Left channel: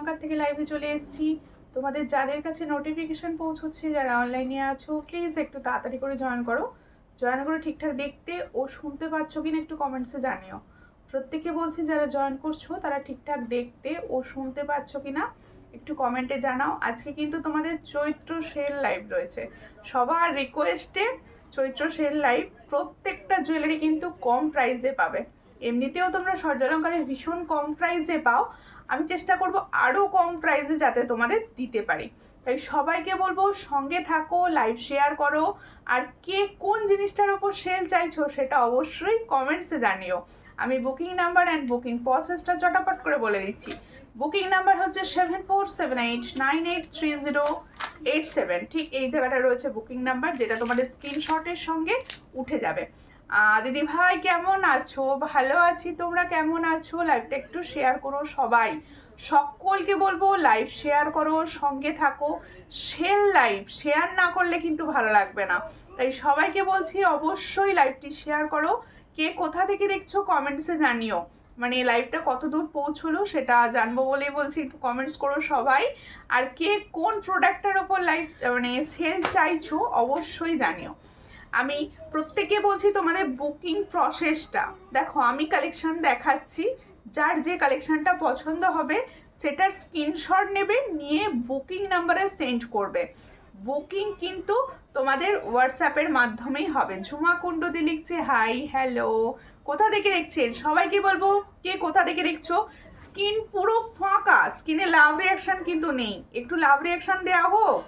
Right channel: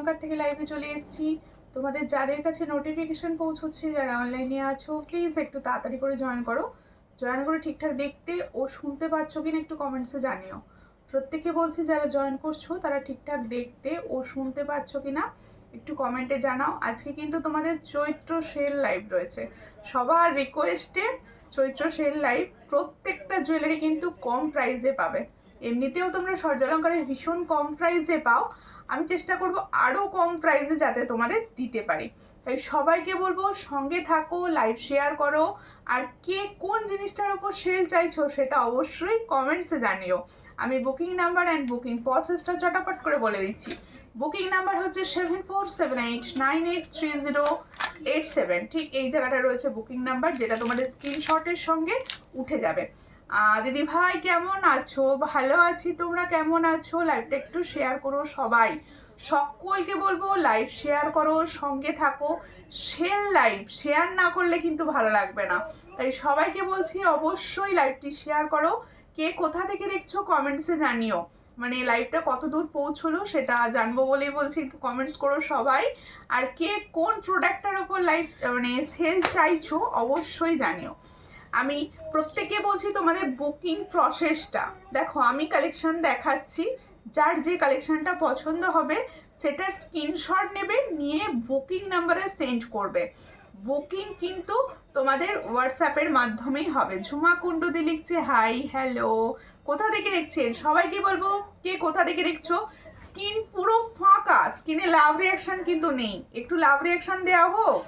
স্বর্ণালঙ্কার থেকে লাইভে চলে এসেছি। তোমাদের যাদের কাছে নোটিফিকেশন পৌঁছচ্ছে, যারা অনলাইনে আছো, প্লিজ একটু তাড়াতাড়ি করে জয়েন করো। জয়েন করে ঠিকঠাক দেখতে ও শুনতে পাচ্ছ কিনা একটু কমেন্টসে জানিও। প্রত্যেককে বলছি যারা জয়েন করছো তারা ঠিকঠাক দেখতে ও শুনতে পাচ্ছ কিনা একটু কমেন্টে জানাও। আজকে কিন্তু তোমাদের চৈত্র সেল লাইভ রয়েছে, সবার রিকোয়েস্টে চৈত্র সেল লাইভ। প্রত্যেকটা জুয়েলারি কিন্তু কম প্রাইসে পাবে। এমনিতেও তোমরা স্বর্ণালঙ্কারে ভীষণ কম প্রাইসে পাও, আমি চেষ্টা করব আরও কম প্রাইসে যাতে তোমাদের দিতে পারি। তাই সবাইকে বলবো সঙ্গে থাকো, লাইভ শেয়ার করো, আর কে কোন জিনিসটার ওপর সেল চাইছো সেটা অবশ্যই কমেন্টসে জানিও। আমি বুকিং নাম্বার অ্যান্ড বুকিং প্রসেসটা চটাপট করে বলে দিচ্ছি। বুকিং নাম্বার হচ্ছে 7478983087, ঠিক এই জায়গাটা রয়েছে বুকিং নাম্বার, যেটা তোমাদের স্ক্রিনশটের সঙ্গে উঠে যাবে। দিদি ভাই কেমন আছো? ভালো আছি, তোমরা কেমন আছো? লাইভটা একটু শেয়ার করো সবাই, সকলকে বলবো লাইভ শেয়ার করো, সঙ্গে থাকো। সেল লাইভ শেয়ার না করলে কিন্তু ভালো লাগবে না, তাই সবাইকে বলছি অবশ্যই লাইভটি শেয়ার করো। কে কোথা থেকে দেখছো কমেন্টসে জানিও, মানে লাইভটা কত দূর পৌঁছলো সেটা জানবো বলেই বলছি, একটু কমেন্টস করো সবাই। আর কে কোন প্রোডাক্টটার ওপর লাইভ মানে সেল চাইছো অবশ্যই জানিও। আমি প্রত্যেককে বলছি তোমাদের বুকিং প্রসেসটা দেখো, আমি কালেকশন দেখাচ্ছি, যার যে কালেকশনটা পছন্দ হবে সেটার স্ক্রিনশট নেবে, নিয়ে বুকিং নাম্বারে সেন্ড করবে। বুকিং কিন্তু তোমাদের হোয়াটসঅ্যাপের মাধ্যমেই হবে। ঝুমা কুণ্ডুদি লিখছে হাই হ্যালো, কোথা থেকে দেখছেন সবাইকে বলবো, কে কোথা থেকে দেখছো। স্ক্রিন পুরো ফাঁকা, স্ক্রিনে লাভ রিয়াকশন কিন্তু নেই, একটু লাভ রিয়াকশন দেওয়া হোক।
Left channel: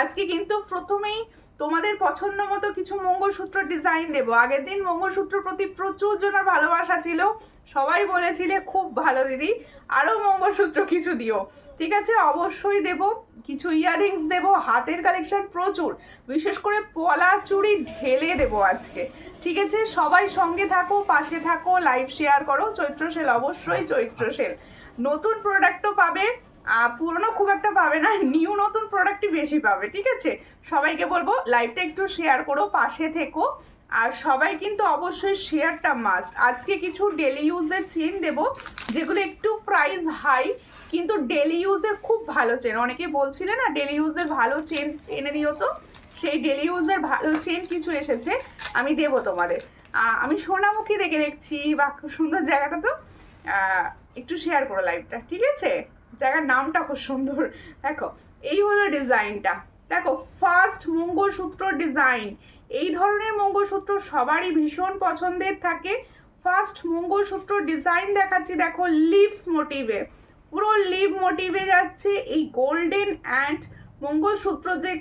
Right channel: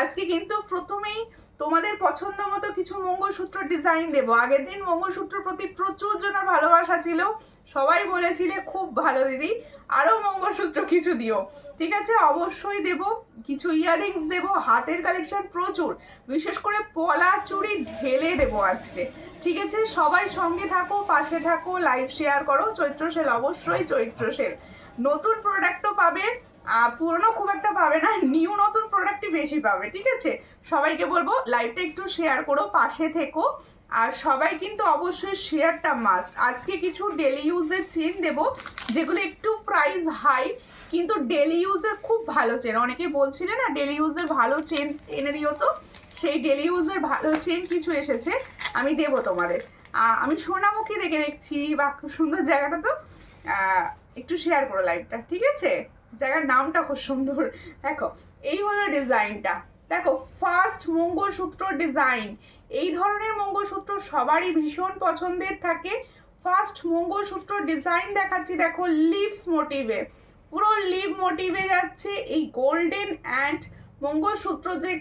আজকে কিন্তু প্রথমেই তোমাদের পছন্দ মতো কিছু মঙ্গলসূত্র ডিজাইন দেবো। আগের দিন মঙ্গলসূত্র প্রতি প্রচুর জনের ভালোবাসা ছিল, সবাই বলেছিলে খুব ভালো দিদি, আরও মঙ্গলসূত্র কিছু দিও, ঠিক আছে অবশ্যই দেব। কিছু ইয়াররিংস দেবো, হাতের কালেকশন প্রচুর, বিশেষ করে পলা চুড়ি ঢেলে দেবো আজকে, ঠিক আছে। সবাই সঙ্গে থাকো, পাশে থাকো, লাইভ শেয়ার করো। চৈত্র সেল অবশ্যই চৈত্র সেল, নতুন প্রোডাক্টও পাবে, পুরনো খুব একটা পাবে না, নিউ নতুন প্রোডাক্টই বেশি পাবে, ঠিক আছে। সবাইকে বলবো লাইভটা একটু শেয়ার করো, পাশে থেকো। আর সবাই কিন্তু অবশ্যই শেয়ারটা মাস্ট। আজকে কিছু ডেলি ইউজের চেন দেবো, যেগুলো একটু প্রাইস হাই কিন্তু ডেলি ইউজের খুব ভালো চেন। অনেকেই বলছিলে না ডেলি ইউজের ভালো চেন এনে দিও, তো সেই ডেলি ইউজের ভালো চেন কিছু এসেছে, আমি দেবো তোমাদের। আমি সোনামুখী দেখে দেখছি, বা খুব সুন্দর জায়গাটা, তো একটু শেয়ার করো লাইভটা, ঠিক আছে। জায়গার নামটা খুব সুন্দর। দেখো এই হলো ডিজাইনটা, দেখো ফার্স্ট মঙ্গলসূত্র ডিজাইন। এই ধরনের মঙ্গলসূত্র সবারই ভীষণ পছন্দের থাকে। ফার্স্ট মঙ্গলসূত্র ডিজাইন দেখাচ্ছি, দেখো লিভস মোটিভে, পুরো লিভ মোটিভে যাচ্ছে। এই গোল্ডেন অ্যান্ড মঙ্গলসূত্র যে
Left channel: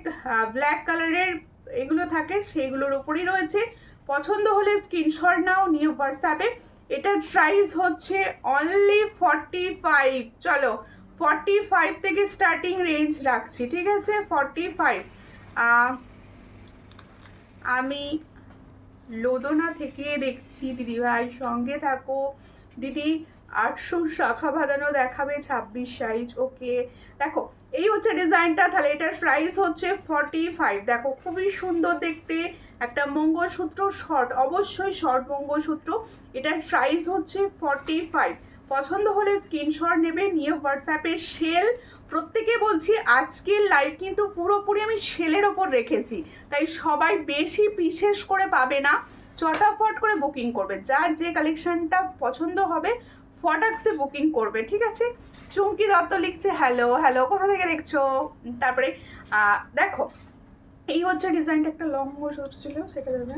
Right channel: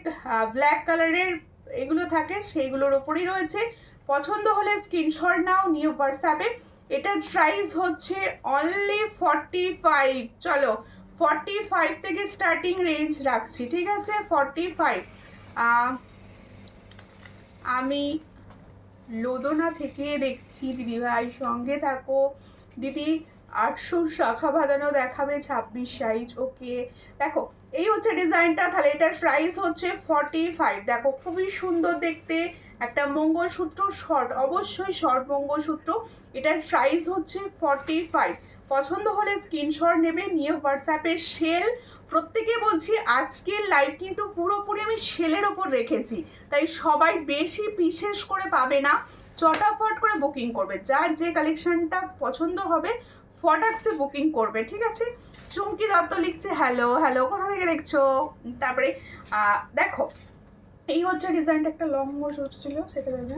ব্ল্যাক কালারের এগুলো থাকে সেইগুলোর ওপরই রয়েছে। পছন্দ হলে স্ক্রিনশট নাও, নিয়ে হোয়াটসঅ্যাপে। এটার প্রাইস হচ্ছে অনলি 45। চলো 45 থেকে স্টার্টিং রেঞ্জ রাখছি, ঠিক আছে 45। আমি লোদনা থেকে দেখছি, দিদিভাই সঙ্গে থাকো। দিদি 800 শাখা বাঁধানো দেখাবে, 26 সাইজ, ওকে। দেখো এই হচ্ছে ডিজাইনটা, তাহলে এটার প্রাইস হচ্ছে 45। দেখো খুবই সুন্দর দেখতে একটা মঙ্গলসূত্র, শর্ট, অবশ্যই শর্ট মঙ্গলসূত্র। এটার প্রাইস হচ্ছে 45। পছন্দ হলে স্ক্রিনশট নেবে, নিয়ে হোয়াটসঅ্যাপে সেল। প্রত্যেকে বলছি আজকের লাইভ কিন্তু পুরোপুরি আমি সেলের ওপর রেখেছি, তাই সবাই বেশি বিশেষ করে পাবে না, চটাফট করে বুকিং করবে। যার যে কালেকশনটা পছন্দ হবে ফটাক্সে বুকিং করবে, ঠিক আছে। চুমকি দত্ত লিখছে হ্যালো হ্যালো, কোথা থেকে দেখছো। তারপরে দেখো এই হচ্ছে ডিজাইনটা, একটা লং সূত্র ছিল সেটা দেবে।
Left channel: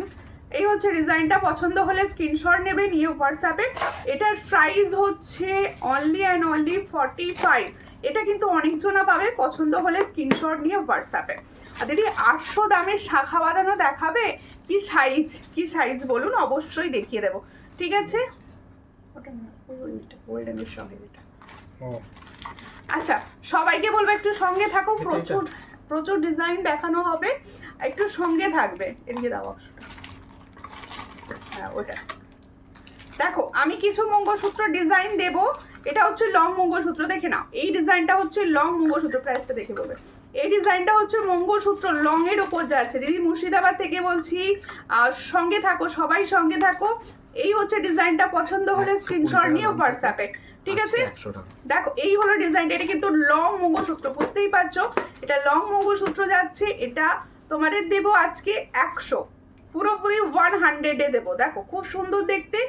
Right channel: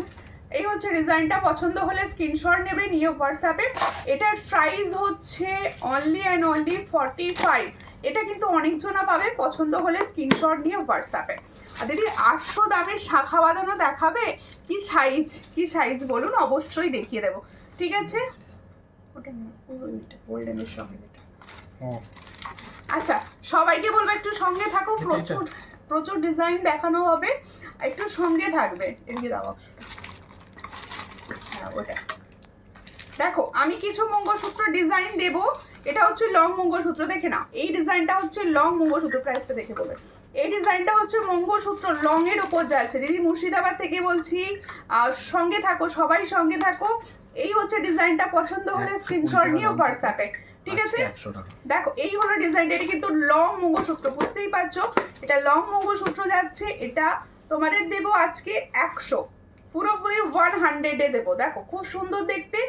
এই হচ্ছে ডিজাইনটা, পছন্দ হলে স্ক্রিনশট নেবে, নিয়ে হোয়াটসঅ্যাপে। এটার প্রাইস হচ্ছে অনলি অ্যান্ড অনলি 45। এটা কিন্তু অনেকজনা পাবে, পছন্দ হলে স্ক্রিনশট নিয়ে হোয়াটসঅ্যাপে। আর দিদি 800 দামের শাখা বাঁধানো দেখাবে, কি সাইজ কি সাইজ বলুন, অবশ্যই দেখিয়ে দেবো, ঠিক আছে। ওটা না, গোল্ডেনের সঙ্গে এটা। আচ্ছা সবাইকে বলবো একটু সঙ্গে থাকো, প্রচুর প্রচুর ডিজাইন দেখানো হবে, একটু সঙ্গে থাকবে। এদিকে দাও অপশনটা, হ্যাঁ ওটা। দেখো আমি কিছু মঙ্গলসূত্র ডিজাইন দেবো, এটা হচ্ছে লং মঙ্গলসূত্র, দেখে নাও এই ডিজাইনটা হচ্ছে লং মঙ্গলসূত্র, প্রাইসটা দেখে বলবে। এই ডিজাইনটা হচ্ছে মঙ্গলসূত্র লং এর ওপর যাচ্ছে। দিদি মুর্শিদাবাদ থেকে বলছি, সঙ্গে থাকো, সবাই সঙ্গে থাকো। এই হচ্ছে ডিজাইনটা, পছন্দ হলে স্ক্রিনশট নিয়ে হোয়াটসঅ্যাপে, ঠিক আছে 100 টাকা। দেখো এই হলো ডিজাইনটা, এটা কিন্তু লং মঙ্গলসূত্র, বুঝতেই পারছো এটা লং মঙ্গলসূত্র যাচ্ছে। এটা তোমাদের দেবো আজকে 100, পুরোপুরি 100-এ দেবো। দেখো খুব সুন্দর দেখতে,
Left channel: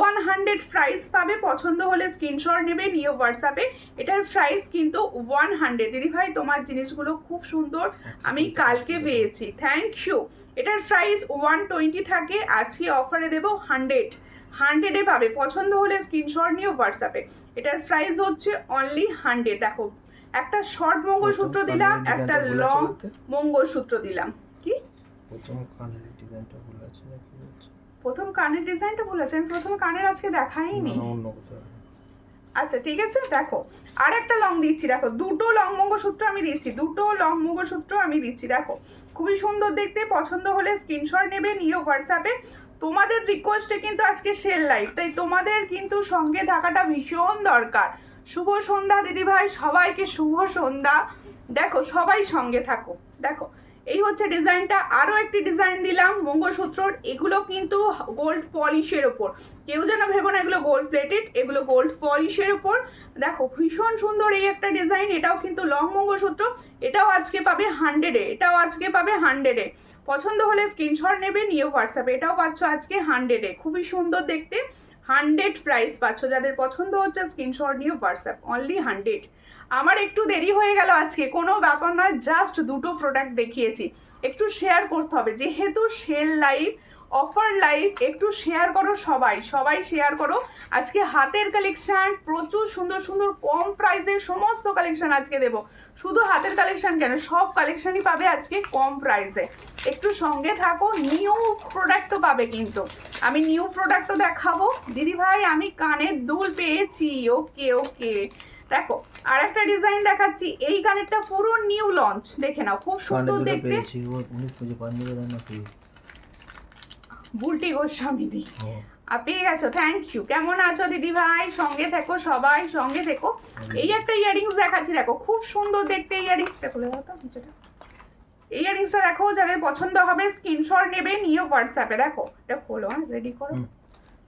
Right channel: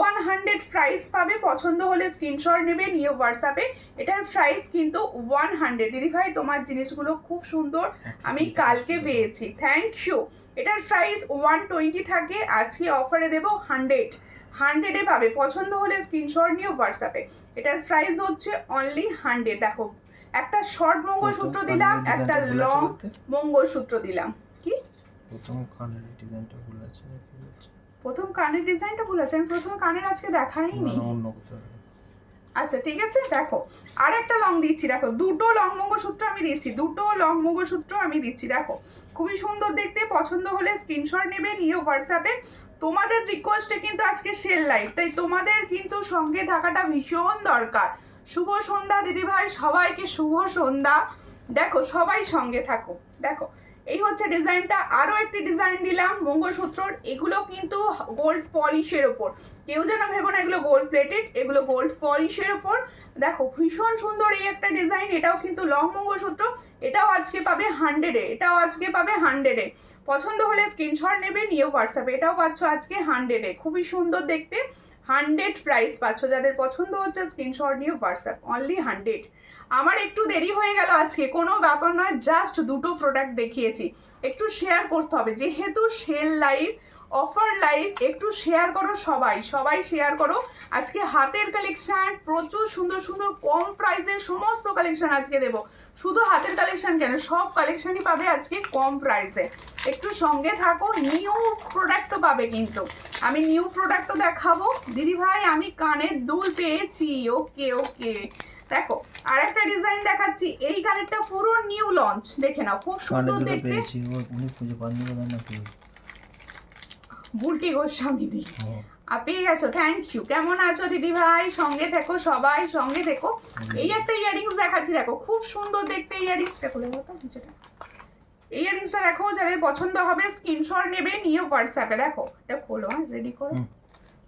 100 প্রাইস পাবে। পছন্দ হলে স্ক্রিনশট নেবে, নিয়ে হোয়াটসঅ্যাপে। এটার প্রাইস কিন্তু 100। দিদি ভাই তোমার জিনিসগুলো খুব সুন্দর, আমি কালকে পেয়েছি, থ্যাংক ইউ। এটার প্রাইস 120 থাকে, আজকে অফারে দেবো 100-এ পাবে। পছন্দ হলে স্ক্রিনশট নিয়ে হোয়াটসঅ্যাপে। এটার প্রাইস হচ্ছে অনলি 100। দেখো একটা শর্ট মঙ্গলসূত্র দিলাম, একটা লং মঙ্গলসূত্র দিলাম। কি প্রথম কানের ডিজাইনটা ভুল আছে নাকি বলছে? প্রথম কানের ডিজাইনটা ভুল আছে, আমি প্রথম কানের আজকে দেখাইনি। অন্য কোথাও। আচ্ছা ঠিক আছে, দেখো আর একটা লং দিচ্ছি। দেখো দুটো লং মঙ্গলসূত্র আমি দিচ্ছি, দুটো লং মঙ্গলসূত্র আমি দিচ্ছি। দেখো খুবই সুন্দর দেখতে, পছন্দ হলে স্ক্রিনশট নেবে, নিয়ে হোয়াটসঅ্যাপে। তোমাদের রিকোয়েস্টে কিন্তু আজকে সেল লাইভ, তাই তোমাদের কিন্তু সঙ্গে থাকাটা ভীষণ দরকার। শুভ সন্ধ্যা দিদি ভাই, সবাইকে শুভ সন্ধ্যা। দেখো সবাই সঙ্গে থাকো। দেখো এই হচ্ছে ডিজাইনটা, আরও একটি ডিজাইন দিলাম মঙ্গলসূত্রর। এগুলো কিন্তু গোল্ড পলিশের ওপর, কেউ যেন ভেবো না এগুলো গোল্ড প্লেটেড, এগুলো গোল্ড পলিশের ওপর। দেখো ভীষণ সুন্দর এই একটা ডিজাইন, এটাও কিন্তু লং মঙ্গলসূত্র। এটাও আজকে পাবে 100-এ, এটাও আজকে পাবে 100-এ। পছন্দ হলে স্ক্রিনশট নেবে, নিয়ে হোয়াটসঅ্যাপে। এটাও পাচ্ছ আজকে 100-এ, খুবই সুন্দর দেখতে, 100 প্রাইস পাচ্ছ। যাদের পছন্দ হচ্ছে স্ক্রিনশট নিয়ে হোয়াটসঅ্যাপ, অনলি 100। আমার একটু দেরি হয়ে গেল আজকে, কোনো ব্যাপার নয়, জাস্ট দুটো প্রোডাক্ট দেখিয়েছি, একটু শেয়ার করতে হবে যেহেতু সেল লাইভ, অফার লাইভ, একটু শেয়ার করো সবাই, সবাই শেয়ার করো। আজকে হাতের কালেকশন প্রচুর সুন্দর সুন্দর, কম প্রাইসের সমস্ত কালেকশন আজকে দেবো। শুধু হাতের কালেকশন কেন, সব কালেকশনই পাবে আজকে কম প্রাইসে, একটু সঙ্গে থাকো। নিউ প্রোডাক্টও পাবে কিন্তু, আমি নিউ প্রোডাক্টও দেখাবো। দিদি ভাই আমি কানের দুল পেয়েছি, ওকে ওকে। দেখো আর একটা ডিজাইন দেখাচ্ছি, এই কানেরটা পুরো নিউ লঞ্চ, দেখে নাও খুব সুন্দর দেখতে। উনি খুঁজে পাননি বোধহয় নাকি? বুলটি গোস্বামী দি পেয়ে গেছো, থ্যাংক ইউ। কেমন আছো দিদি ভাই, সঙ্গে থেকো সবাই, সঙ্গে থেকো। এই একটা ইয়ারিংস দেখাচ্ছি, দেখো খুব সুন্দর দেখতে। ইয়ারিংসটা খুলে দাও তো নিচেটা, এই ইয়ারিংসটা দেখো, যাদের পছন্দ হবে স্ক্রিনশট নেবে, নিয়ে হোয়াটসঅ্যাপে। দেখো এটা খোলো, হ্যাঁ রেডি করো,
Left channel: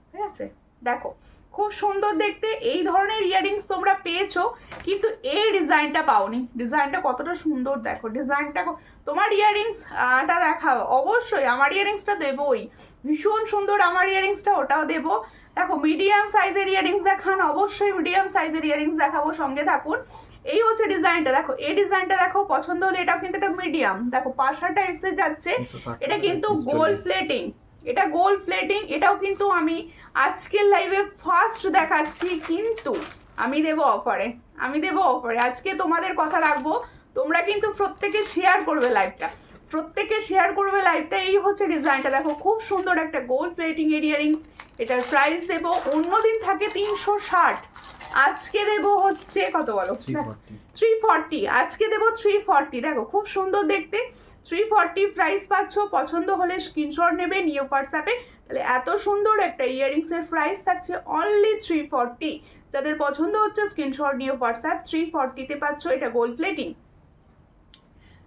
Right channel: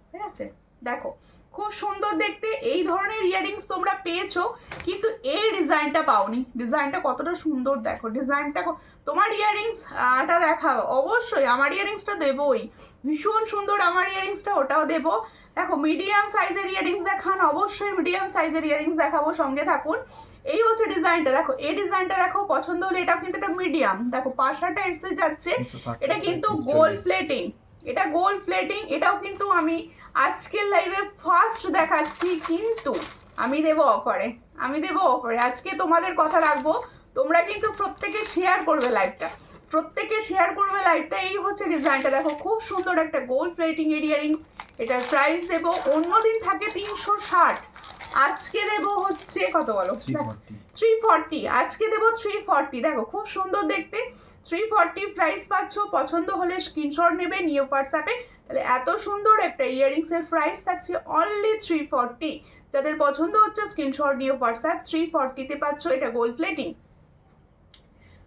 ঠিক আছে। দেখো খুব সুন্দর দেখতে, এই ধরনের ইয়ারিংস তোমরা পেয়েছো, কিন্তু এই ডিজাইনটা পাওনি। ডিজাইনটা কতটা সুন্দর দেখো, ডিজাইনটা। তোমার ইয়ারিংসটা দেখাবো অবশ্যই, আমার ইয়ারিংসটা দেবোই, ভীষণ সুন্দর আমার ইয়ারিংসটা, ওটাও দেবো। দেখো মিডিয়াম সাইজের ইয়ারিংস দেখান, অবশ্যই মিডিয়াম সাইজের ইয়ারিংস দেখাবো, সঙ্গে থাকুন। এই হচ্ছে ডিজাইনটা, দেখো এই ডিজাইনটা দেখো, পছন্দ হলে। এটাও কিন্তু একটা মিডিয়াম, দেখো পাশাটা এসে যাচ্ছে, এটা কিন্তু গোল্ড প্লেটিং, এটা গোল্ড প্লেটিং। এটাও কিন্তু আমি আজকের লাইভে ফার্স্ট দেখাচ্ছি, কিন্তু আমি দেবো অফারে, আমি দেবো অফারে। আজকে তোমাদের কথা রাখবো, তোমরা কিন্তু প্রত্যেকে শেয়ার করবে লাইভটা, প্রত্যেকে শেয়ার করবে লাইভটা। এই হচ্ছে ডিজাইনটা, দেখো খুব সুন্দর একটা গোল্ড প্লেটিং ইয়ারিংস। এটার প্রাইস দেবো, অন্যদিন থাকে 360, আজকে দেবো হচ্ছে কত বলো, 340। আজকে দেবো 340। দেখো খুব সুন্দর দেখতে, 340 প্রাইস পাচ্ছ। পছন্দ হলে স্ক্রিনশট নেবে, নিয়ে হোয়াটসঅ্যাপে। তাহলে এত সুন্দর একটা ইয়ারিংসের প্রাইস থাকছে অনলি 340। যাদের পছন্দ হচ্ছে স্ক্রিনশট নিয়ে হোয়াটসঅ্যাপ, 340-তে পাচ্ছ। এটা গোল্ড প্লেটিং।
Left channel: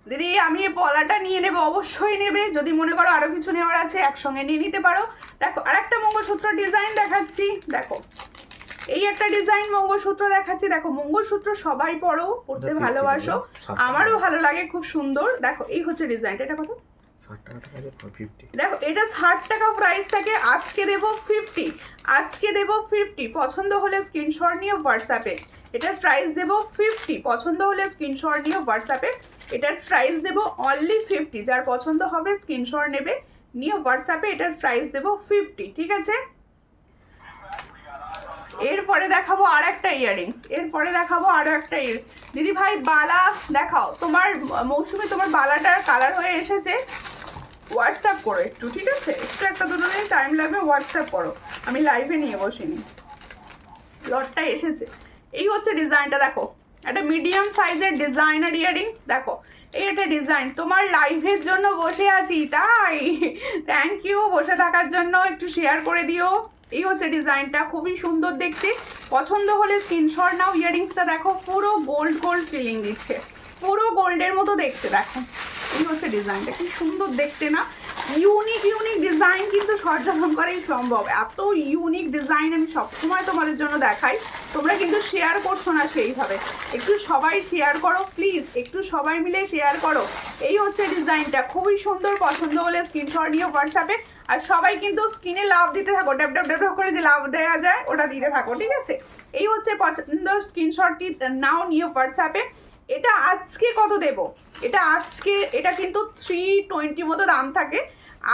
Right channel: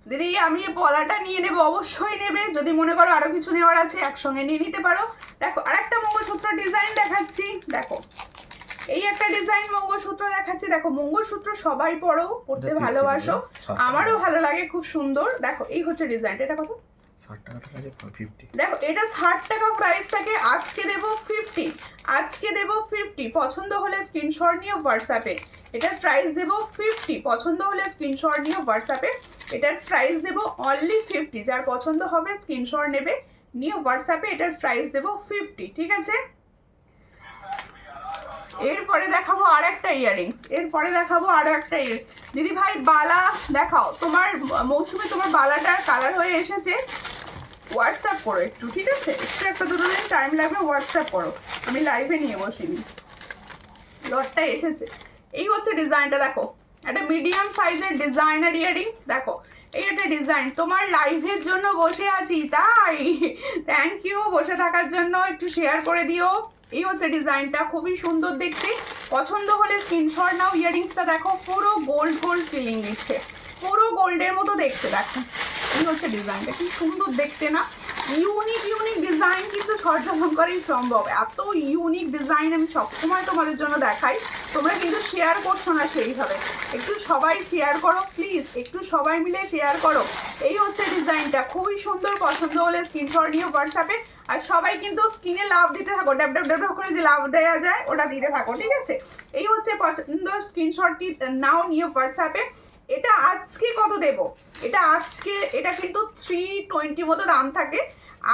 দিদি আমি এই পলাটা নিয়ে নেবো, অবশ্যই নেবে। যদি মনে করো আরও কিছু নেওয়ার আছে একসঙ্গে নিয়ে নিতে পারো। দেখো আরেকটা মঙ্গলসূত্র ডিজাইন দেখাচ্ছি, দেখো এই একটা ডিজাইন মঙ্গলসূত্র দেখাচ্ছি। দেখো মঙ্গলসূত্র সবাই পরো, পড়তে ভালোবাসো, আমারও ভালো লাগে, খুব সুন্দর। দেখো এই হচ্ছে ডিজাইনটা, এটা কত? 60 টাকা থাকে 50। দেখো এটা 60 টাকা প্রাইস থাকে, আজকে দেবো 50, আজকে দেবো 50। পছন্দ হলে স্ক্রিনশট নিয়ে হোয়াটসঅ্যাপে। এটার প্রাইস দেবো 50, পছন্দ হলে স্ক্রিনশট নিয়ে হোয়াটসঅ্যাপে। এটার প্রাইস দেবো অনলি 50। যার পছন্দ হবে স্ক্রিনশট নেবে, নিয়ে হোয়াটসঅ্যাপে। এটার প্রাইস দেবো 50, ঠিক আছে। এরপরে দেখাবো আর একটা ইয়ারিংস, এরপরে দেখাবো আরও একটা দিদি ভাই বালা দেখাও। তোমার মৌসুমে তোমার বালাটার কালার হয়ে এসেছে, হোয়াটসঅ্যাপ করো একটু, ঠিক আছে। একটু একটা দুটো দিন টাইম লাগবে, হোয়াটসঅ্যাপ করো, আমি লাইভে নিয়ে বসিনি। লটটা এসেছে, এই হচ্ছে ডিজাইনটা। দেখো একটা মিডিয়াম সাইজের ডিজাইনার ইয়ারিংস। দেখো এই একটা ডিজাইন, তোমার লাইভের জন্য বসে আছি তাই, থ্যাংক ইউ বসে থাকার জন্য, একটু শেয়ার করে দিও। এই হচ্ছে ডিজাইনটা, খুবই সুন্দর দেখতে। পছন্দ হলে স্ক্রিনশট নাও। ইয়ারিংসটা দেখো পুরো গোল্ড গোল্ড ফিলিং দিচ্ছে, পুরো গোল্ডের মতো দেখতে। দেখো এই হচ্ছে ডিজাইনটা, কি সুন্দর দেখতে না, ইউনিক ডিজাইন কিন্তু সরজলম করেই সম্ভব। এত ইউনিক ডিজাইন আমি সবসময় তোমাদের জন্য দেখাই, তোমরা কিন্তু শেয়ার করছো না সেইভাবে। একটু সবাই শেয়ার করো প্লিজ, একটু সবাই মিলে শেয়ার করো। এই হচ্ছে ডিজাইনটা, খুবই সুন্দর। পছন্দ হলে স্ক্রিনশট নিয়ে হোয়াটসঅ্যাপে, আর সবাই কিন্তু স্ক্রিনে লাভ দিতে থাকো, ড্যাপ ড্যাপ ড্যাপ করে যে লাভ দেওয়া যায় ওটা দিতে থাকো, ঠিক আছে? এই হচ্ছে পছন্দ, স্ক্রিনশটটি নাও নিয়ে হোয়াটসঅ্যাপে। এটা আজকে কত দেব? এটা আজকে, এটা কিন্তু 320 মতো দাম থাকে,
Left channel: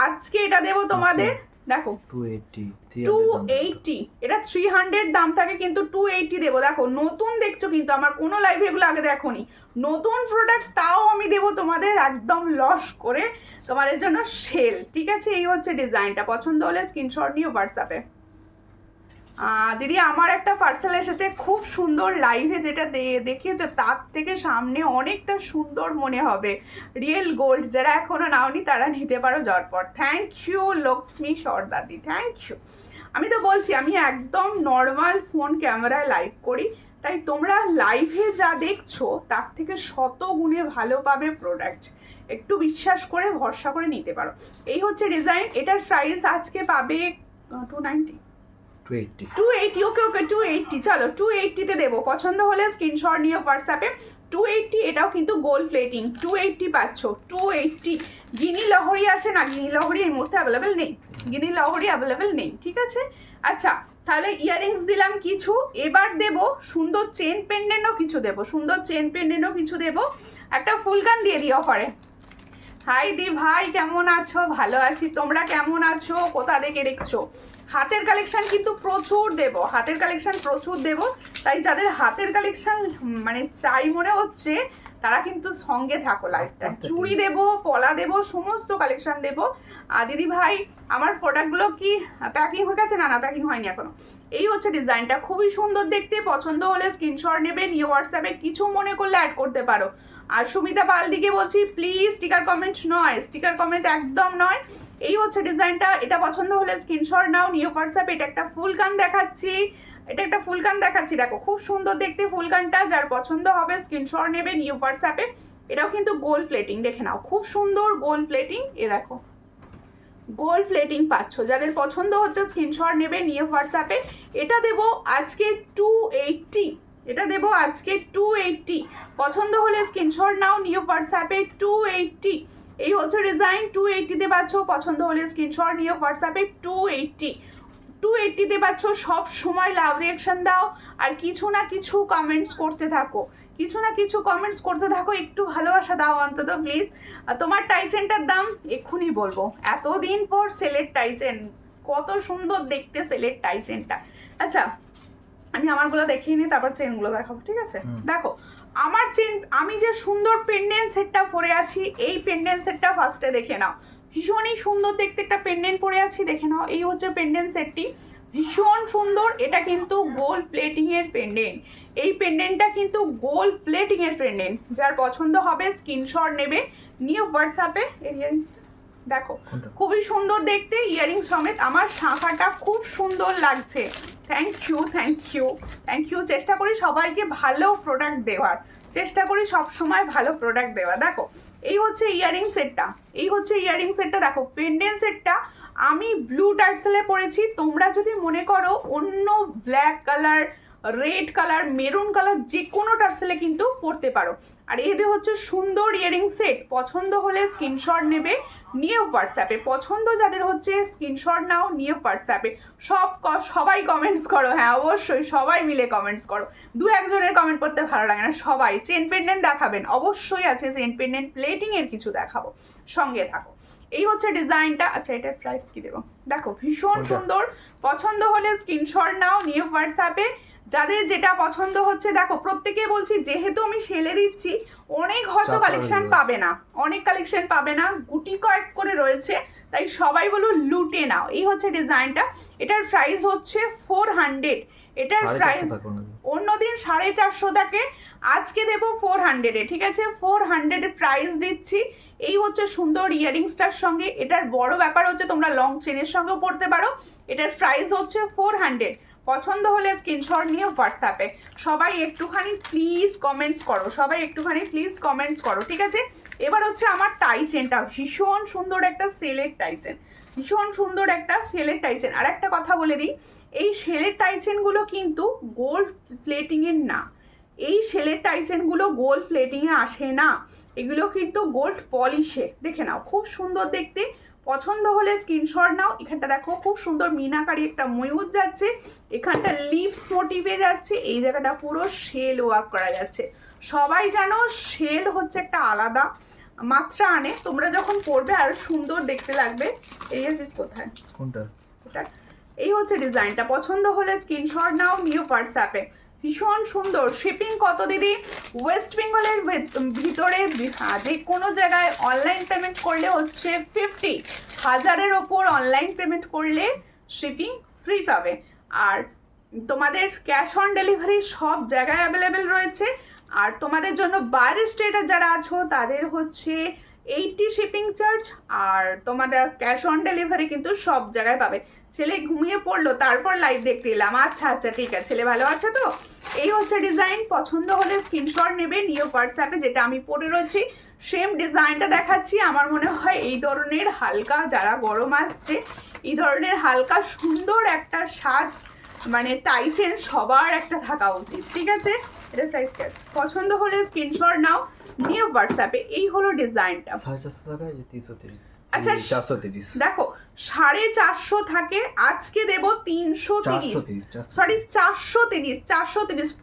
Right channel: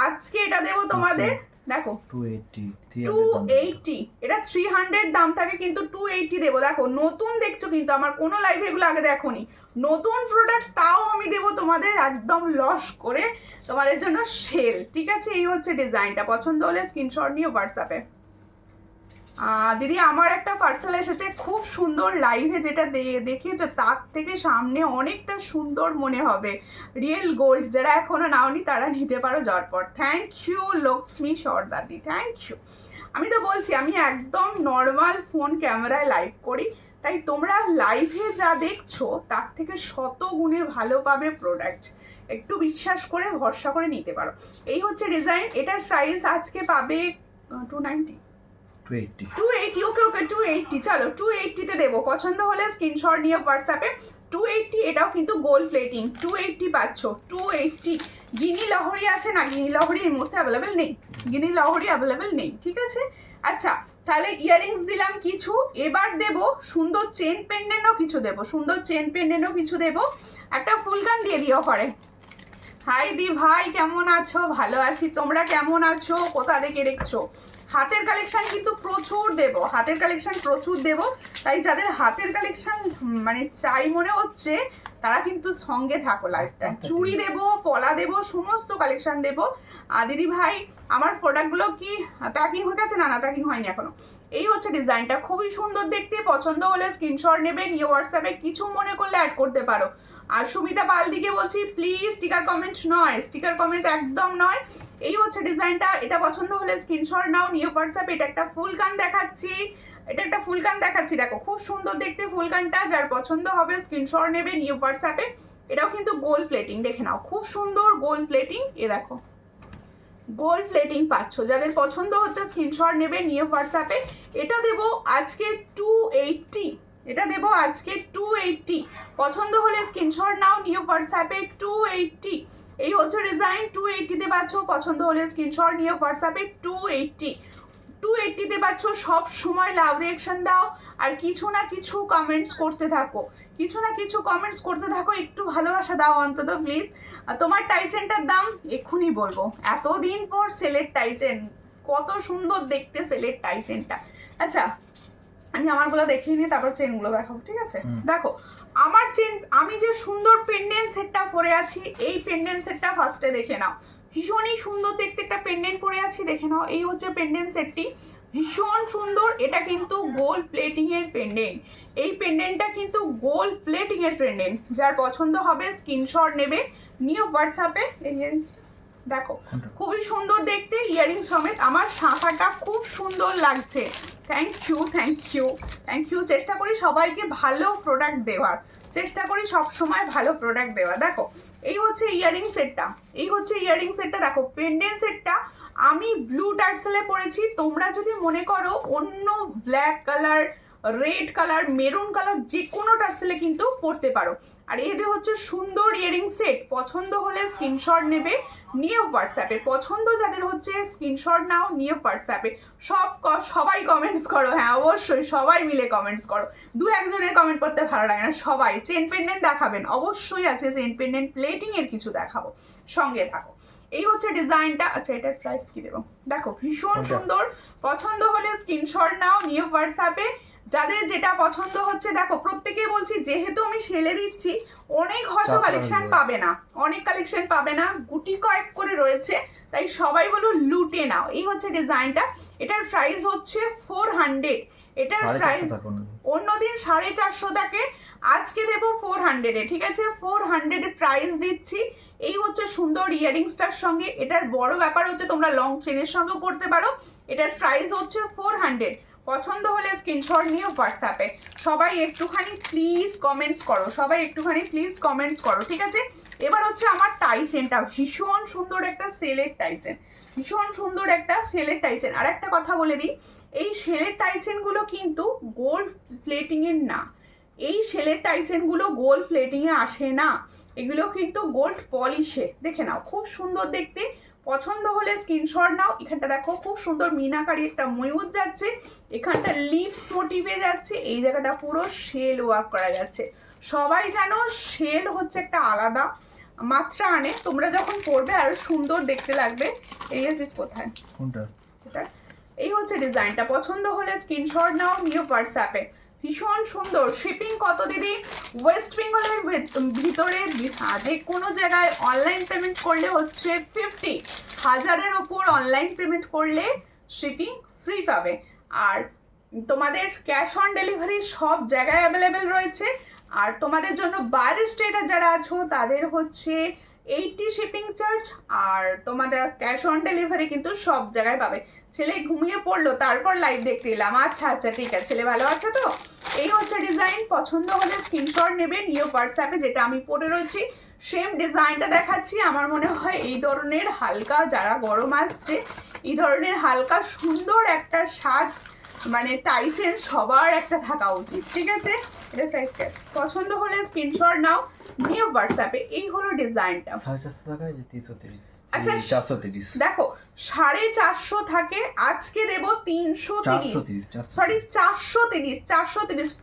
আজকে এটা দেবো তোমাদের, দেখো 280। এটা 300 দাম থাকে, কিন্তু 280 দেবো। দেখো নতুন দেখছো কিন্তু, আমার কোনো লাইভে এগুলো আগে দেখোনি, নতুন প্রোডাক্ট, তাও আমি দেবো তোমাদের একদম লস করে তোমাদের জন্য সেল, ঠিক আছে? এই হচ্ছে ডিজাইনটা, পছন্দ হলে স্ক্রিনশট নিয়ে হোয়াটসঅ্যাপে। দিদি আমার একটা পার্সেল এসেছে, খুব সুন্দর, লাইভে যেটা দেখিয়েছে তার থেকে সামনে অনেকটা সুন্দর মনে হবে, রিয়েল গোল্ড। যারা এখনো নাওনি তারা নিতে পারো ঝটপট। থ্যাংক ইউ লক্ষ্মী সরদাদি, থ্যাংক ইউ। আমি তো বলছি আমি একদম নর্মাল ফোন ক্যামেরায় লাইভ করি, তাই তোমরা লাইভে যা দেখছো তার থেকে শত গুণে ভালো পাবে প্রোডাক্ট, একটু বিশ্বাস করে ভরসা করে নিতে পারো। এই হচ্ছে ডিজাইন, এটার প্রাইস আজকে পাবে 280। ওকে 280, চলো 280-তে দেবো। পছন্দ হলে স্ক্রিনশট নিয়ে হোয়াটসঅ্যাপে। 280, এটাও কিন্তু গোল্ড প্লেটিং, 280 পাচ্ছ। 280 গিনি লহরি আছে না? গিনি লহরি এই মুহূর্তে অ্যাভেলেবেল নেই, গিনি লহরি অ্যাভেলেবেল নেই, ঠিক আছে? আচ্ছা, তাহলে ইয়াররিংস দিলাম কিছু, এবার দেবো সুন্দর চেন পেন্ডেন্টও কিছু দেবো, সুন্দর চেন পেন্ডেন্টও কিছু দেবো। একটা ফুলকান দিয়ে দিও করে। হাই দি ভাই, কেমন আছো? ভালো আছি, তোমরা কেমন আছো? কোথা থেকে দেখছো? হাতের কালেকশন কিন্তু প্রচুর দেবো, হাতের কালেকশন প্রচুর দেবো, তাই যাদের হাতের কালেকশন মানে চাই মনে হচ্ছে তারা কিন্তু সঙ্গে থাকো লাইফটা। চুড়ি দেবো, পলা দেবো, সমস্ত কালেকশন দেবো। দিদি ভাই আমার প্রোডাক্টগুলো কি প্যাকিং হয়ে গেছে? না প্যাকিং হয়নি এখনো। এই হচ্ছে ডিজাইনটা, খুবই সুন্দর দেখতে। পছন্দ হলে স্ক্রিনশট নেবে, নিয়ে হোয়াটসঅ্যাপে কিছু মনে করলে অ্যাড করতে পারো। আর সুমিতা পালদিকে বলছি প্লিজ স্টিকার কমেন্ট নয়, স্টিকার কমেন্ট একদম নয়। এই হচ্ছে ডিজাইনটা, এটা পছন্দ হলে স্ক্রিনশট নাও, নিউ হোয়াটসঅ্যাপে। এটা একটা ফুল কান দেখাচ্ছি, এটা একটা ফুল কান দেখাচ্ছি, দেখো খুব সুন্দর দেখতে ফুল কানটা। যার পছন্দ হবে স্ক্রিনশট নেবে, নিউ হোয়াটসঅ্যাপে। এটাও কিন্তু গোল্ড প্লেটিং, দেখে নাও খুব সুন্দর গোল্ড প্লেটিং, এ দেখো গোল্ড প্লেটিং পাচ্ছ। যাদের পছন্দ হচ্ছে স্ক্রিনশট নেবে, নিয়ে হোয়াটসঅ্যাপে। এটা দেবো আজকে 280, এটা দেবো আজকে 280। পছন্দ হলে স্ক্রিনশট নাও, নিউ হোয়াটসঅ্যাপে। 280, এই হচ্ছে ডিজাইন, 280-তে পাচ্ছ। পছন্দ হলে স্ক্রিনশট নিয়ে হোয়াটসঅ্যাপে। 280-তে পাচ্ছ। সব সময় লাভ রিয়াকশন দাও, আর কিছু না কিছু কমেন্টস করতে থাকো, কিছু না কিছু কমেন্টস করতে থাকো, একটু ভালোবাসা দাও অন্তত প্লিজ। তোমার টাইচেনটার দাম এক্ষুনি বলবো, এতদিন পর সেলের টাইচেন, কত সুন্দর দেখতে সেলের টাইচেনটা। আচ্ছা, আমি আমারগুলো দেখিয়ে নিই, তারপর চেনগুলো দেখাবো, ঠিক আছে? দেখো আমার চেন, আমি যে সুন্দর পেন্ডেন্ট সেটটা পরে আছি, এই পেন্ডেন্ট সেটটা ফার্স্টে দেখে নাও, ভীষণই সুন্দর দেখতে একটা পেন্ডেন্ট পরে আছি, দেখে নাও। এই হচ্ছে পেন্ডেন্ট সেটটি, ভীষণ সুন্দর। এটা কিন্তু গোল্ড প্লেটিং এর পেন্ডেন্ট, এই পেন্ডেন্টটা কিন্তু গোল্ড প্লেটিং এর পেন্ডেন্ট। যার পছন্দ হবে স্ক্রিনশট নেবে, নিয়ে হোয়াটসঅ্যাপে। ইয়ারিংস দেখো খুবই সুন্দর দেখতে, ইয়ারিং সমেত। আমার শাঁখাটা খুব সুন্দর লাগছে, thank you thank you thank you. চেষ্টা করি সবাইকে ভালো প্রোডাক্ট দেওয়ার, চেষ্টা করি সব সময় ভালো প্রোডাক্ট দেওয়া। দেখো এই হচ্ছে ইয়ারিং সেটটা, এই হচ্ছে ইয়ারিং সেটটা। দেখো পেন্ডেন্ট সেটটা আমি ব্লু টার্সেলে পরেছি, তোমরা যদি মনে করো অন্য black colour, red colour, maroon colour, যে কোনো টার্সেলে কিন্তু পরতে পারো। আর এদের হচ্ছে সুন্দর ইয়ারিং সেট। পছন্দ হলে স্ক্রিনশট নেবে, নিয়ে হোয়াটসঅ্যাপে। পছন্দ যাদের হচ্ছে স্ক্রিনশট নাও, নিয়ে হোয়াটসঅ্যাপে। সবাই কমেন্টস করো, হ্যাঁ অবশ্যই সবাই মিলে কমেন্টস করো, দু একজনের কমেন্ট করতে ভালো লাগে না, সবাই। চেন পেন্ডেন্ট দেখাবেন, অবশ্যই আছে চেন পেন্ডেন্ট, প্লেটিং এর কিছু দেখাবো, সঙ্গে থাকো। এই হচ্ছে ডিজাইনটা। আচ্ছা এটার প্রাইস কি দেবো? দেখো ভীষণ সুন্দর, পছন্দ হলে স্ক্রিনশট নাও, নিয়ে হোয়াটসঅ্যাপে। যাদের যেটা পছন্দ হচ্ছে, দেখো প্রত্যেকেই বলছি যেহেতু আমি সেলে দিচ্ছি, অনেক হয়তো কালেকশন পাবে না, অনেক কালেকশন পাবে না, গুটি কয়েক করে রয়েছে, তাই সবাই বলো লুটে নাও। এই হচ্ছে ডিজাইনটা, এটার প্রাইস হচ্ছে 400। এটার প্রাইস অন্যদিন 450 থাকে, আজকে দেবো 400-এ, ঠিক আছে? 400-এর প্রাইস দিচ্ছি। এই হচ্ছে সুন্দর ইয়ারিংসটার সঙ্গে। এটার বড় ব্যাপার হচ্ছে তোমরা লং চেনের সঙ্গেও পড়তে পারো। এটার প্রাইস হচ্ছে 400। পছন্দ হলে স্ক্রিনশট নিয়ে হোয়াটসঅ্যাপে সবাই একটুখানি প্লিজ কমেন্টস করো, সবাই একটুখানি প্লিজ কমেন্টস করো, ঠিক আছে? এবার হচ্ছে আমার টাই চেনটা, ভীষণ সুন্দর একটা সেলের টাই চেন, ভীষণ সুন্দর একটা সেলের টাই চেন। আর একটা কথা বলে দিই, এই সেলের টাই চেনগুলো কিন্তু গোল্ড প্লেটিংয়ের না, এই সেলের টাই চেনগুলো গোল্ড প্লেটিংয়ে আসে না, এগুলো কিন্তু গোল্ড পলিশে। দেখে নাও খুব সুন্দর দেখতে, পছন্দ হলে স্ক্রিনশট নাও। এখানটা দেখো খুব সুন্দর মিনাকারি একটা ময়ূর যাচ্ছে, এখানটা লিভস মোটিভে যাচ্ছে, এই জায়গাটা পুরো শেল ওয়ার্ক করা যাচ্ছে। সবাই জানো শেল হচ্ছে একটা আলাদা মাত্রা আনে, তোমরা যখন পরবে আরো সুন্দর দেখতে লাগবে। এই পিস কোথায়, কোনটা? এটা এই হচ্ছে ডিজাইনটা, পছন্দ হলে স্ক্রিনশট নাও নিউ হোয়াটসঅ্যাপে। ভীষণ সুন্দর। শিপিং কত দিদি? ওয়েস্ট বেঙ্গলের ভিতরে যে কোনো জায়গায় অনলাইন পেমেন্ট করলে হচ্ছে 50,000-এর ওপর অনলাইন পেমেন্ট করলে শিপিং ফ্রি পাবে। আর তোমাদের ক্যাশ অন ডেলিভারি সব জায়গায় অ্যাভেলেবেল রয়েছে। আর তোমাদের জন্য বাইরের স্টেটে যারা আছো তাদের হচ্ছে 80 শিপিং চার্জ, আর তোমাদের ক্যাশ অন ডেলিভারি কিন্তু সব জায়গায় পাবে। ছেলে ঘুমিয়ে পড়লো তারপর লাইভ দেখতে এলাম, আচ্ছা আচ্ছা ঠিক আছে, ছেলে ভালো আছে তো? এই হচ্ছে ডিজাইন, পছন্দ হলে স্ক্রিনশট নেবে নিয়ে হোয়াটসঅ্যাপে। যেটা আমি পরে রয়েছি সেম ডিজাইনটা দেখাচ্ছি। আমার মনে হয় এই ধরনের হালকা, যারা গরম আসছে, এই ধরনের হালকা সুন্দর একটা সাজ মানে টাই চেন সবার একটা থাকা উচিত, ঠিক আছে? এটা সাইজ ক্যাচ, পছন্দ হলে স্ক্রিনশট নাও নিয়ে হোয়াটসঅ্যাপে। এই হলো ডিজাইনটা। 450 টাকা, এই যে 330। আচ্ছা 430। দেখো 450 থাকে, আজকে দেবো 330, সরি 430,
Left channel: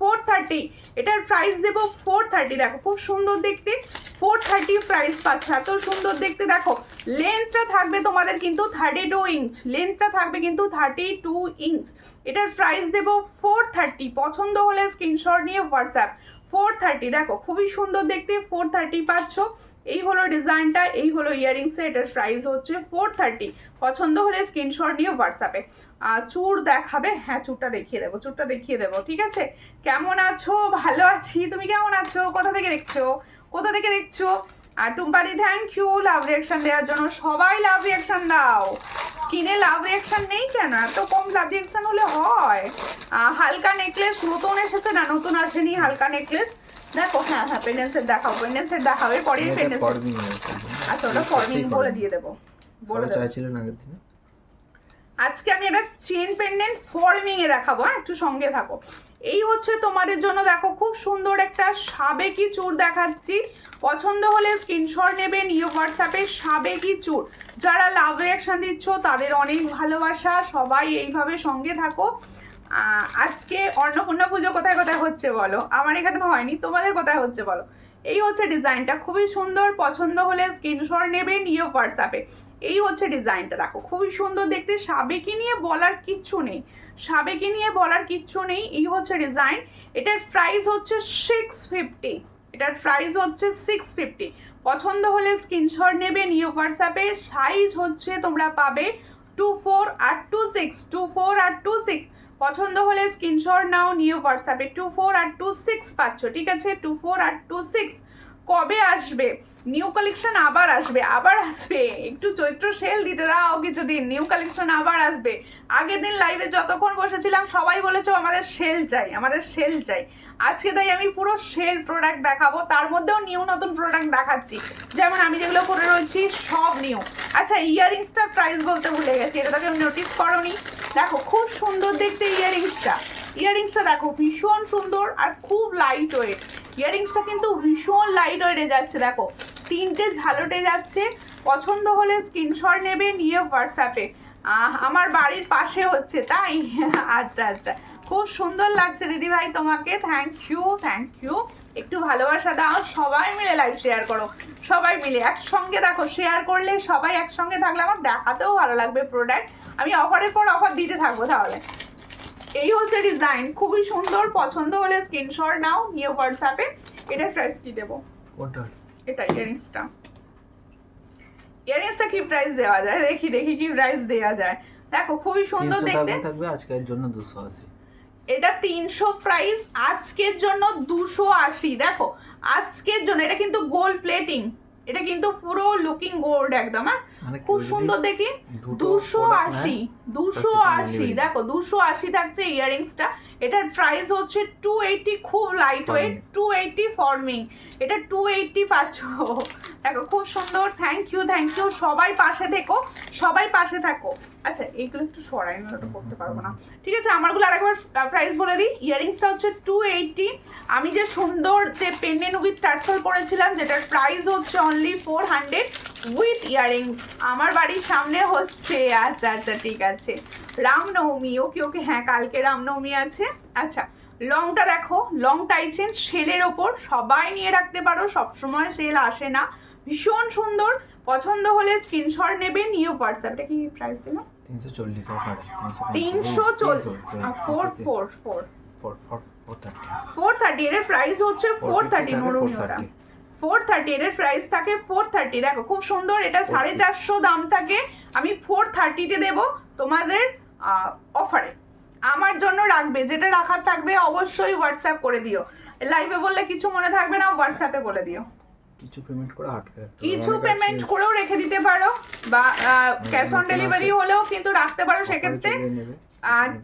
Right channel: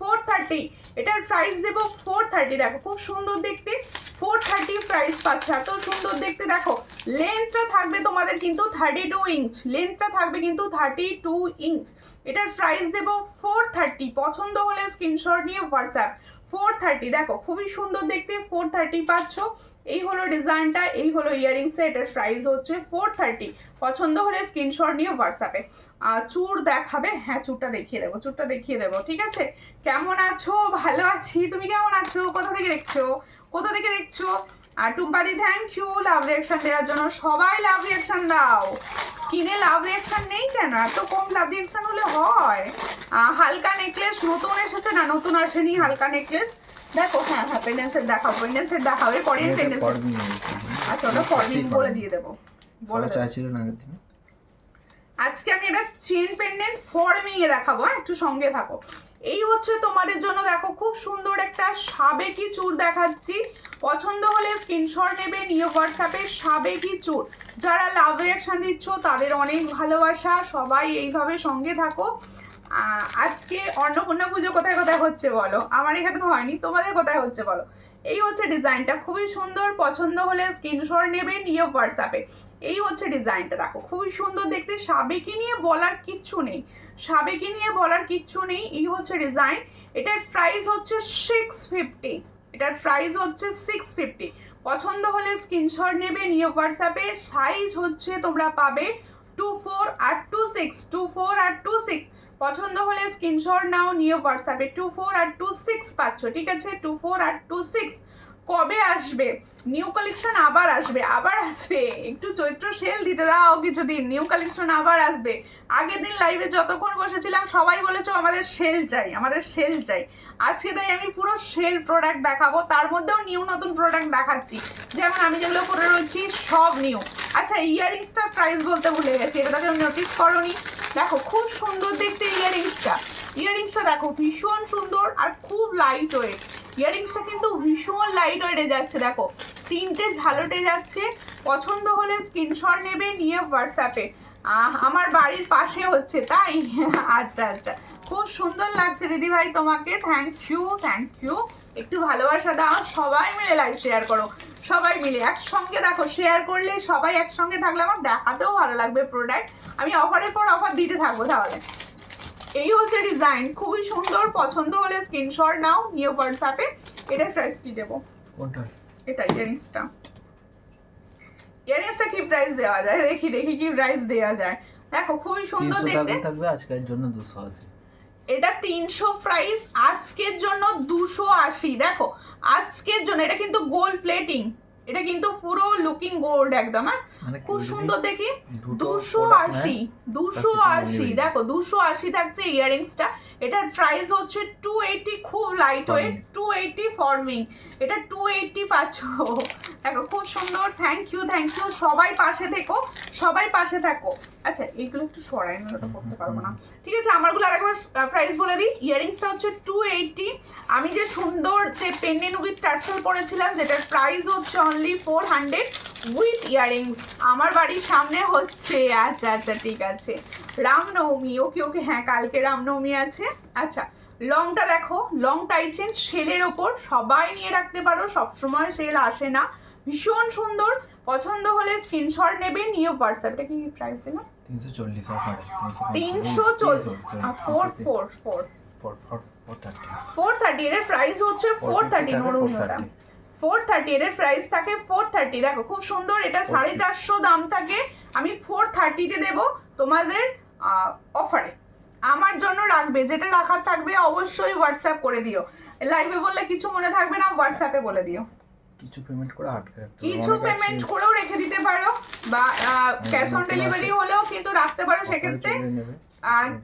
430 এটার প্রাইস দেবো 430। দেখো খুব সুন্দর দেখতে, 430 প্রাইস পাচ্ছে, এত সুন্দর দেখতে। দেখো লেন্থটা থাকবে তোমাদের কিন্তু 32 ইঞ্চ, লেন্থটা থাকবে কিন্তু 32 ইঞ্চ। এটার প্রাইস দেবো 430, পছন্দ হলে স্ক্রিনশট নিয়ে হোয়াটসঅ্যাপ। 430, দেখো খুবই সুন্দর দেখতে, 430 পাচ্ছ। এই হলো ডিজাইনটা, এই হলো ইয়ারিংস, এটার প্রাইস হচ্ছে 430, পছন্দ হলে স্ক্রিনশট নিয়ে হোয়াটসঅ্যাপে। চুড় দেখাবে? হ্যাঁ চুড়টা দেখিয়ে দেবো, চুড়টা দেখিয়ে দেবো, ঠিক আছে? কেমন আছো? ভালো আছি, তুমি কেমন আছো? কোথা থেকে দেখছো, কোথা থেকে দেখছো? আর টুম্পাদি থ্যাংক ইউ লাভ রিয়াকশন দেওয়ার জন্য। সবাই লাভ রিয়াকশন দাও, স্কিনে লাভ রিয়াকশন নেই কেন? এত কম লাভ রিয়াকশন হলে হয়? হালকা নেকলেস নতুন এসেছে না? নতুন আসেনি হালকা নেকলেস। দেখো হ্যাঁ হ্যাঁ পেন্ডেন্ট দেখাও, পেন্ডেন্ট দেখাও, এরপরে পেন্ডেন্ট। আচ্ছা ওটা ফর্মিং বলে দিয়ে দেবো, বলে চাইছিলেন আগের দিনে। আজকে আমি এটা চেন পেন্ডেন্ট ফর্মিং এ দেখাবো, হ্যাঁ একটু সঙ্গে থাকো। এই হচ্ছে তোমাদের জন্য, দেখো খুব সুন্দর একটা সাবেকি চুড় দেখাচ্ছি, পছন্দ হলে স্ক্রিনশট নেবে নিয়ে হোয়াটসঅ্যাপে। সাবেকি চুড়, যারা লাভ রিয়াকশন দিচ্ছ তাদের অনেক ভালোবাসা, সবাই এইভাবে সঙ্গে থাকো। আজকে অন্নপূর্ণা পুজো কোথায় কোথায় হচ্ছে বলো? আমার এখানে তো হয়নি, তোমাদের কোথায় হচ্ছে বলো? এই হচ্ছে ডিজাইনটা, খুবই সুন্দর, পছন্দ হলে স্ক্রিনশট নেবে নিয়ে হোয়াটসঅ্যাপে। এই হচ্ছে ডিজাইনটা, দেখো খুবই সুন্দর দেখতে, সাবেকি নিয়ে বলার কিচ্ছু নেই, সাবেকি নিয়ে বলার কিচ্ছু নেই। এই হচ্ছে ডিজাইন, এটার প্রাইস হচ্ছে 650, এটার প্রাইস হচ্ছে 650, পছন্দ হলে স্ক্রিনশট নেবে নিয়ে হোয়াটসঅ্যাপে। সাইজ হচ্ছে তোমরা পাবে 24 আর 26, 24 আর 26, পছন্দ হলে স্ক্রিনশট নাও নিয়ে হোয়াটসঅ্যাপে। 24 আর 26 পাচ্ছ, ঠিক আছে? 24 আর 26। কবে আসবে নিউ কালেকশন? আবার আসবে, আবার আসবে, একটু চৈত্র সেল দিতে দাও কিছুদিন, নিউ কালেকশন আবার আসবে। আগের দিন লাইভে যতক্ষণ বসেছিলাম সবাই বলেছো আমাদের সেল চাই, আমাদের সেল চাই। আজকে তাই আমি পুরো সেল প্রোডাক্ট দেখাবো, তার মধ্যেও নিউ নতুন প্রোডাক্ট দেখাচ্ছি, যেমন আমি যেগুলো পরে রয়েছি সব নিউ। আচ্ছা ইয়ারিংসটার প্রাইস বলতে ভুলে গেছি, এটা তুমি নোটিস করোনি? দেখো খুব সুন্দর দেখতে ইয়ারিংসটা, ইয়ারিংসটা দেখো ভীষণ সুন্দর আর খুব লাইট ওয়েট। ইয়ারিংসটা কিন্তু ভীষণ লাইট ওয়েটে যাচ্ছে, দেখো তিনটে ঝালটে যাচ্ছে, পছন্দ হলে স্ক্রিনশট নেবে নিয়ে হোয়াটসঅ্যাপে। আমার বাড়ির পাশে হচ্ছে তাই? আচ্ছা আচ্ছা, খুব সুন্দর লাগছে দিদি ভাই তোমাকে, থ্যাংক ইউ থ্যাংক ইউ। একটু ভালোবাসা দাও, সবাই মিলে লাইভ শেয়ার করো, সবাই মিলে একসঙ্গে দেখো, শেয়ার করলে সবাই একসঙ্গে থাকলে আমার দেখাতেও ভালো লাগবে প্রোডাক্ট, আমি অফারের পর অফার দিতে থাকবো তাহলে। এই হচ্ছে ডিজাইন, খুবই সুন্দর, পছন্দ হলে স্ক্রিনশট নাও নিয়ে হোয়াটসঅ্যাপে। এটার প্রাইস কি দেবো? কোনটা? এটা ইয়ারিংসটা, ইয়ারিংসটা কি প্রাইস দেওয়া যায়? দেখি দেখি কি প্রাইস দেওয়া যায়। দেখো খুবই সুন্দর দেখতে, থাকবে আজকের জন্য 280। এটা 300 প্রাইস, আজকের জন্য 280। দেখো আজকের জন্য, এটা কিন্তু গোল্ড প্লেটিং, এটা কিন্তু পুরো লুকিং গোল্ড একদম, হ্যাঁ মানে খুব কেউ যদি সুন্দর দেখি। দুটো 280, product 280 নেয়, দেখো 280 থাকছে ইয়ারিংসটা। এটার প্রাইস হচ্ছে 280, খুব লাইট ওয়েট, 280 ফর্মিং, এটা 280 পাচ্ছ। দেখো খুব সুন্দর। থ্যাংক ইউ সবাই পাশে থেকো, সবাই পাশে থাকো। আচ্ছা এইগুলো একটু সরাই না, ওটা করতে পারবো না, ঠিক আছে। আমারগুলো আরেকবার প্রাইস বলে দিই। ইয়ারিংসটা হচ্ছে 280। আমি যে সুন্দর যে পেন্ডেন্ট উইথ টার্সেল পরেছিলাম, যেটার প্রাইস হচ্ছে অনলি 400 উইথ ইয়ারিংস। আমার বাড়ির সামনে হচ্ছে, আচ্ছা আচ্ছা ঠিক আছে, রামনবমী, ওকে হ্যাঁ কালকে রামনবমী আছে। আচ্ছা লংটা দেখো, লং টাইচেন সেলের ওপর, সবাই নিয়ে রাখতে পারো, সবসময় সেল আসে না, ভীষণ সুন্দর। পছন্দ হলে স্ক্রিনশট নেবে, নিয়ে হোয়াটসঅ্যাপ। এটা কি প্রাইস দিল? 340 অফারে 340, 430। এর প্রাইস হচ্ছে 430, 430 এর প্রাইস থাকে 430। দেখো খুব সুন্দর, এটা 450 দাম থাকে, আমি 430-তে দেবো তোমাদের অফারে। আমার জন্য রাখবে, যেটা রাখার থাকবে অবশ্যই হোয়াটসঅ্যাপ করে দিও। লাইভে বললে কিছু মনে থাকবে না, হোয়াটসঅ্যাপে বলে দিও। কিছু পেমেন্ট করে আটকে রাখতে পারো, কিছু পেমেন্ট করেও রেখে দিতে পারো, বা ক্যাশ অন ডেলিভারি হলেও কিন্তু রাখতে পারো সেক্ষেত্রে।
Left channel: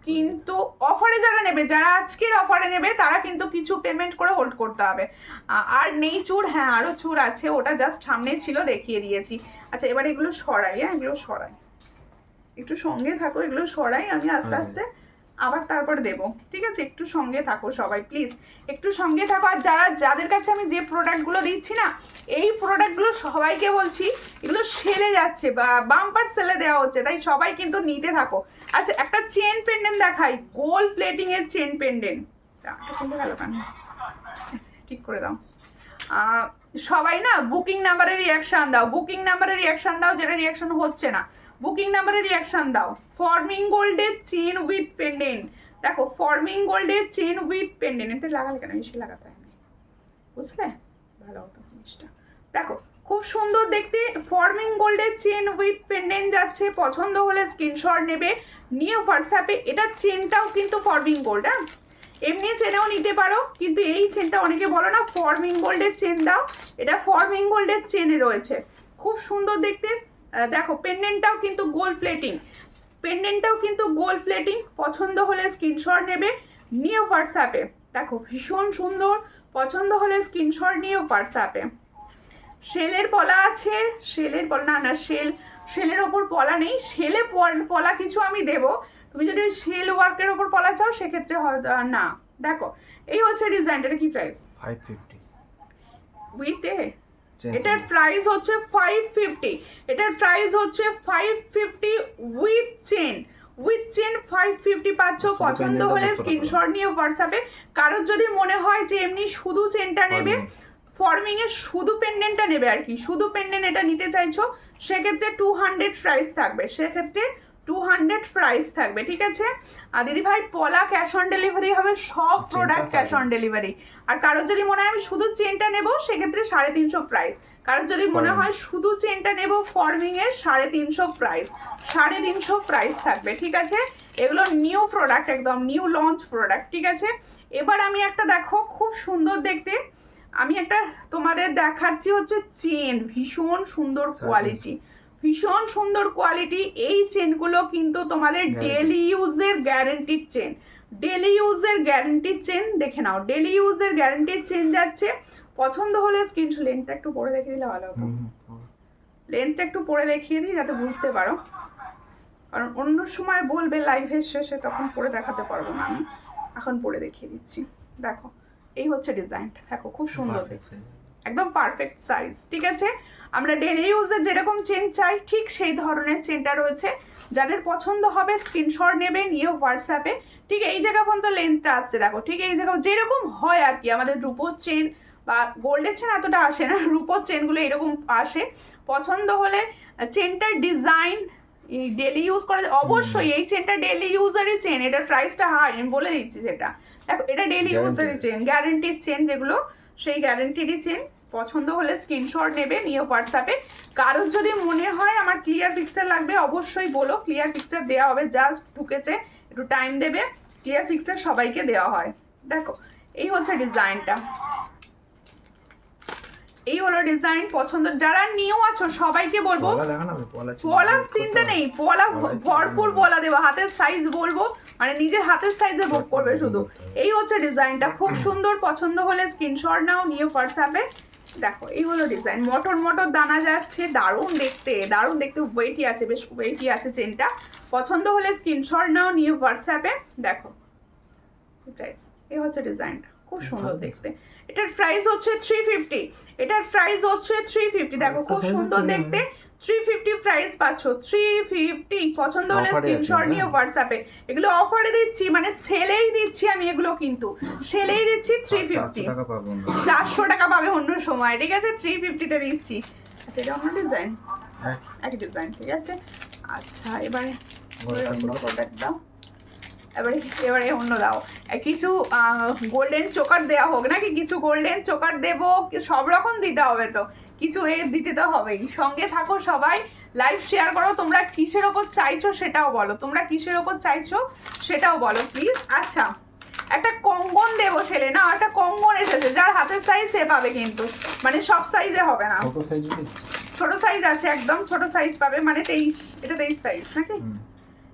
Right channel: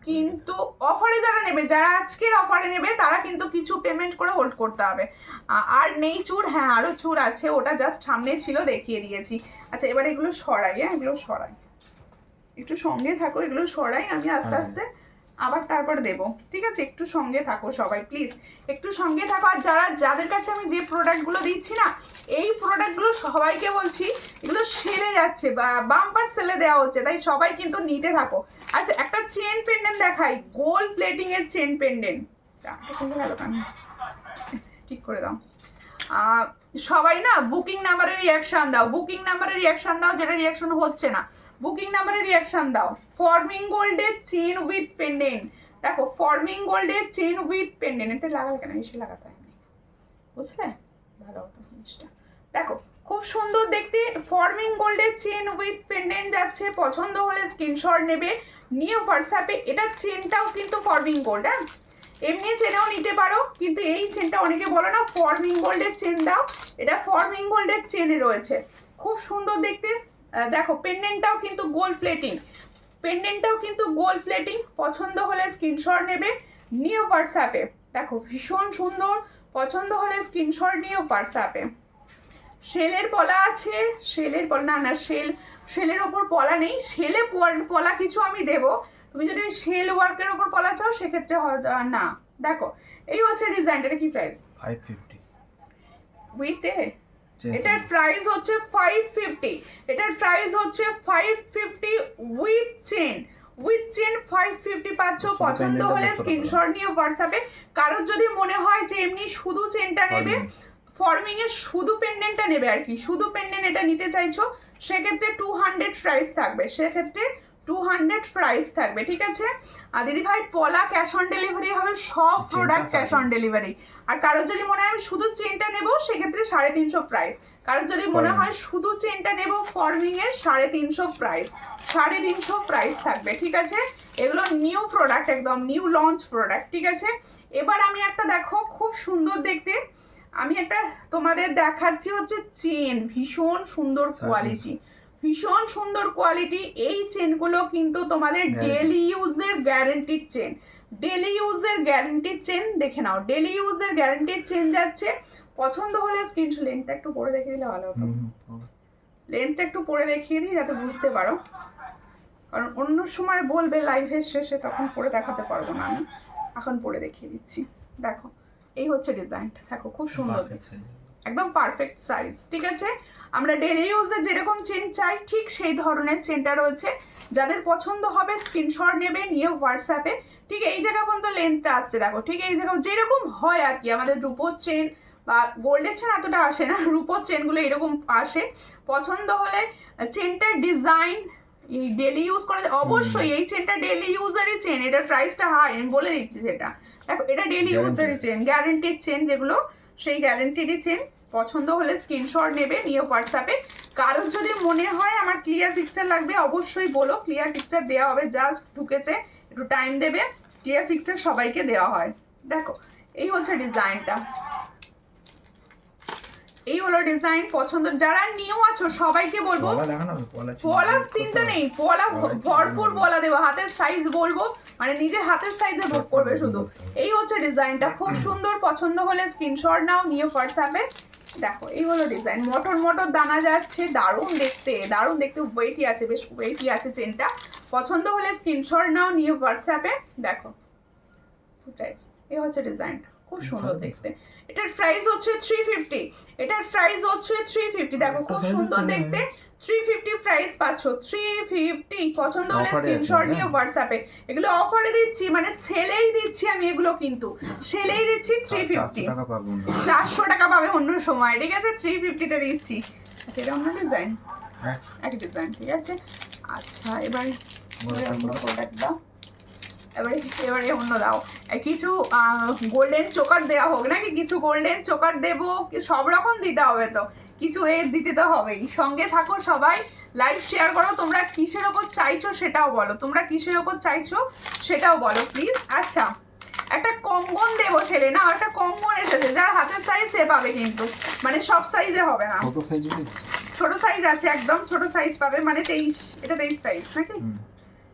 কিন্তু অফারে যারা নেবে, যারা আজকের অফারে নেবে, তারা কিন্তু কিছু পেমেন্ট করে হোল্ড করতে হবে। আর নেই চুর, হ্যাঁ আরও চুর আছে, ওটা জাস্ট সামনে ছিল দেখিয়ে দিয়েছি। আচ্ছা এবার এগুলো সরাই, হ্যাঁ এগুলো সরাই, একটু সঙ্গে থাকো, এগুলো সরাই আমি আস্তে আস্তে, আবার তারপরে দেবো, ঠিক আছে। একটু সঙ্গে থাকো সবাই প্লিজ, একটু সঙ্গে থাকো। আর যাদের কাছে আমি যে প্রোডাক্টগুলো দিচ্ছি না, এই প্রোডাক্টগুলো সবাইকে বলছি এগুলো সেলে যাচ্ছে, বা বাম্পার সেলে দেওয়া হচ্ছে, তাই সবাই কিন্তু নিতে থাকো। আচ্ছা একটা চেন পেন্ডেন্ট দেখাই, গোল্ড প্লেটিং এর চেন পেন্ডেন্ট, কিন্তু ভালো কেন ঠিক করে দাও। সবাই না বুকিং নাম্বারে রিয়াকশন দাও, বুকিং নাম্বারে রিয়াকশন দাও, যেটা রিয়াকশন হচ্ছে না বুকিং নাম্বারে রিয়াকশন দাও। ফর্মিং গোল্ডের চেন উইথ পেন্ডেন্ট, দেখো ফর্মিং গোল্ডের চেন উইথ পেন্ডেন্ট, এটা লাগালে কেন, এসে লাগাতে হয় না, বুঝলে ভালো হতো জিনিসটা। দেখো খুব সুন্দর দেখতে, ফর্মিং গোল্ডের চেন উইথ পেন্ডেন্ট যাচ্ছে। পছন্দ হলে স্ক্রিনশট নেবে, নিয়ে হোয়াটসঅ্যাপে। এটা চেনটাও কিন্তু ফর্মিং গোল্ড, হ্যাঁ এমনি চেনেও নিতে পারো, কিন্তু এই চেনটা অনেকে বলো না ফর্মিং গোল্ডের চেন দাও, এটা ফর্মিং গোল্ডের চেনে রয়েছে, খুব সুন্দর দেখতে। দেখো পেন্ডেন্টটাও কিন্তু গোল্ড প্লেটিং, পেন্ডেন্টটাও কিন্তু গোল্ড প্লেটিং। পছন্দ হলে স্ক্রিনশট নেবে, নিয়ে হোয়াটসঅ্যাপে। দেখো ভীষণ সুন্দর, পছন্দ হলে স্ক্রিনশট নিয়ে হোয়াটসঅ্যাপে। সেলের পলা আছে, সেলের পলা না সেলের ওপর পলা নেই, সেলে পলা কিছু আমি দেবো, তুমি যদি সেল ওয়ার্কের ওপর পলা চাও সেক্ষেত্রে হয়তো না। দেখো এই হচ্ছে ডিজাইনটা, এটা কি প্রাইস? 550 উইথে, এটার প্রাইস হচ্ছে 550, এটার প্রাইস হচ্ছে 550 উইথ চেন, 550 পাচ্ছ। পছন্দ হলে স্ক্রিনশট নিয়ে হোয়াটসঅ্যাপে। কারোর যদি মনে হয় যে এমনি শুধু চেনটা নেবে, ফর্মিং এর শুধু পেন্ডেন্টটা নেবে আর কি, শুধু পেন্ডেন্ট এটা নিতে চাইছো, সেক্ষেত্রে 200 প্রাইস থাকবে, সেক্ষেত্রে 200 প্রাইস থাকবে, ঠিক আছে। আর দিদি ভাই পলা ক্যাশ অন ডেলিভারি হবে, সব প্রোডাক্ট ক্যাশ অন ডেলিভারি। আর কারোর যদি মনে হয় আমি শুধু চেনটা নেবো, সেক্ষেত্রে 350 প্রাইস। কারোর যদি মনে হয় শুধু চেনটা নেবো ফর্মিং এর, 350 প্রাইস, 350 প্রাইস থাকবে, ঠিক আছে। এগুলো নিউ প্রোডাক্ট, একদম নিউ লঞ্চ প্রোডাক্ট, ঠিক আছে। এবার আমি একটা দেখো খুব সুন্দর দেখতে, আমি একটা তোমাদের দেখাচ্ছি হচ্ছে চেন, ভীষণ সুন্দর কোয়ালিটি, ভীষণ সুন্দর কোয়ালিটি। এই চেনগুলো কিন্তু তোমাদের ডেলি ইউজের গ্যারেন্টিড চেন, ডেলি ইউজের গ্যারেন্টিড চেন, দেখে নাও ডেলি ইউজের গ্যারেন্টিড চেন যাচ্ছে। পছন্দ হলে স্ক্রিনশট, লেন্থটা একটু পরে দেখিয়ে দিলে ভালো হতো, লেন্থটা একটু পরে দেখিয়ে দিই যাতে বুঝতে পারো, কারণ অন্য সময় বলবে লাইভের শেষে, তখন পরে দেখাতে পারবো না আমি, এখন পরে দেখিয়ে দিচ্ছি। দেখো এই হচ্ছে ডিজাইনটা, দেখো খুব সুন্দর দেখতে, একদম পারফেক্ট সাইজ, ঠিক আছে। আমরা ডেলি ইউজের যেরকম চেন চাই ঠিক সেই ধরনের চেনটা রয়েছে। যাদের পছন্দ হবে স্ক্রিনশট নেবে, নিয়ে হোয়াটসঅ্যাপে। ঠিক এই জায়গা পর্যন্ত লেন্থটা আসছে, দেখো ঠিক এই জায়গা যেরকম হয় আর কি, আমাদের রূপোর চেন বা গোল্ডের চেন এতটা আসে না, রূপোর চেনগুলো এরকম আসে। পছন্দ হলে চেনটার ডিজাইন ডেলি ইউজ করা, অবশ্যই এই চেনটা ডেলি ইউজারই চেন, এটার প্রাইসটা হাই, আমি বলে দিচ্ছি সেটা। দেখো এটা ডেলি ইউজারই চেন, গ্যারেন্টিড চেন যেগুলো, সেই গ্যারেন্টিডই চেন। পছন্দ হলে স্ক্রিনশট নেবে, নিয়ে হোয়াটসঅ্যাপে। কারোর যদি মনে হয় আমার ক্লিয়ার পিকচার লাগবে, অবশ্যই বলো, ক্লিয়ার পিকচার দেওয়া হবে, জাস্ট ঢুকেছে একটু টাইম দেবে, ক্লিয়ার পিকচার সবাইকে দেওয়া হয়। দেখো এই হচ্ছে ডিজাইনটা, এই হলো ডিজাইন পছন্দ, যারা নিউ আছো সবাইকে বলবো পলা দেখা না পলা পলার চিন্তা নেই, পলা ভরপুর পলা দেবো, হাতের সাইজ বলবো মানে নিজের হাতের সাইজে বুক করবে শুধু। এই হচ্ছে ডিজাইনটা, খুব সুন্দর, পছন্দ হলে স্ক্রিনশট নাও, নিয়ে হোয়াটসঅ্যাপে। দেখো এই হলো ডিজাইন, মটর মটর দানা যাচ্ছে, দারুণ দেখতে, দারুণ দেখতে, ওয়েটই আছে, বেশ ওয়েটই আছে চেনটা। পছন্দ হলে স্ক্রিনশট নাও, নিয়ে হোয়াটসঅ্যাপে। দেখো এই হচ্ছে ডিজাইনটা, খুব সুন্দর দেখতে। এটার প্রাইস হচ্ছে 350, এটার প্রাইস হচ্ছে 350। দেখো খুব সুন্দর দেখতে, 350 প্রাইস পাচ্ছ, 350। পছন্দ হলে স্ক্রিনশট নিয়ে হোয়াটসঅ্যাপে। এগুলো অফারে দিচ্ছি, মানে সেলেই দিচ্ছি আমি এগুলো, কিন্তু সেলেই দিচ্ছি 350, 400 টাকা পাবে অন্য সময়, ঠিক আছে? 350 তে দিচ্ছি। আচ্ছা এটা অন্য ডিজাইন, এক ডিজাইন, ঠিক আছে। আচ্ছা এবারে অন্য প্রোডাক্ট দাও, এবারে অন্য দাও। কিছু গোল্ডেন চোকার দেওয়া হোক নাকি, কিছু গোল্ডেন চোকার দেবো, সব রকম দিতে হবে তো, কিছু এর দিতে তো হবেই। সঙ্গে থাকো সবাই, লাইভ শেয়ার করো। তোমরা কিসের ওপর চাইছো সেটাও বলো, তোমরা কিসের ওপর চাইছো সেটাও বলো প্লিজ। আচ্ছা একটা কঙ্গন দেবো ছেলে, না একটা কঙ্গন এসেছে, যার হাতের সাইজ সে পাবে, কিন্তু মানে সব সাইজে হবে না, ছোট সাইজ আছে, একদম ছোট সাইজ পাবে, মানে 23, এটা 23 সাইজ নাকি,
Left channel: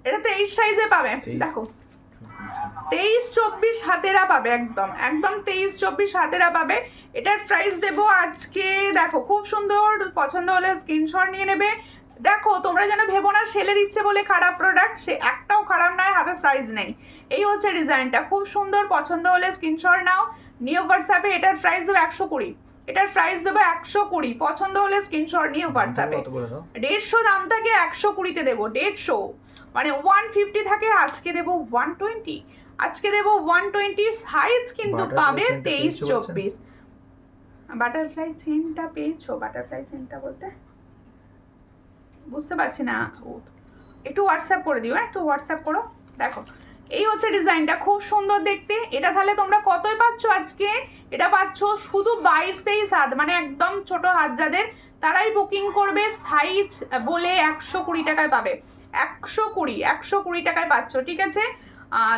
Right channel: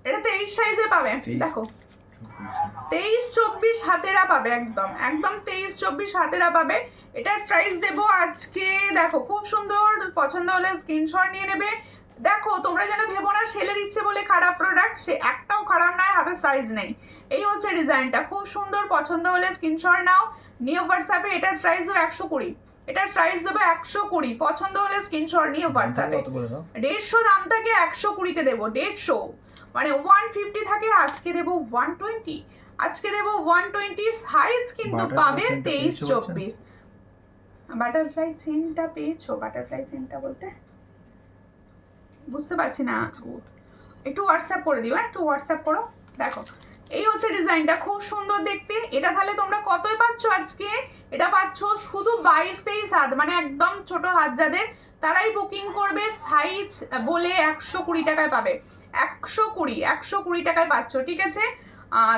এটা 23 সাইজে পাবে। দেখো 23-24 হাতেরা পাবে, একদম একদম 23-24 হাতেরা পাবে। এটার প্রাইস দেবো আজকে, দেখো খুব সুন্দর, পছন্দ হলে স্ক্রিনশট নিয়ে নেবে। দেখো তোমরা যেন ভেবো না সেলে দিচ্ছে বলে খারাপ প্রোডাক্ট, সে একটাও খারাপ নয়, হাতের সাইজ নেই। এই হচ্ছে ডিজাইনটা, খুব সুন্দর, পছন্দ হলে স্ক্রিনশট নাও, নিউ হোয়াটসঅ্যাপে। এটার প্রাইস দেবো 120, এটার প্রাইস দেবো 120, পছন্দ হলে স্ক্রিনশট নিয়ে হোয়াটসঅ্যাপে। 150 দাম থাকে, 120-তে দেবো, 150 মানে 150 থাকে, আজকে দেবো 120, আজকে দেবো 120। সাইজ কিন্তু পাবে 23-24। বাটারফ্লাই চেনটা পেয়েছো? বাটারফ্লাই চেনটা বলতে বুঝতে পারছি না, একটু হোয়াটসঅ্যাপ করে দিও, একটু হোয়াটসঅ্যাপ করো। দেখো এই হচ্ছে ডিজাইনটা, খুব সুন্দর দেখতে। এটা তাহলে তোমরা কতই পাচ্ছ আজকে? এটা পাচ্ছ শুধু 22-23 হাত, মানে একদম ছোট হাত যাদের, তারাই বুকিং করবে। সাইজ বলে 120 টাকায় পাবে, 120 টাকায় পাচ্ছ, ঠিক আছে?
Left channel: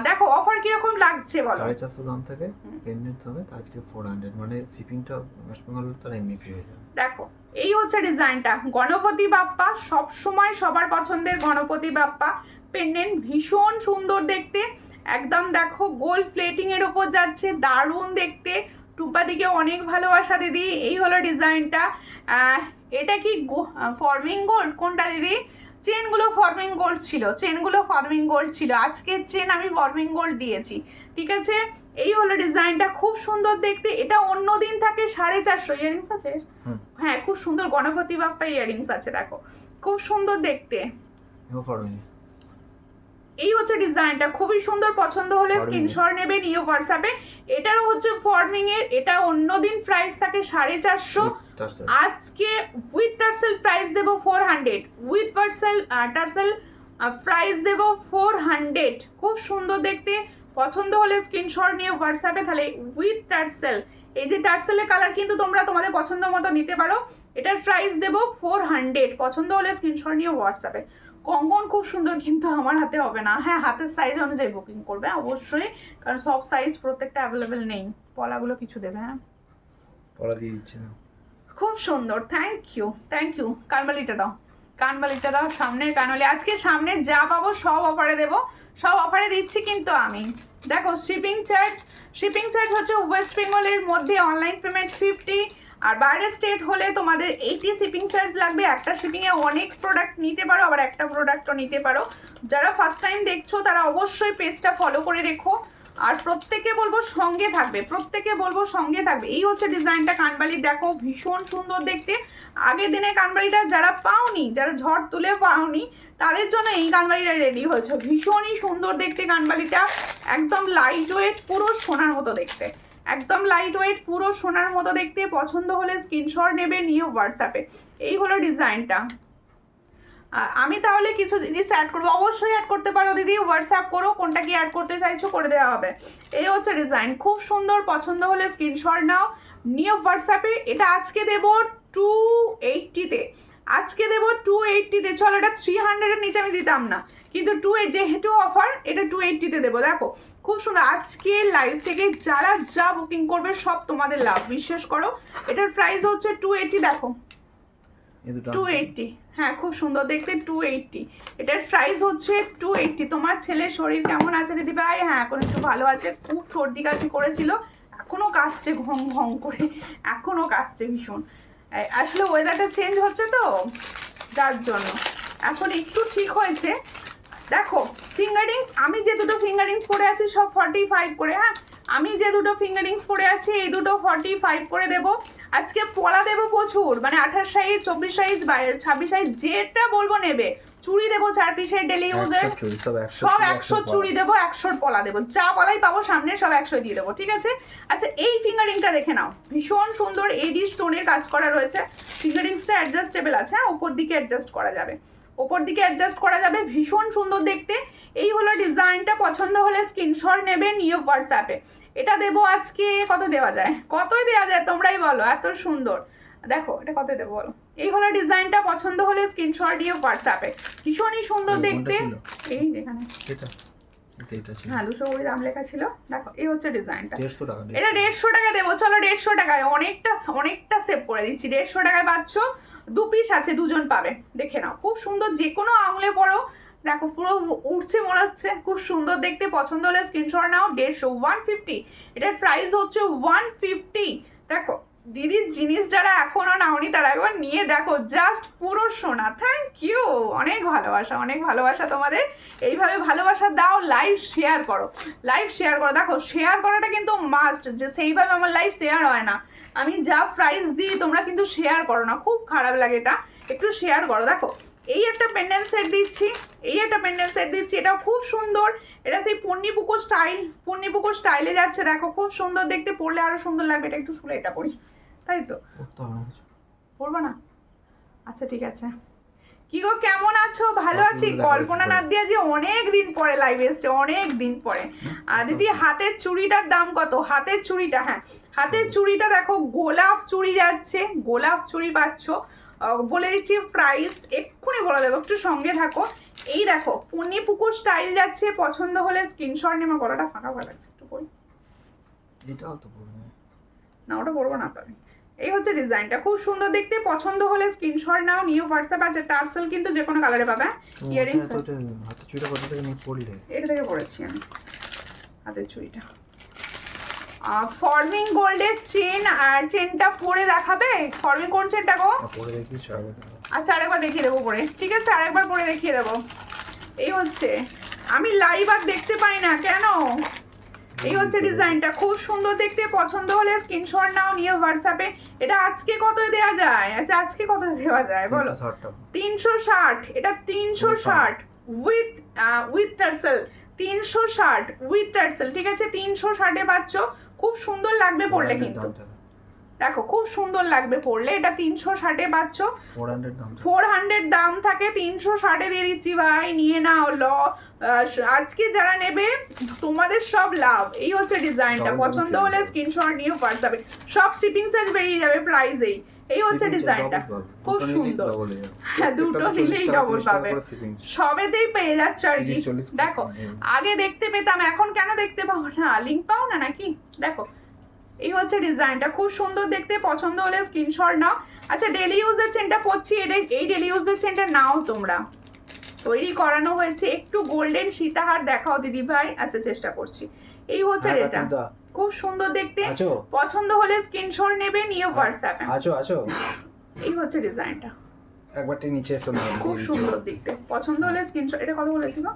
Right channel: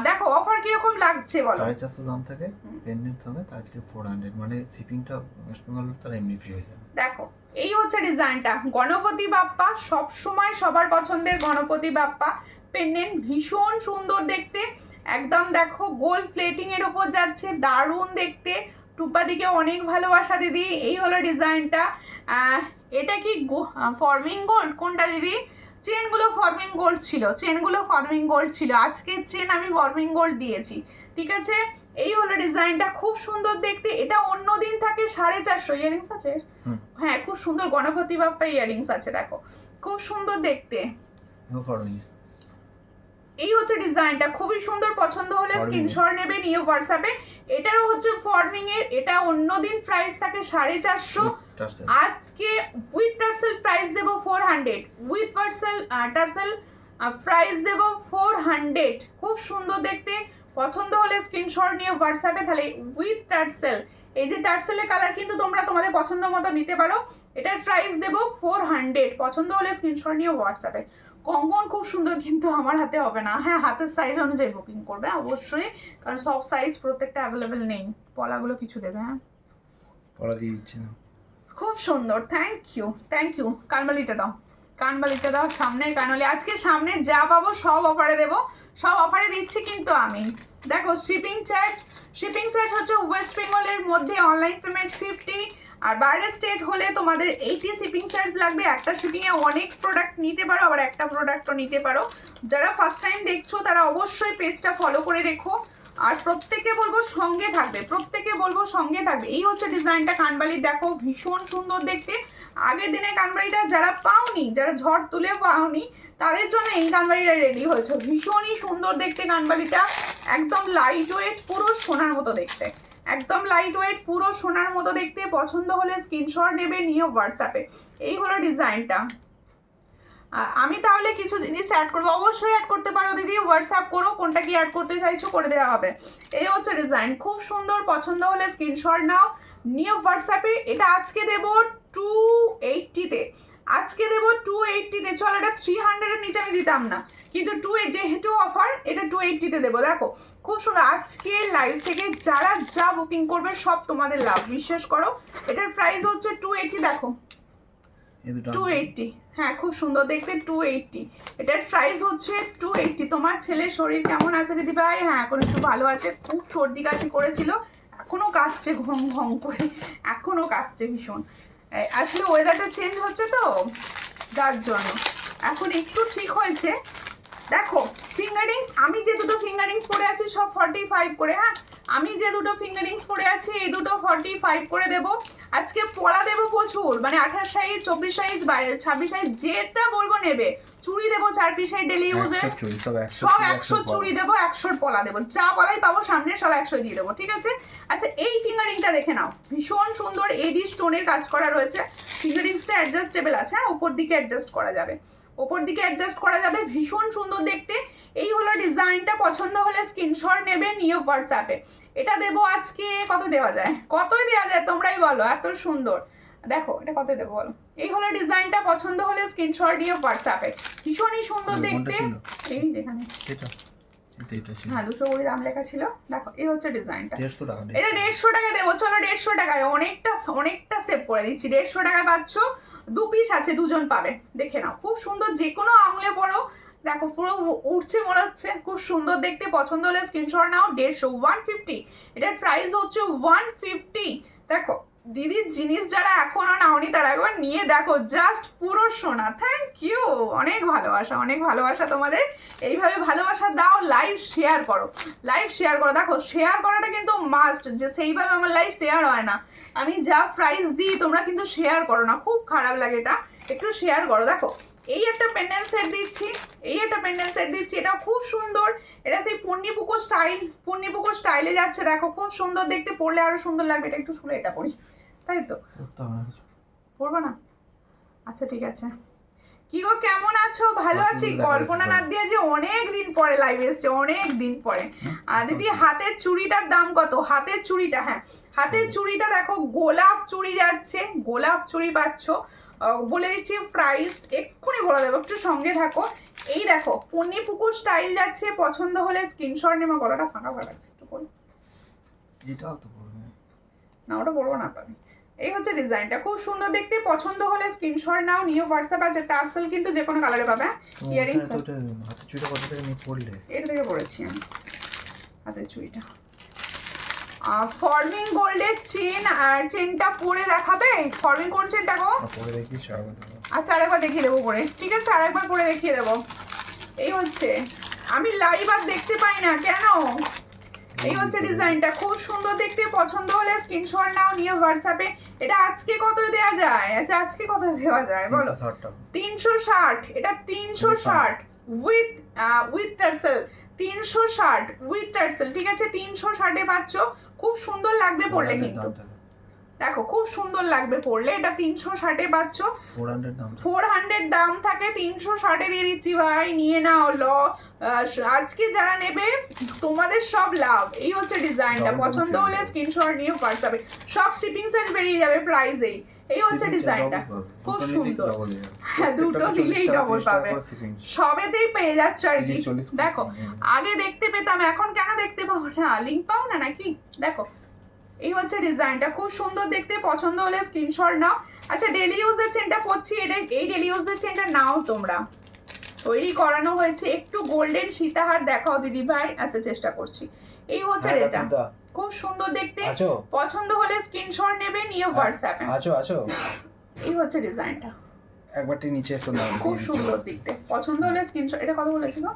দেখো অফার কিরকম লাগছে বলো। 450 দাম থেকে পেন্ডেন্ট হবে আজকে 400, মানে শিপিংটা ওয়েস্ট বেঙ্গল তার এমনি ফ্রি হয়ে যাবে। দেখো এই হচ্ছে ডিজাইনটা, গণপতি বাপ্পা, সব সময় সবার পছন্দের গণপতি বাপ্পা পেন্ডেন্ট, ভীষণ সুন্দর দেখতে, একদম দেখো গোল প্লেটিং এর উপর যাচ্ছে, দারুণ দেখতে। টুপা দিকে অনেক ভালোবাসা দিদি। এই হলো ডিজাইনটা। এটা কি ফর্মিং গোল্ড কোনটা দিদি? চেনগুলো ফর্মিং গোল্ড ছিল, চেনগুলো ফর্মিং গোল্ড ছিল, আজকের চেন আমি ফর্মিং গোল্ড দিয়েছি, ঠিক আছে? এই হলো ডিজাইনটা, খুব সুন্দর দেখতে। এটা অন্য দিন থাকে 450, ইয়ারিংস আছে, হ্যাঁ খুব সুন্দর গণপতি বাপ্পা ইয়ারিংস আছে, দেখো খুব সুন্দর দেখতে। এই হচ্ছে ডিজাইনটা, খুবই সুন্দর, পছন্দ হলে স্ক্রিনশট নেবে, নিউ হোয়াটসঅ্যাপে। এটারও হচ্ছে ফর্মিং এর, এটা অন্যদিন প্রাইস থাকে 450, আজকে উইথ টার্সেল প্রাইস দেবো 400, উইথ টার্সেল প্রাইস দেবো 400। খুব সুন্দর দেখতে, পছন্দ হলে স্ক্রিনশট নিয়ে হোয়াটসঅ্যাপে। তাহলে উইথ টার্সেল, এই যে টার্সেলের কালার কিন্তু তোমরা তোমাদের পছন্দ মতো নিতে পারো। এটার প্রাইস দেবো 400, পছন্দ হলে স্ক্রিনশট নিয়ে হোয়াটসঅ্যাপে। কঙ্কন খুব সুন্দর, কিন্তু আমার হাতে হবে না, হ্যাঁ হাতের সাইজ অনুযায়ী বুকিং করবে অবশ্যই, কারণ সব সাইজ প্রত্যেকটা অ্যাভেলেবেল নেই। পলাগুলো কিছু দেবে, হ্যাঁ পলা দিয়ে দিচ্ছি না। খুব সুন্দর, থ্যাংক ইউ থ্যাংক ইউ। কানবালিটা দাও, কানবালিটা দাও, সামনের কানবালি। আজকে সামনে যা পাবো সব অফারে দেবো, সব অফারে দিচ্ছি কিন্তু আমি। দেখো শিপিং চার্জ হচ্ছে ওয়েস্ট বেঙ্গলের মধ্যে অনলাইন পেমেন্ট 50, আর বাইরের স্টেট হলে তোমাদের 80 শিপিং চার্জ লাগবে। একটা শিপিংয়ে অনেক প্রোডাক্ট নিতে পারো, আবার একটা প্রোডাক্টও নিতে পারো। যারা ফার্স্ট টাইম দেখছো তারা অবশ্যই পেজটা ফলো করে রেখো, আর প্রত্যেকে বলবো সঙ্গে থাকবে, প্রত্যেকে বলবো সঙ্গে থাকবে। এই হচ্ছে ডিজাইনটা, কানবালি দেখো ভীষণ সুন্দর দেখতে। আগের দিনে কানবালিটা যারা পাওনি, যারা ঝড় তুলে পাওনি, তাদের জন্য এই কানবালিটা রেডি হয়েছে। ভীষণই সুন্দর দেখতে কানবালিটা, একদম লাইট ওয়েট, পুরো সোনার মতো দেখতে, একদম লাইট ওয়েট, পুরো সোনার মতো দেখতে। পছন্দ হলে স্ক্রিনশট নেবে, নিয়ে হোয়াটসঅ্যাপে। এই হলো ডিজাইনটা। আমি তাহলে কিছু জিনিস অ্যাড করবো, অবশ্যই অ্যাড করতে পারো দিদি, হোয়াটসঅ্যাপ করো, কোনটা কি অ্যাড করতে চাইছো করে দেওয়া হবে। এই হচ্ছে ডিজাইন, খুব সুন্দর, পছন্দ হলে স্ক্রিনশট নাও, নিয়ে হোয়াটসঅ্যাপে। এটা আজকে দেবো 280-তে, আজকে দেবো 280-তে। চলো এটা 300-এর নিচে আমি দিতাম না, কিন্তু 28 যেহেতু অফার, এটা 280-তে দেবো। দেখো খুব সুন্দর। আজকে লাইভ থেকে যারা যা বুকিং করবে সব তোমাদের লাভ, বিশ্বাস করো। এটার প্রাইস হচ্ছে 280। দেখো 280, হ্যাঁ খুব সুন্দর দেখতে 280। এটার প্রাইস হচ্ছে 280। তোমার ছেলের শরীর কেমন আছে দিদি ভাই? হ্যাঁ এখন একটু ভালো আছে, খুব সর্দি কাশি করেছিল, এখনও কাশছে ঘং ঘং করে, এখনও কাশছে ভীষণ। আসলে ওয়েদারটা চেঞ্জ হচ্ছে তো, যার জন্য এখন একটু ঠিক হয়েছে। দেখো ফিঙ্গারিংস, আমি যে দুটো ফিঙ্গারিংস পরে আছি সব 45 করে। হ্যাঁ আমি যে দুটো ফিঙ্গারিংস পরে আছি এই দুটো 45 করে দেবো। আজকে পলা দেবো প্রচুর, মানে 28 সাইজ, 24 সাইজ, 26 সাইজ, যেটা বলবো নেবে। চুড়ি দেবো 4 পিসের ডেলি ইউজে, সব 100 চুড়ি দেবো, 100 পলা দেবো, যা পলাই পাবো সামনে সব 100 দিয়ে দেবো, ঠিক আছে। আচ্ছা এই ফিঙ্গারিংটা দেখে নাও, ভীষণ সুন্দর এডি স্টোনের কাজ করা রয়েছে। ফিঙ্গারিংসটা অ্যাডজাস্টেবল আছে, হ্যাঁ ওপর দিকে অ্যাডজাস্ট করা যাবে, ওপর দিকে অ্যাডজাস্ট করা যাবে, ভীষণ সুন্দর দেখতে। এই হলো ডিজাইনটা, পছন্দ হলে স্ক্রিনশট নেবে, নিয়ে হোয়াটসঅ্যাপে। এটা দেবো আজকে কত দেওয়া যায়, কতই দেওয়া যায় তোমরাই বলো, এত সুন্দর। দেখো এটা কত দেবো বলো। এই হলো ডিজাইনটা, পছন্দ হলে স্ক্রিনশট নিয়ে হোয়াটসঅ্যাপে, ভীষণই সুন্দর দেখতে। এই যেখানে হ্যাঁ 200 করে দাম লেখা ছিল। দেখো এই হচ্ছে ডিজাইনটা, এটা 150 টাকা দেবো। চলো 150 টাকায় অনেকটা সেভ করে দিচ্ছি। 150 টাকায় পাচ্ছ, 2 পিস আছে, 2 জন পাবে, দেখে নাও। খুব সুন্দর, যে কোনো আঙুলে পরো, দেখো পুরো উঠছে মনে হচ্ছে, খুব সুন্দর দেখতে। পছন্দ হলে স্ক্রিনশট নাও। 150, 150, এটার প্রাইস হচ্ছে 150। দেখো দিদির জিনিস যারা এখনো নাওনি তারা একবার নিয়ে দেখো, জাস্ট পুরো সোনা। থ্যাংক ইউ, অনেক ভালোবাসা, অনেক ভালোবাসা তোমাদের। এইভাবে ভালোবাসা দাও, লাইভ শেয়ার করো, লাইভ শেয়ার করো। দেখো শেয়ার করাটা কিন্তু মাস্ট, যে সেইভাবে আমার লাইভ শেয়ার হয় না, আমি যা প্রাইস দিই তোমরা কিন্তু শেয়ার করো না, খুব খারাপ লাগে এটা, একটু শেয়ার করো। দেখো এই একটা পেন্ডেন্ট সেট দিচ্ছি, এই একটা পেন্ডেন্ট সেট দিচ্ছি, এটা খুব সুন্দর। এটা সেই পূর্ণিপুকুর স্টাইল, পূর্ণিপুকুর স্টাইলে যাচ্ছে। দেখো খুব সুন্দর দেখতে, পরলে আরো সুন্দর লাগবে। এটা একটু শুনে এটা পরি, তাই তো পরবো না? আচ্ছা ঠিক আছে। কি গো কেমন আছো? ভালো আছি। কল্পনা নাদিয়া যে অনেক দিন পরে লাইভ এসছে, অনেক দিন পরে। আর দিদি হাতের চুড়িটার দাম কত? হাতের চুড়িটা, হ্যাঁ হাতের চুড়িটা দেখো গোলাপ চুড়ি যাচ্ছে, গোলাপ চুড়ি পাচ্ছ। বলে দিচ্ছি প্রাইস, এক্ষুনি বলে দেবো, একটু সঙ্গে থাকো। এই দেখো পূর্ণিপুকুর স্টাইল যাচ্ছে, পছন্দ হলে স্ক্রিনশট নেবে। গলাটা ফাঁকা হয়ে যাচ্ছে, একটু করি, এটাও তো পড়বে না ওটা বলবো না তো আমি। এই হচ্ছে ডিজাইনটা, খুব সুন্দর দেখতে, পছন্দ হলে স্ক্রিনশট নাও, নিয়ে হোয়াটসঅ্যাপ আছে। টার্সেল কিন্তু যে কোনো কালারে পাবে। ইয়ারিংস হাতের চুড়িটা কত থেকে নিয়ে পড়লে? এটা থেকে পড়েছি আমি হাতের চুড়িটা। ফর্মিং গোল্ডের চেন, আর চেনটা পরে দেখাবে? ফর্মিং কোন চেনটা গো? পরে দেখি। আচ্ছা আরেকবার দেখিয়ে দেবো পরে, ঠিক আছে আরেকবার পরে দেখিয়ে দেবো। এই হচ্ছে, আমি লাইভ আর দেখতে পাই না কেন। এই হচ্ছে ডিজাইনটা, খুব সুন্দর দেখতে, পছন্দ হলে স্ক্রিনশট নাও, নিয়ে হোয়াটসঅ্যাপে। এটা আজকে কত দেওয়া যায়? আচ্ছা আজকে কত দেওয়া যায় বলো? 360, এটা 360 উইথ টার্সেল, 360 উইথ টার্সেল, ঠিক আছে 360-এ পাচ্ছ। খুব সুন্দর লাগবে পরলে, কিন্তু দেখো খুব সুন্দর লাগবে পরলে। এটা 360-এ পাচ্ছ, 400 দাম থাকে, 360-এ দিয়ে দিচ্ছি ভাই, নিয়ে নাও। আজকে যারা নেবে তোমাদের সব লাভ। এই হচ্ছে ডিজাইনটা, পছন্দ হলে স্ক্রিনশট নিয়ে হোয়াটসঅ্যাপে, সব শিপিং চার্জ বেরিয়ে যাবে প্রাইসেই। এই হচ্ছে ডিজাইনটা, খুব সুন্দর। হ্যাঁ দুটো নিলেই ডবল পাবে, সবেতেই পেয়ে যাচ্ছে আর কি। দেখো আগে দেখতে পেতাম, এখন কেন দেখতে পাবো না? লিঙ্ক পাও না নাকি? দেখো এই হচ্ছে ডিজাইনটা, খুব সুন্দর দেখতে, পছন্দ হলে স্ক্রিনশট নাও। আচ্ছা ডেলি ইউজের চেনটা পড়ছি, এই ডেলি ইউজের চেনটা নাও তোমরা, তৈরি করানো হয়েছে। একটু গোল্ডেন সীতাহার দেখাও দিদি ভাই। আচ্ছা চেষ্টা করছি। এই হচ্ছে এটা, খুব সুন্দর দেখতে, পছন্দ হলে স্ক্রিনশট নেবে, নিয়ে হোয়াটসঅ্যাপে। এই হচ্ছে ডিজাইনটা, একবার নিচে এসো না, খুব সুন্দর দেখতে, পছন্দ হলে স্ক্রিনশট। এটা কত বলেছিল?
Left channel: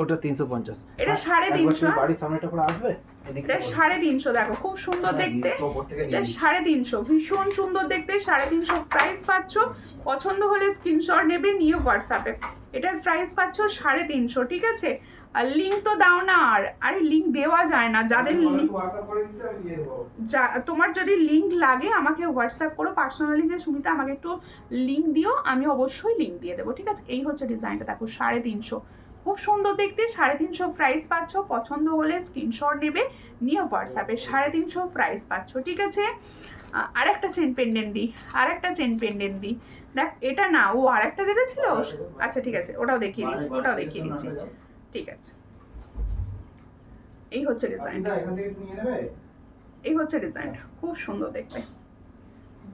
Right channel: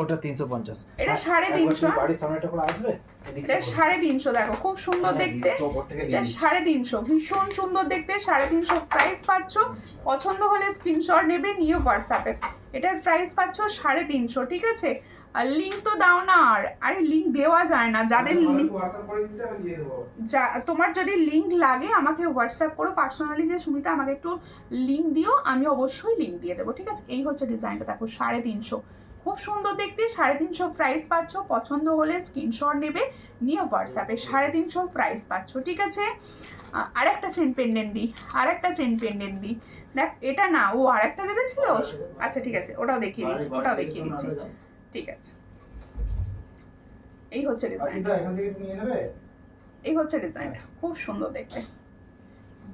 ওটা 350, এটা 350। বাড়ির সামনেটা করে আসবে, এটা 350, দেখো খুব সুন্দর দেখতে, এটা 350, ভীষণ সুন্দর দেখতে, 350 প্রাইস পাচ্ছ। পছন্দ হলে স্ক্রিনশট নেবে, নিয়ে হোয়াটসঅ্যাপে। এটার প্রাইস পাচ্ছ 350, ঠিক আছে। আর লিঙ্ক তো দাও না, আর আরে লিঙ্ক দেওয়া যায় না। যাদের লিঙ্ক, তোমার যদি লিঙ্ক লাগে আমাকে হোয়াটসঅ্যাপ করো পার্সোনালি, যে সুমিতা আমাকে একটু লিঙ্ক দিও, আমি অবশ্যই লিঙ্ক দিয়ে দেবো, ঠিক আছে। এই হচ্ছে ডিজাইনটা, দেখো 350, খুব সুন্দর দেখতে, 350 প্রাইস পাচ্ছ। পছন্দ হলে স্ক্রিনশট নেবে, নিয়ে হোয়াটসঅ্যাপে। 350 প্রাইস পাচ্ছ, ঠিক আছে। আরেকটা চেন পেন্ডেন্ট দিই, আরেকটা চেন পেন্ডেন্ট দিই। দেখ এটা না, ও আর একটা যেটা ছিল, আচ্ছা ঠিক আছে ওটাও দেখিয়ে দিচ্ছি, ওটাও দেখিয়ে দিচ্ছি, ঠিক আছে। এই হচ্ছে ডিজাইন, এই হচ্ছে ডিজাইনটা, খুব সুন্দর দেখতে,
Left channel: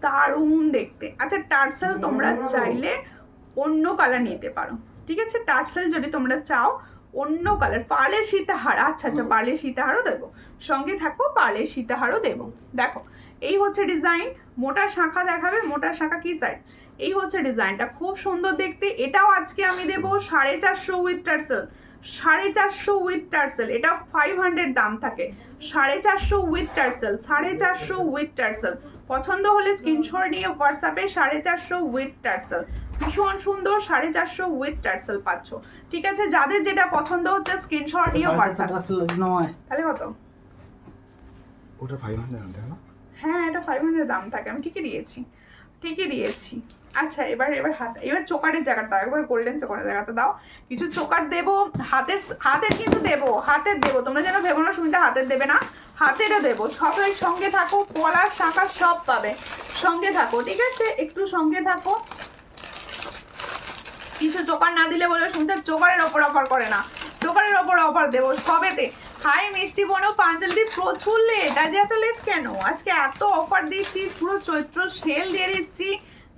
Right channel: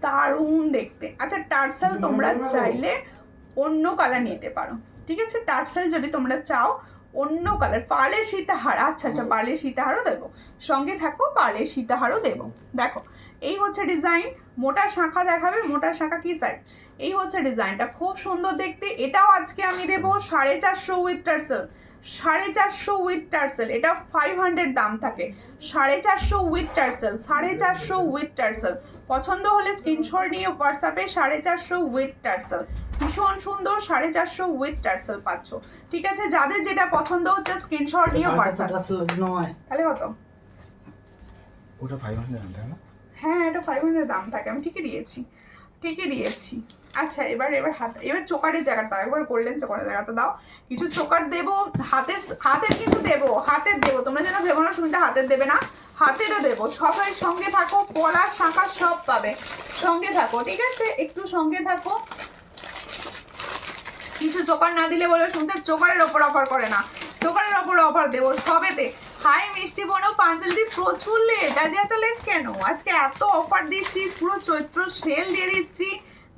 দারুণ দেখতে। আচ্ছা টার্সেল তোমরা চাইলে অন্য কালার নিতে পারো, ঠিক আছে, টার্সেল যদি তোমরা চাও অন্য কালার, পার্লের সীতাহার, আচ্ছা আচ্ছা পার্লের সীতাহারও দেবো, সঙ্গে থাকো পার্লের সীতাহারও দেবো। দেখো এই হচ্ছে ডিজাইন, মোটা শাখা দেখাবে, মোটা শাখা কি সাইড, এই হচ্ছে ডিজাইনটা, খুব সুন্দর দেখতে। এটাও আজকে আমি দেবো 450 উইথ টার্সেল, 450 উইথ টার্সেল, এটা 500 দাম থাকে, 450 উইথ টার্সেল, 450 উইথ টার্সেল। পছন্দ হলে স্ক্রিনশট নিয়ে হোয়াটসঅ্যাপে 450 উইথ টার্সেল, ভীষণ সুন্দর 450 উইথ টার্সেল পাচ্ছ, ঠিক আছে। যাদের যেটা পছন্দ হচ্ছে স্ক্রিনশট নিয়ে হোয়াটসঅ্যাপ, তাহলে কত ওটা 500 আনতে না? হ্যাঁ এটা 500 দাম থাকে, আমি ঠিকই দিয়েছি, ঠিকই দিয়েছি। আচ্ছা এবার এবার চোকারের জায়গাটা দাও, একবার গোল্ডেন চোকারের জায়গাটা দাও, কিছু চোকার দেবো, হাতের কিন্তু দেবো, হাতের দেবো, তোমরা যেন ভেবো না সুমিতা হাতের দেবে না, হাতেরও দেবো। সবাই সঙ্গে থাকো, পলার শাখা সব পাবে, সঙ্গে থাকো, ঠিক আছে, একটু সঙ্গে থাকো। কিছু চোকার না দিলে বলবে শুনতে চোকারের ওপর অফার করে না, চোকারের ওপর অফার দেবো সবেতে। হাই মিষ্টি বোনও পাঞ্জালি প্রচুর লেট, আজ এত লেট কেন? আজকে এত অফার দিচ্ছি, পুরো চৈত্র সেল দিয়ে দিচ্ছি।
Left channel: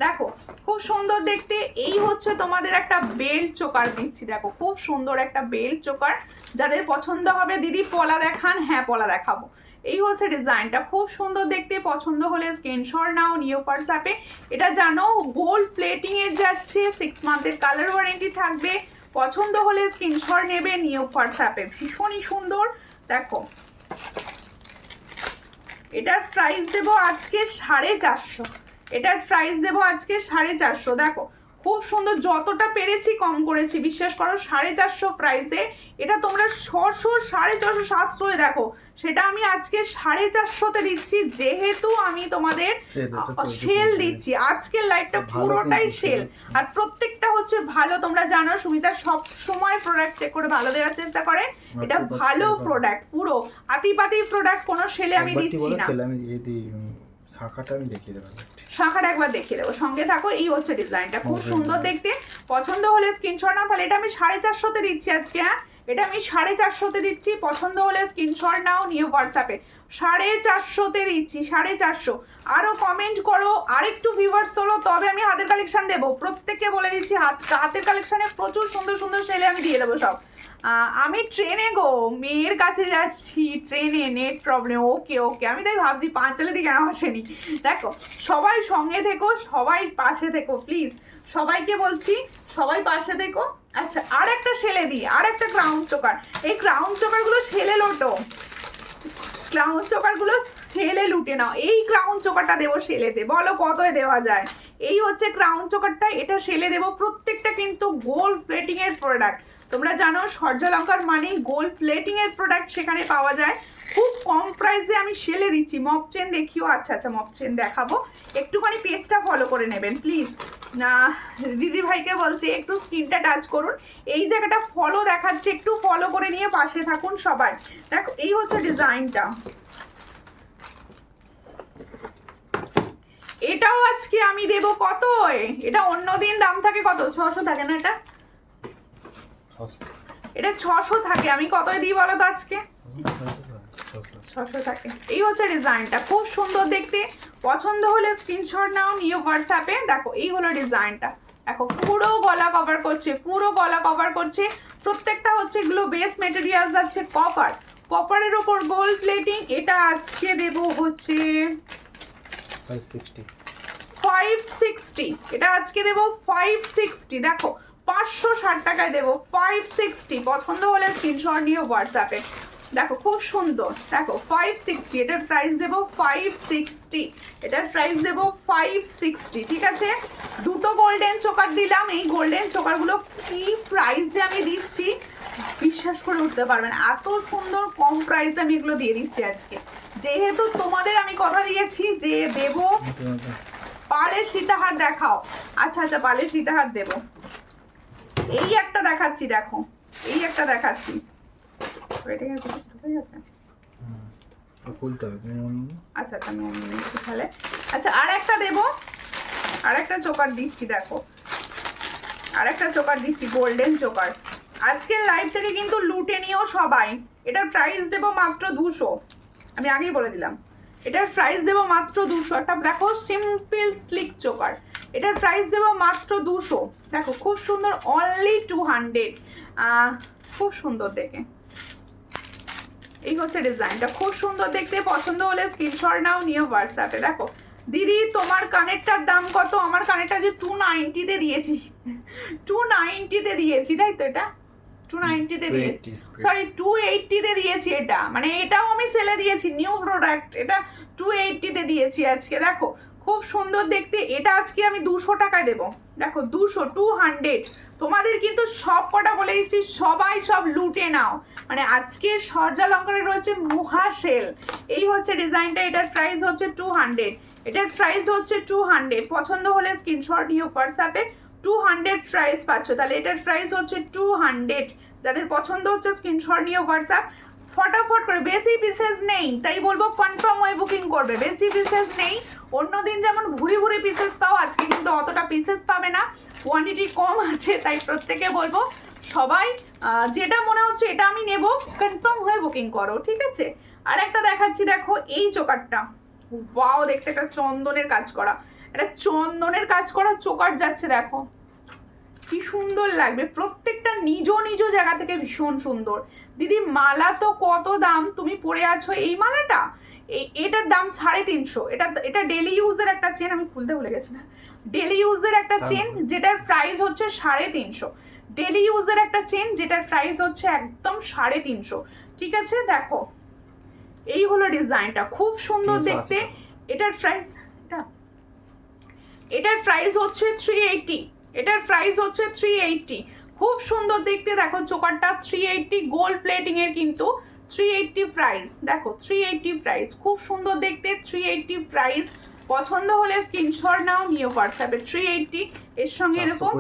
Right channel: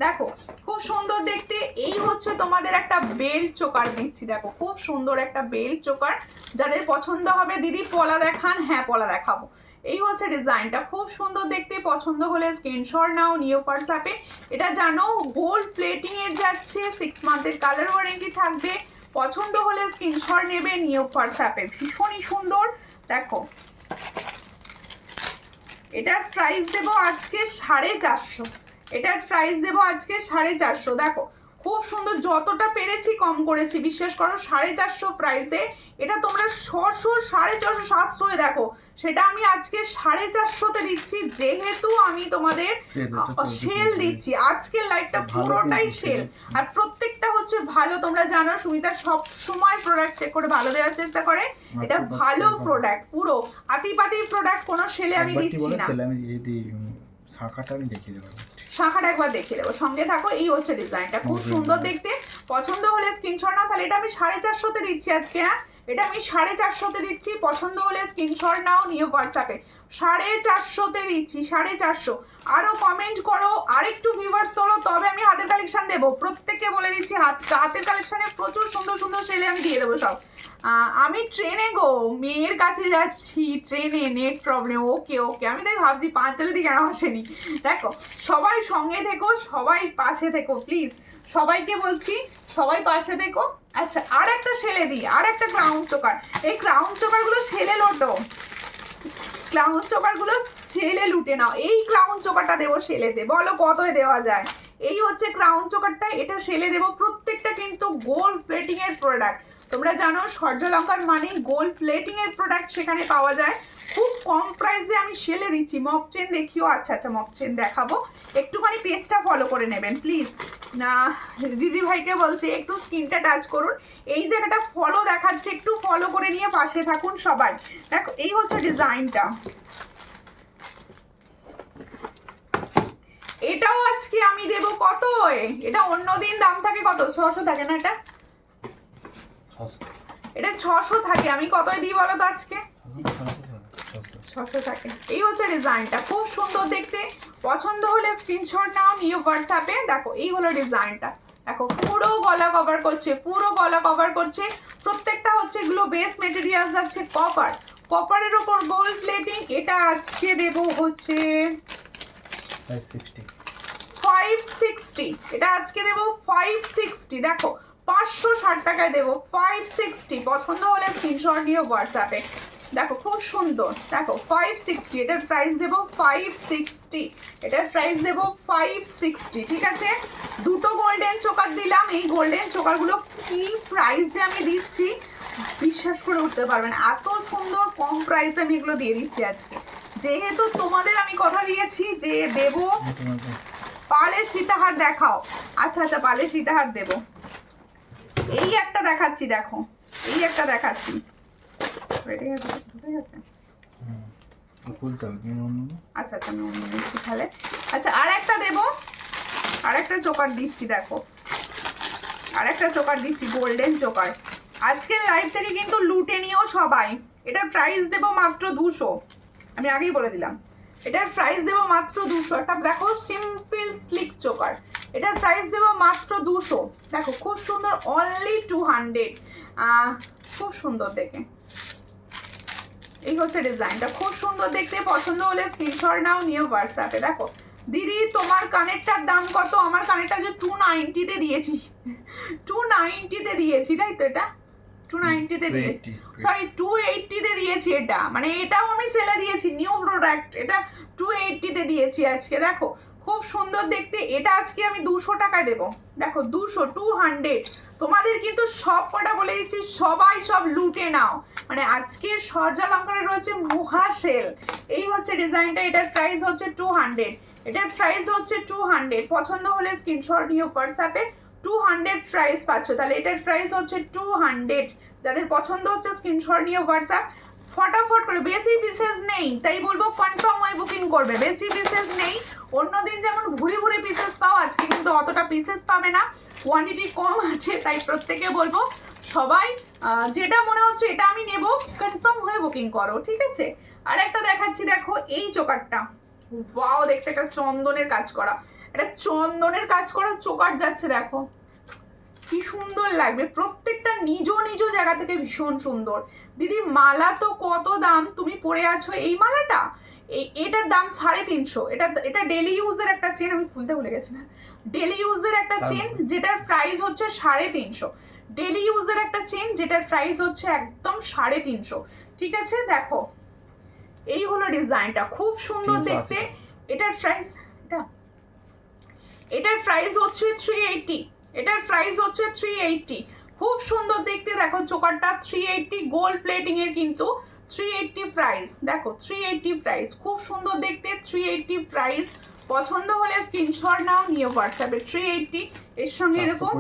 দেখো খুব সুন্দর দেখতে, এই হচ্ছে তোমাদের একটা বেল্ট চোকার দিচ্ছি, দেখো খুব সুন্দর একটা বেল্ট চোকার, যাদের পছন্দ হবে দিদি পলা দেখান, হ্যাঁ পলা দেখাবো। এই হচ্ছে ডিজাইনটা, খুব সুন্দর দেখতে, পছন্দ হলে স্ক্রিনশট নাও, নিও হোয়াটসঅ্যাপে। এটা জানো গোল্ড প্লেটিং এর যাচ্ছে, 6 মান্থের কালার ওয়ারেন্টি থাকবে, পছন্দ হলে স্ক্রিনশট নেবে, নিও হোয়াটসঅ্যাপে, ভীষণই সুন্দর। দেখো এটার প্রাইস দেবো আজকে 450, এটার প্রাইস দেবো আজকে 450। দেখো খুব সুন্দর, যতটা পেরেছি কম করেছি, বিশ্বাস করো 450 প্রাইসে এটা তোমরা 600, 450, 700 দেখো, সেটা আমি আজকে 450-তে দিচ্ছি, যেহেতু আমি তোমাদের সেল দিচ্ছি, আজকের লাইভটা পুরোটাই সেল, আর প্রত্যেকটা হচ্ছে ভালো। তোমরা জানো সুমিতা সব সময় প্রোডাক্ট চেক করে ভালো দেওয়ার চেষ্টা করে, এটা ভালো প্রোডাক্ট, পুরো আতিপাতি প্রোডাক্ট, কোনো সেলে আমি দিচ্ছি না। শাখাটা আমি দেখিয়ে দেবো, শাখাটা একবার দেখিয়ে দেবো, সঙ্গে থাকো। এই হচ্ছে ডিজাইনটা, খুব সুন্দর দেখতে, পছন্দ হলে স্ক্রিনশট নাও, তাহলে এটা আমি 450-তে দিচ্ছি আজকে, হ্যাঁ এটা আমি 450-তে দিচ্ছি, পছন্দ হলে স্ক্রিনশট নাও, নিয়ে হোয়াটসঅ্যাপে 450-তে দিচ্ছি, 450। আরও কমেন্ট করো, আরেকটু ভিউয়ার্স তোলো, তবে আমি হাতের কালেকশন দেবো, প্রত্যেককে বলে দিচ্ছি হাতের কালেকশনে প্রচুর সুন্দর সুন্দর সেলে আমি দিয়ে দেবো সব। আমি ট্রেনে গো, মেয়ের কাছে যাচ্ছি ট্রেনে, নেট প্রবলেম, ওকে ওকে, আমি তাই ভাবছি পাঁচালি দিকে কেন আসেনি। দেখো সবাই সঙ্গে থেকো, সবাই পাশে থেকো প্লিজ, সবাইকে বলছি সবাই পাশে থেকো। আচ্ছা আর একটা সেলে দিই, আর একটা ক্রাউন চোকার, এই ক্রাউন চোকারগুলো সেলে লোটো, ক্রাউন চোকারগুলো সেলে লুটে নাও, এই ক্রাউন চোকারটা দেবো সেলেতে, বলো কতই দেওয়া যায়। এই হচ্ছে ক্রাউন চোকারটা, এটা সেলে দেবো, প্রত্যেকটা কিন্তু গোল্ড প্লেটিং এর প্রোডাক্ট, তোমরা জানো সূর্যলঙ্কার মানে গোল্ড প্লেটিং এর প্রোডাক্ট সেখানে পাওয়া যায়, খুব কম প্রাইসে আমি সেলে দিচ্ছি। মপ চেন দেখিও, আচ্ছা আচ্ছা মপ চেন দেখাবো, একটুখানি পেজটা ফলো করে নেবেন প্লিজ, না দিদি ভাইকে বলছি একটু স্ক্রিনটা টাচ করুন, এই জায়গাটা ফলো দেখাচ্ছে, একটু ফলো করে নিয়ে পাশে থাকুন সবাই। দেখো এই হচ্ছে ডিজাইনটা, এটাও আজকে আমি দেবো কত, এটা অন্যদিন দাম থাকে কত 600 থাকে না, এটা 600 থাকে, আমি কতই দিই বলো তো আজকে 600 থাকে। এই হচ্ছে ডিজাইনটা, খুব সুন্দর দেখতে, পছন্দ হলে স্ক্রিনশট নাও, নিয়ে হোয়াটসঅ্যাপে। দেখো এই হলো ডিজাইনটা, দেখো পুরো গলা কভার করছে, পুরো গলা কভার করছে, প্রত্যেকটা হচ্ছে এগুলো বেস মেটেরিয়াল যাচ্ছে কপার, কপারের ওপর গোল্ড প্লেটিং। এটা আজকে দেবো হচ্ছে 560, এটা আজকে দেবো 560। দেখো 560 টাকায় দেবো 560, পছন্দ হলে স্ক্রিনশট নিয়ে হোয়াটসঅ্যাপে। দেখো খুব সুন্দর, দেখো 560, এটার প্রাইস দেবো 560, এটার প্রাইস দেবো 560, ঠিক আছে। দুটো গোল্ডেন চোকার দিলাম, এই গোল্ডেন চোকারগুলো কি প্রাইসে আমি দিচ্ছি বিশ্বাস করে উঠতে পারবেন, এত সুন্দর কম প্রাইসে আমি এগুলো দিয়ে দিচ্ছি আজকে, যেহেতু তোমাদের আমি কথা দিয়েছি যে দেবো। পালের সীতাহার দেখাও, আচ্ছা আচ্ছা পালের সীতাহার দেবো, এই একটা দেখাচ্ছি, দেখো এই একটা দেখাচ্ছি, আচ্ছা আচ্ছা আমি অন্য নিচ্ছি তাহলে। আচ্ছা আর একটা দেবো, আরেকটা চোকার দিচ্ছি, দেখো আরেকটা চোকার দিচ্ছি, গোল্ডেন চোকার। আজকের লাইভ থেকে কিন্তু লুটে নিও সবাই। এটার প্রাইস দেবো মাত্র 200, আমি আগেই বলে দিলাম। এটার প্রাইস দেবো মাত্র 200। একটা দেখো সিম্পল স্লিক চোকার, এটার প্রাইস দেবো মাত্র 200। দেখো খুব সুন্দর, অনলি 200। খুব সুন্দর দেখে, এই হচ্ছে ডিজাইনটা, খুব সুন্দর দেখতে। পছন্দ হলে স্ক্রিনশট নাও, নিয়ে হোয়াটসঅ্যাপে। দেখো দিদি তোমার কানেরটার দাম কত? আমার কানেরটা যে 290-তে দিয়েছি, 290-তে দিয়েছি, তাই তো? এটা 290-তে দিয়েছি, সরি 280-তে দিয়েছি। এটা মানে এটাও আমি সেলে দিয়েছি, নিউ প্রোডাক্ট, এটা 280-তে দিয়েছি আজকে। দেখো খুব সুন্দর দেখতে, এটা আজকে আমি 200 টাকায় দেবো। দেখো 200 তোমাদের কিন্তু সব কটা বলে দিচ্ছি, সবাই সব লুটে নাও। মানে আজকে সরজা লঙ্কারে রয়েছে মহা সেল। এই হচ্ছে ডিজাইনটা, এটার প্রাইস হচ্ছে 200, এটার প্রাইস হচ্ছে 200। পছন্দ হলে স্ক্রিনশট নিয়ে হোয়াটসঅ্যাপে 200 প্রাইস পাচ্ছ। তাহলে এটার প্রাইস হচ্ছে 200। যাদের পছন্দ হচ্ছে স্ক্রিনশট নিয়ে হোয়াটসঅ্যাপ ফটাফট করে, বেশি পিসেস নেই, তাই বলবো কনফার্ম হয়ে বুকিং করবে। বেশি পিসেস নেই, অন্যদিন যেমন ভুরি ভুরি পিসেস পাও, আজকে কিন্তু অতটা পিসেস পাবে না, কোয়ান্টিটি কম আছে। তাই প্রত্যেকে বলবো সবাই যেটা মনে হচ্ছে এটা আমি নেব, কনফার্ম হয়ে বুকিং করো, ঠিক আছে? আর একটা দেখাচ্ছি, দেখো এই চোকারটা, ওয়াও দেখতে, একটা চন্দনের কাজ করা, এটা চন্দনের কাজ করা চোকার যাচ্ছে। দেখো কি সুন্দর লাগবে, প্রত্যেকটা নিজ নিজ জায়গা থেকে ভীষণ সুন্দর। দিদি মালা তো কত দাম তুমি পরে আছো এই মালাটা? এটার দাম 350। এটা ডেলি ইউজের একটা চেন, আমি খুলতে ভুলে গেছি না, ডেলি ইউজের একটা চেন যেটার প্রাইস হচ্ছে 350। ডেলি ইউজের একটা চেন যেটার প্রাইস হচ্ছে একদম 350, ঠিক আছে? দেখো এই হলো ডিজাইনটা, খুব সুন্দর দেখতে। এটার প্রাইস, এটার প্রাইস হচ্ছে 380, এটার প্রাইস হচ্ছে 380। খুব সুন্দর দেখতে, দেখো চোকারটা 380, গোল্ড প্লেটিং এর কিন্তু 380 প্রাইস। দেখো 380 প্রাইস, খুব সুন্দর দেখতে, 380 প্রাইস। পছন্দ হলে স্ক্রিনশট নাও, নিয়ে হোয়াটসঅ্যাপে। 380 এর সঙ্গে এরকম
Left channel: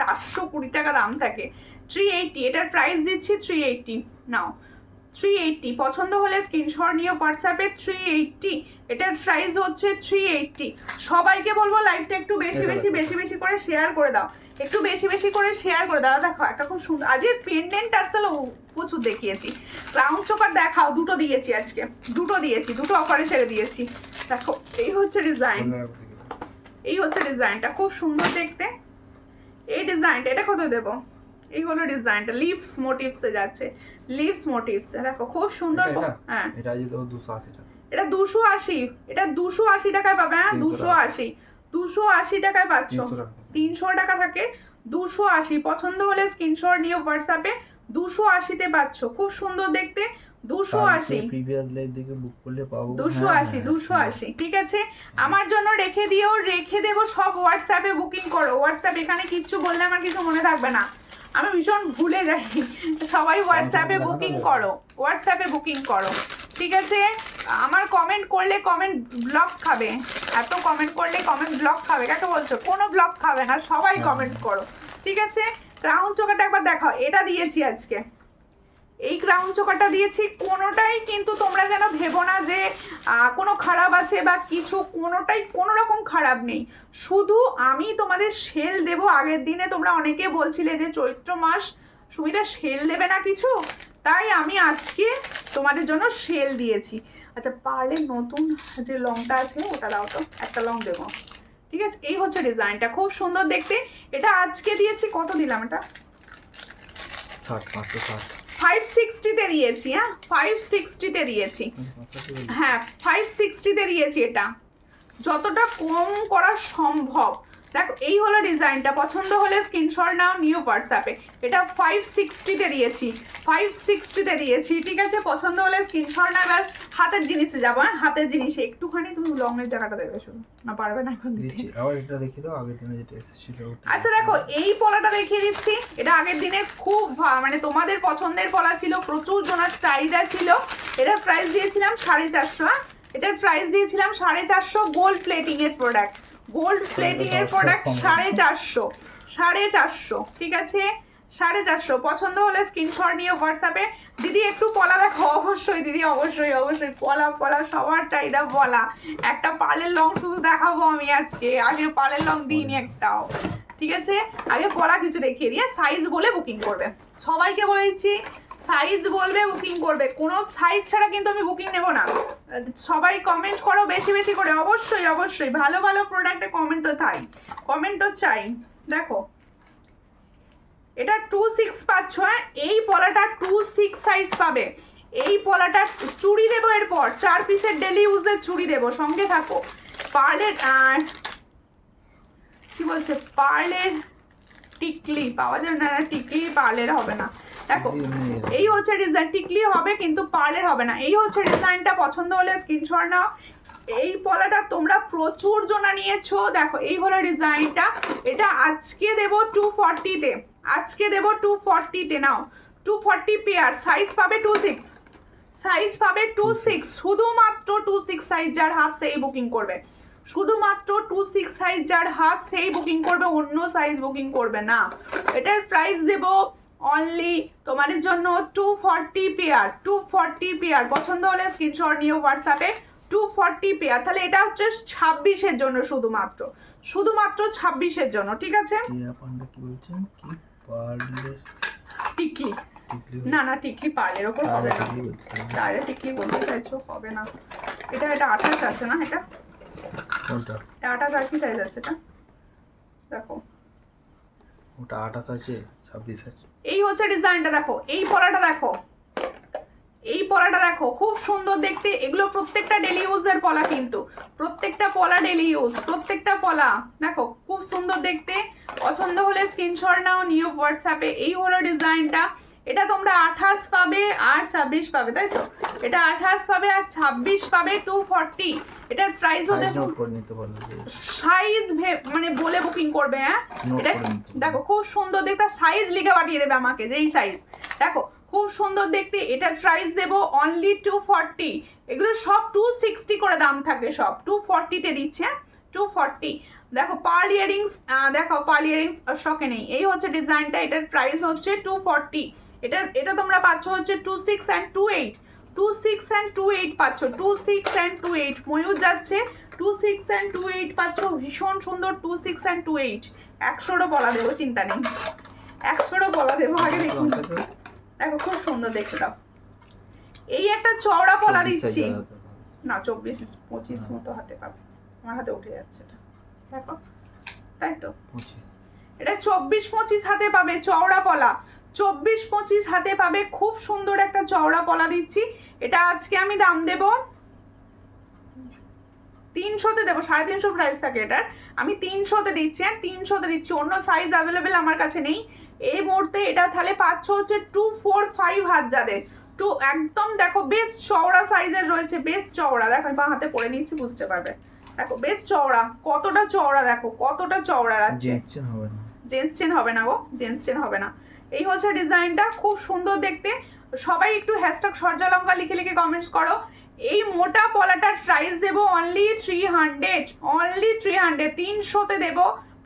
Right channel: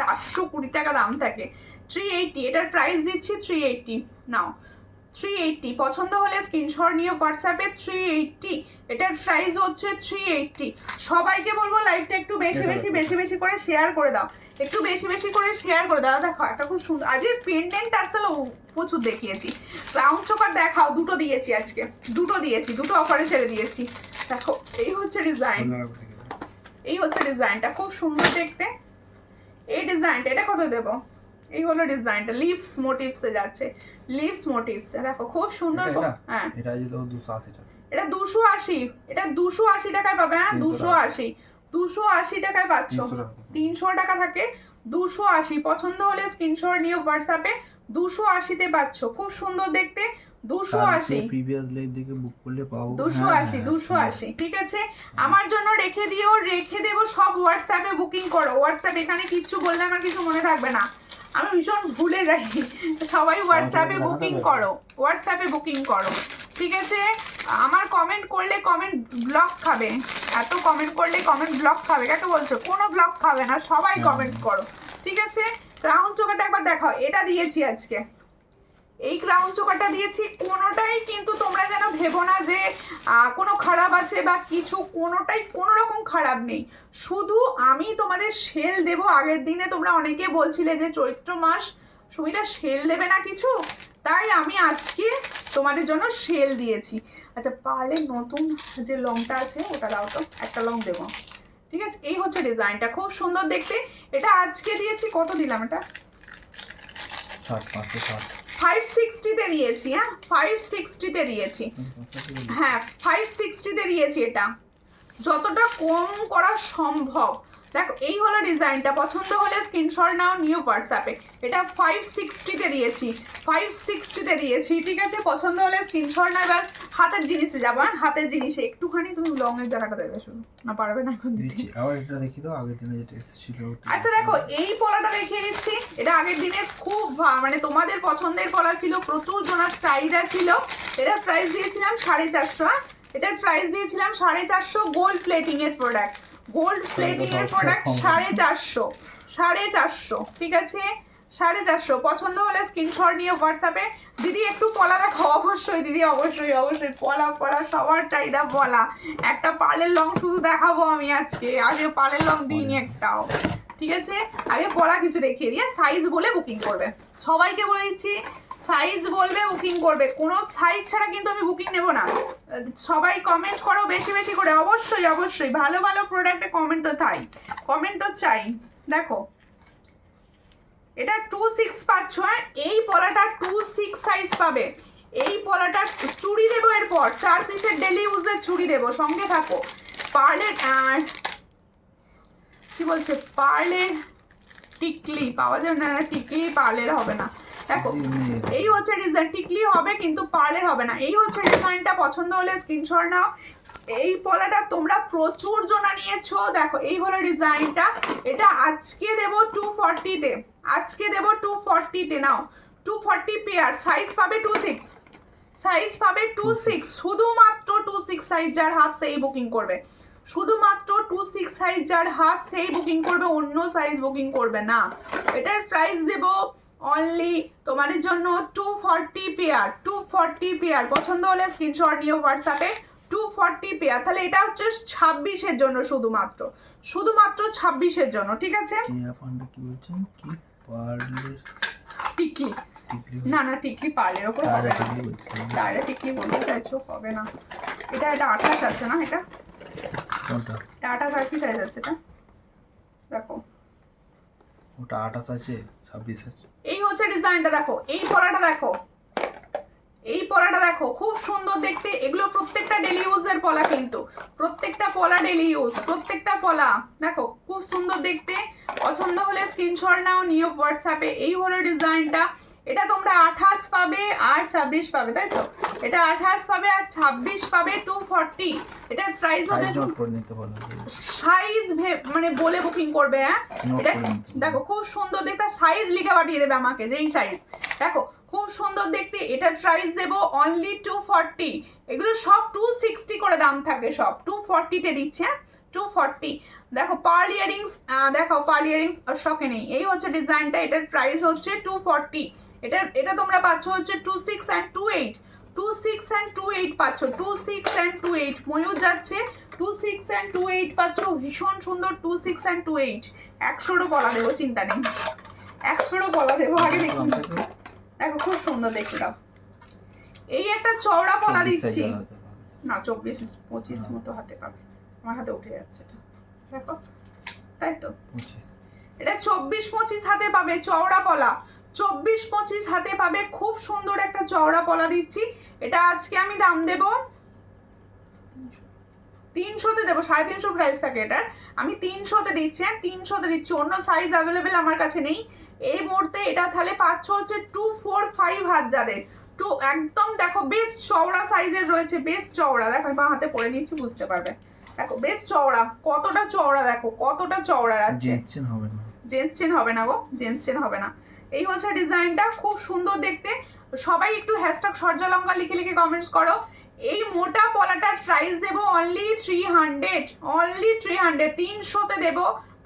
420 টাকা দাম থাকে। 380 এটার প্রাইস দিচ্ছি 380, নাও 380। পছন্দ হলে স্ক্রিনশট নিয়ে হোয়াটসঅ্যাপে 380, এটার প্রাইস হচ্ছে 380। সবাইকে বলবো লাইভটা একটু বেশি বেশি করে শেয়ার করে দাও, একটু বেশি করে শেয়ার করে দাও। দেখো একটা খুব সুন্দর, আজকে পেন্ডেন্ট টার্সেল প্রচুর দেখিয়েছি, ক্রাউন চোকার দেখাও, দুটো দিয়েছি আজকে, দুটো অফারে ছেড়ে দিয়েছি। দেখো এই হচ্ছে ডিজাইন, এই হচ্ছে ডিজাইনটা, খুব সুন্দর দেখতে। এই ডিজাইনটা, এটা কত দেবো? এই হলো ডিজাইনটা, লিভস মোটিভসে যাচ্ছে, লিভস মোটিভস। দেখো খুব সুন্দর। হ্যাঁ এটা আজ তো 280 টাকা, এটা 280, এটা 280 টাকায় পাবে। হ্যাঁ 280 টাকায় পাচ্ছ, 300 টাকা থাকে, 280। পছন্দ হলে স্ক্রিনশট নিয়ে হোয়াটসঅ্যাপে 280-তে পাচ্ছ, খুব সুন্দর দেখতে। 280 প্রিভিয়াস লাইভ থেকে বুক করলে পাবো 280, ঠিক আছে? আমার জন্য রেখে দিও, রেখে দেবো সব হোয়াটসঅ্যাপে বুকিং করো। হোয়াটসঅ্যাপ এখানে কিচ্ছু বললে আমার কিছু মনে থাকবে না, আমি ভীষণ ভুলে যাই। সবাই হোয়াটসঅ্যাপে বুকিং করো, হোয়াটসঅ্যাপে বুকিং করো, ঠিক আছে? আমার কমেন্ট করলে কমেন্ট ব্লক খাবে, এত কমেন্ট করলে কমেন্ট ব্লক খাবে। কাকে বলছো? কোনো ব্লক খাবে না, সবাই কমেন্ট করো, ঠিক আছে? ক্রাউন চোকারটা একবার দেখাও, এটা দিয়েছি আজকে, এই ক্রাউন চোকারটা দিয়েছি। কোনোটাই কিন্তু তোমরা যেন ভেবো না যে কোনো খারাপ আছে বা কিছু, কোনোটাই কোনো রকম খারাপ নেই। শুধু আমি তোমাদের সেল দেব আগের দিনে, তোমরা অনেকে বলছিলে যে চৈত্র মাস সুবিধা সেল দেবে না কিছু, তাই আমি আজকে তোমাদের জন্য সেল দিয়েছি। আচ্ছা পারলে নতুন যে লংটা আছে ওটা দাও তো, একটা লং দেবো, ঠিক আছে? এই হচ্ছে ডিজাইনটা, খুব সুন্দর দেখতে। এটা আজকে দিয়েছি, কত দিলাম? এটা 560-তে দিয়েছি। হ্যাঁ 560-তে দিয়েছি, হ্যাঁ 560-তে দিয়েছি। এটা যতটা কম করা সম্ভব। দেখো এই হলো ডিজাইনটা, পছন্দ হলে স্ক্রিনশট নাও, নিউ হোয়াটসঅ্যাপে। এটা 560-তে দিয়েছি, 560-তে দিয়েছি, ঠিক আছে? পছন্দ হলে স্ক্রিনশট নাও। এবার হাতের জিনিসে যাবো। হ্যাঁ হাতের জিনিসে একটুখানি তুমি লংয়ের জায়গাটা দেবে, শুধু না পারবে না এখন দিচ্ছি। আবার এটা দেখিয়ে দাও, আগের দিনে যেটা ছিল। আচ্ছা দেখো এই পলাটা দেখিয়ে দিচ্ছি, এটা আগের দিনে খুব মানে তোমাদের পছন্দের পলা ছিল, প্রচুর জনের চাহিদা ছিল। এটার প্রাইস দিয়েছিলাম 450। হ্যাঁ এটার প্রাইস দিয়েছিলাম 450, গোল্ড প্লেটিং এর প্রোডাক্ট, গোল্ড প্লেটিং এর প্রোডাক্ট 450, ঠিক আছে? 450। পছন্দ হলে স্ক্রিনশট নিয়ে হোয়াটসঅ্যাপে দিদি একটু পলা দেখো, অবশ্যই দিদি, অবশ্যই অবশ্যই পলা পলা সবার চাহিদা পলা। একটা পার্লের লং শুধু দেখাবো আমি আজকে, আগে পার্লের লং দিইনি একটাও, ঠিক আছে? আগে পলা কিছু দেখিয়ে দিয়ে সাইজ বলে বুকিং করবে, সবাইকে বলে দিচ্ছি সাইজ বলবে বুকিং করবে, কোনো সাইজ ছাড়া কিন্তু আমি বুকিং নেব না। সবাই কমেন্ট করো বেশি বেশি করে, অবশ্যই অবশ্যই, ভালো ভালো প্রোডাক্টে কমেন্ট তো চাই, কমেন্ট তো চাই। দেখো এটা 26 পাচ্ছ, এই পলাটা 26 সাইজ পাবে। এই পলাটা চুড়ি দেবো, এরপর 4 পিসের ডেলি ইউজের চুড়ি দেবো, সঙ্গে থাকো। পার্লের কি বলছে, পার্লের টিকলি পাওয়া যাবে না, টিকলি পার্লের হবে না। দেখো এই হচ্ছে ডিজাইন, টিকলি হবে কিন্তু পার্লের হবে না। এই হচ্ছে ডিজাইনটা, পছন্দ হলে স্ক্রিনশট নাও। এই পলাটা তোমরা প্রচুর জনা নিয়েছো, দেখো এই হলো ডিজাইনটা। এটা আজকে দেবো 240-তে, আজকে দেবো 240-তে, নাও 240 পেয়ার, সাইজ পাবে 26, সাইজ পাবে 26, শুধুমাত্র 26 সাইজ যার হাত সেই বুকিং করবে, শুধুমাত্র 26 সাইজ যার হাত সেই বুকিং করবে, অন্য সাইজ বুকিং করবে না। এটার প্রাইস দেব অনলি তোমাদের জন্য 240 পেয়ার, 240 পেয়ার। পছন্দ হলে স্ক্রিনশট নিয়ে হোয়াটসঅ্যাপে 240 পেয়ার। তাহলে এটা হচ্ছে 26-এর জন্য, শুধুমাত্র শুধুমাত্র 26-এর জন্য, ঠিক আছে? কি বলছেন, কি পার্লের টিকলি, না না টিকলি পার্লের ওপর হবে না, তারা টিকলি বলতে চাইছো, হবে না। এটা 28 আছে না, এটা কোনটা? 28 আর কি সাইজ আছে এটা, দেখো ওটা 28 আছে, 26 আছে। এই হচ্ছে ডিজাইনটা, দেখো এই পলাটা দেখো, এই পলাটা দেখো, খুব সুন্দর দেখতে। এগুলো প্রত্যেকটা ডেলি ইউজের পলা, কিন্তু প্রত্যেকটা পলা ডেলি ইউজ, প্রত্যেকটা পলা দেখো খুব সুন্দর দেখতে। পছন্দ হলে স্ক্রিনশট নাও, নিয়ে হোয়াটসঅ্যাপে। এই হলো ডিজাইনটা, এটা তোমরা 28 পাবে আর 26 পাবে, তাই তো? এটা 28 পাবে আর 26 পাবে 240। এটার প্রাইস হতে সাইজ মানে বলে বুকিং করবে, হ্যাঁ? এটা দেখো খুব সুন্দর দেখতে, সাইজ লিখে পাঠিয়ে দেবে আমাকে, যেই সাইজ দেখো খুব সুন্দর দেখতে। এটার প্রাইস দেবো অনলি 240। এগুলো সব 260 করে দাম থাকে, সব 240-তে দিচ্ছে, 240। দেখো পার্ল ইয়ারিংস, দেখো পার্ল ইয়ারিংস শখে নেই। এই হচ্ছে ডিজাইনটা, এটার প্রাইস হচ্ছে 240। এটা তোমরা পাচ্ছ হচ্ছে 26 and 28, 26 and 28 পাচ্ছ, 26 and 28। ময়ূর যাচ্ছে 26 and 28 পাচ্ছ, ভীষণ সুন্দর 26 and 28। 100-ও বলা দেবো, চিন্তা নেই, 100-ও বলা দেবো। আগে দেখুন, দেখো খুব সুন্দর দেখতে দাও। এই একটা চওড়া পলা দিচ্ছি না, 24-25 মতো হাতে পাবে, আমার হাতে উঠে যাচ্ছে এটা, দেখো তাই তো? এটা 24-25 হাতে পাবে, চওড়া পলা 24-25 হাতে পাবে, খুব সুন্দর একটা চওড়া পলা দিচ্ছি। এটা আজকে আমি দাম দেব 300-তে দেবো, 350 প্রাইস থাকে এটার, আমি 300-তে দিচ্ছি, আর 300-তে দিচ্ছি। অন্য সাইজ অ্যাভেলেবেল আমার কাছে নেই এই মুহূর্তে। এটা তাহলে পাচ্ছ হচ্ছে 245 হাত, যাদের একদম দেখো বেশ চওড়া সাইজের রয়েছে, বেশ চওড়া। দেখো বাঁ হাতে পরে নিচ্ছি, বুঝতে পারবে। দেখো বেশ চওড়া, কতটা চওড়া, দেখো কতটা চওড়া আছে। জেন্টস চেন হবে না, জেন্টস চেন হবে না গো, জেন্টস চেন হবে না। এই হচ্ছে ডিজাইনটা, খুব সুন্দর দেখতে। সবাই একটু হ্যাশট্যাগ সরজালঙ্কা লিখে লিখে কমেন্টস করো। এই মোটা পলাটার প্রাইস দেব অনলি 300, অনলি 300, 300-তে দেব।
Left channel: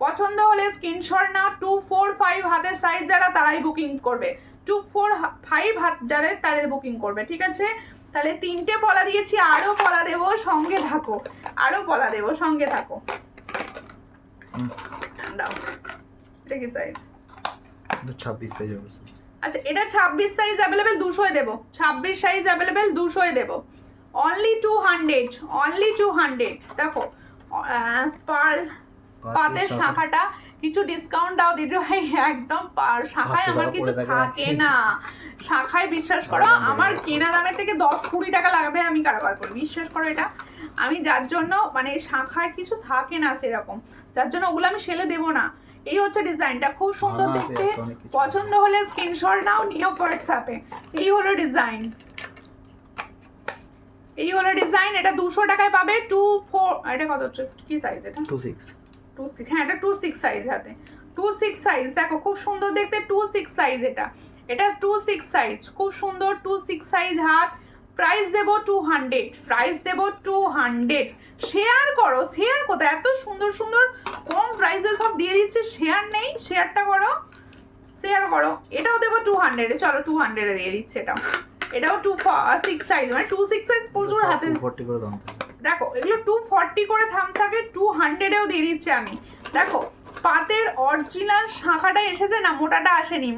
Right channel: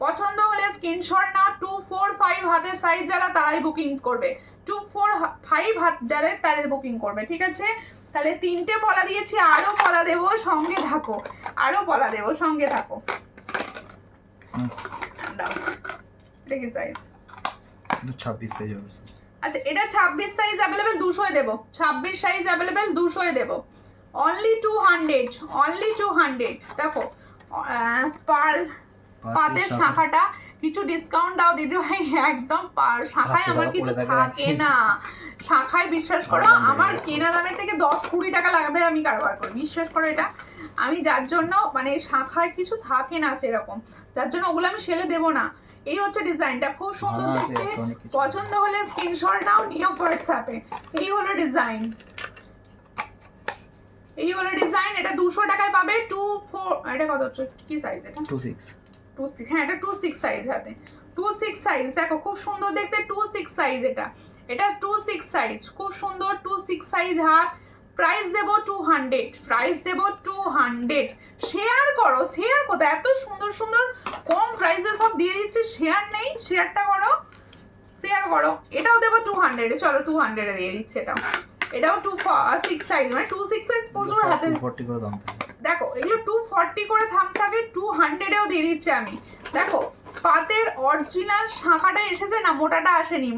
পছন্দ হলে স্ক্রিনশট নাও, 245 হাতের সাইজ যারা তারাই বুকিং করবে, 245 হাত যারা তাদের বুকিং করবে, ঠিক আছে? তাহলে 3টে পলা দিয়েছি, আরো পলা দেবো, সঙ্গে থাকো, আরো পলা দেবো, সঙ্গে থাকো। দাও, এটা কি সাইজ? 26 সাইজ হবে। আচ্ছা এটা 26 সাইজ অ্যাভেলেবেল, 200-এ দেবো, 26 সাইজ অ্যাভেলেবেল, 200-এ দেবো, অনলি 200, অনলি 200। দেখো পার্ল পাতের শাখাটা কিছু ডিসকাউন্ট দাও দিদি ভাই, একদম শাখায় আমার কিছু থাকে না, শাখায় বিশ্বাস করো আমার কেনা দামের থেকে 10-20 টাকা লাগবে আমি কারবার করি, বিশ্বাস করো। এটা আমি যার জন্য মানে শাখায় কিছু থাকে না সেরকম, যার জন্য ওগুলো আমি সেলে দেবো না। এই হচ্ছে ডিজাইনটা, খুব সুন্দর দেখতে। পছন্দ হলে স্ক্রিনশট নাও, নিও হোয়াটসঅ্যাপে। এই হলো ডিজাইন, এই হলো ডিজাইন। এটা 200 টাকায় পাবে। 24, এটা কত হচ্ছে, কি সাইজ এটা? 26, হ্যাঁ এটা 26 সাইজ হাতে, 26 সাইজ। দেখো খুব সুন্দর দেখতে, 26 সাইজ। এটা 26 সাইজ, খুব সুন্দর 26 সাইজ হাত। প্রাইস দেব 200, প্রাইস দেব 200। শেয়ার করো, শেয়ার কোথায়, এত সুন্দর সুন্দর কম প্রাইসে সব দিয়ে দিচ্ছে, শেয়ার নেই, শেয়ারটা করো, শেয়ার করো। এটাও দেবো 200-এ, চলো 200-এ দিয়ে দিচ্ছে এটাও। এটাও 2/6 সাইজ, মানে 2/6 সাইজ প্রচুর হাতে। 240 করে দাম থাকে। দেখো এগুলো 240 করে দাম থাকে, 200-এও দিয়ে দিচ্ছি আমি। দেখো পাতের অরিজিনাল শাখাটা এসেছে না, মোটাটা আসেনি,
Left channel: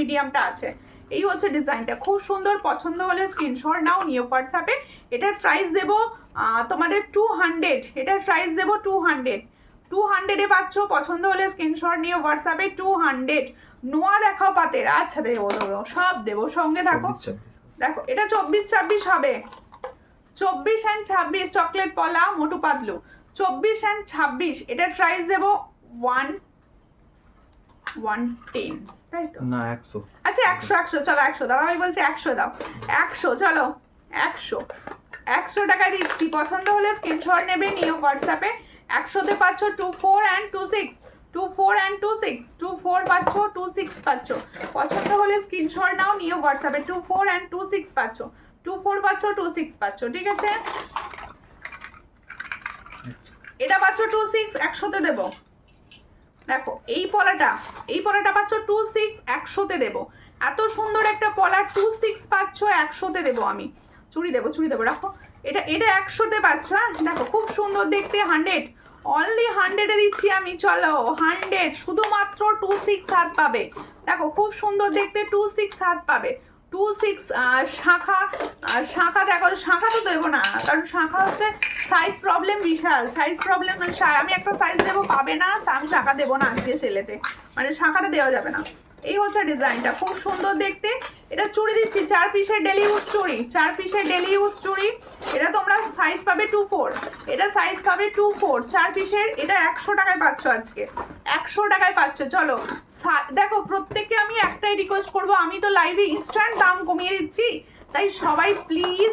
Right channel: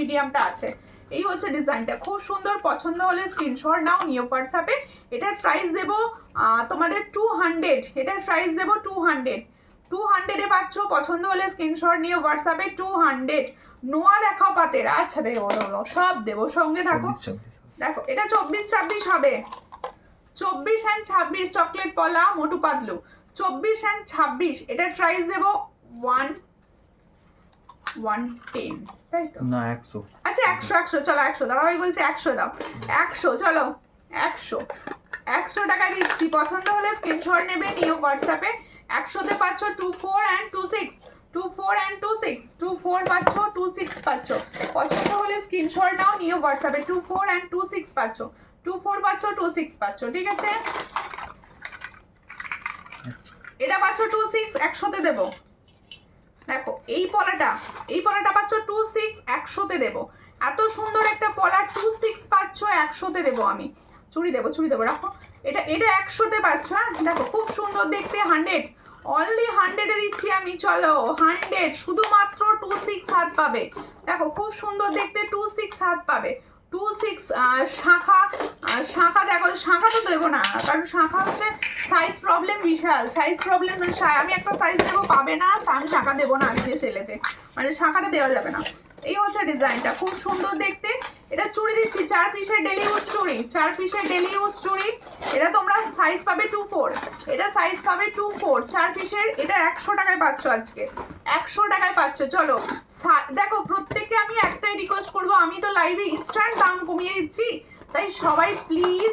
মিডিয়ামটা আছে। এই হচ্ছে ডিজাইনটা, খুব সুন্দর। পছন্দ হলে স্ক্রিনশট নাও, নিও হোয়াটসঅ্যাপে। এটার প্রাইস দেবো তোমাদের 200, এটার প্রাইস দেবো 200-এ পাচ্ছ। পছন্দ হলে স্ক্রিনশট নিয়ে হোয়াটসঅ্যাপে 200। নোয়া দেখাও পাতের, আচ্ছা দেবো সব দেবো, সঙ্গে থাকো। 24-26 দেখো এটা 24-26 হবে, 24 and 26 চকলেট পলা মোটু পাতলু, 24 and 26। এটার প্রাইস দেবো 110, তাই তো না 100। আচ্ছা 100 চলো 100 দাদা ভাই বলছে 100 দাও, 100 চলো 100 টাকা দিচ্ছি। পছন্দ হলে স্ক্রিনশট নেবে, নিও হোয়াটসঅ্যাপে। 100-তে পাচ্ছ 24 and 26, 24 and 26, 24 পাচ্ছ, 26 পাচ্ছ। পছন্দ হলে স্ক্রিনশট নাও, নিও হোয়াটসঅ্যাপে। 24 and 26 পাচ্ছ, 24 পাচ্ছ, 26 পাচ্ছ, ঠিক আছে। এটা পাচ্ছ 26, 100-তে দেবো। দেখো এই পলাটা পাচ্ছ 26, 100-তে দেবো। এত সুন্দর একটা পলা 26 পাচ্ছ, 100-তে দেবো আমি। চুড়ি দেবো রাখো। এটা 100-তে পাচ্ছ। হ্যাঁ দেখো খুব সুন্দর দেখতে, 100, অনলি 100-এ দিচ্ছি আমি। চলো 100, শুধুমাত্র 26 হাত পাবে। দেখো খুব সুন্দর দেখতে, 26 হাত পাবে। 26 শাখা দেখো, শাখা তো দেবো না, কারণ শাখা হচ্ছে সাইজ প্রবলেম, বিশাল সাইজ প্রবলেম। আমি একটা সাইজ দেবো, পাবে না, তা আমি শাখা দেবো না আজকে সেলেতে, মানে শাখাটা দেওয়া যাবে না। এই হচ্ছে ডিজাইনটা, খুব সুন্দর দেখতে। এটা চুড়ি দিচ্ছি, 4 পিসের ডেলি ইউজ চুড়ি, 4 পিসের ডেলি ইউজ চুড়ি। এটা তোমরা সাইজ পাবে 24, এটা সাইজ পাবে 24, 4 পিসের। এটা 100 টাকায় পাচ্ছ আজকে, 100 টাকায় পাচ্ছ। চলো দেখো প্রত্যেককে আমি একটাই রিকোয়েস্ট করবো, আমি তো লাইভে ইনস্ট্যান্ট দাম কমিয়ে দিচ্ছি, তাই সবাই প্লিজ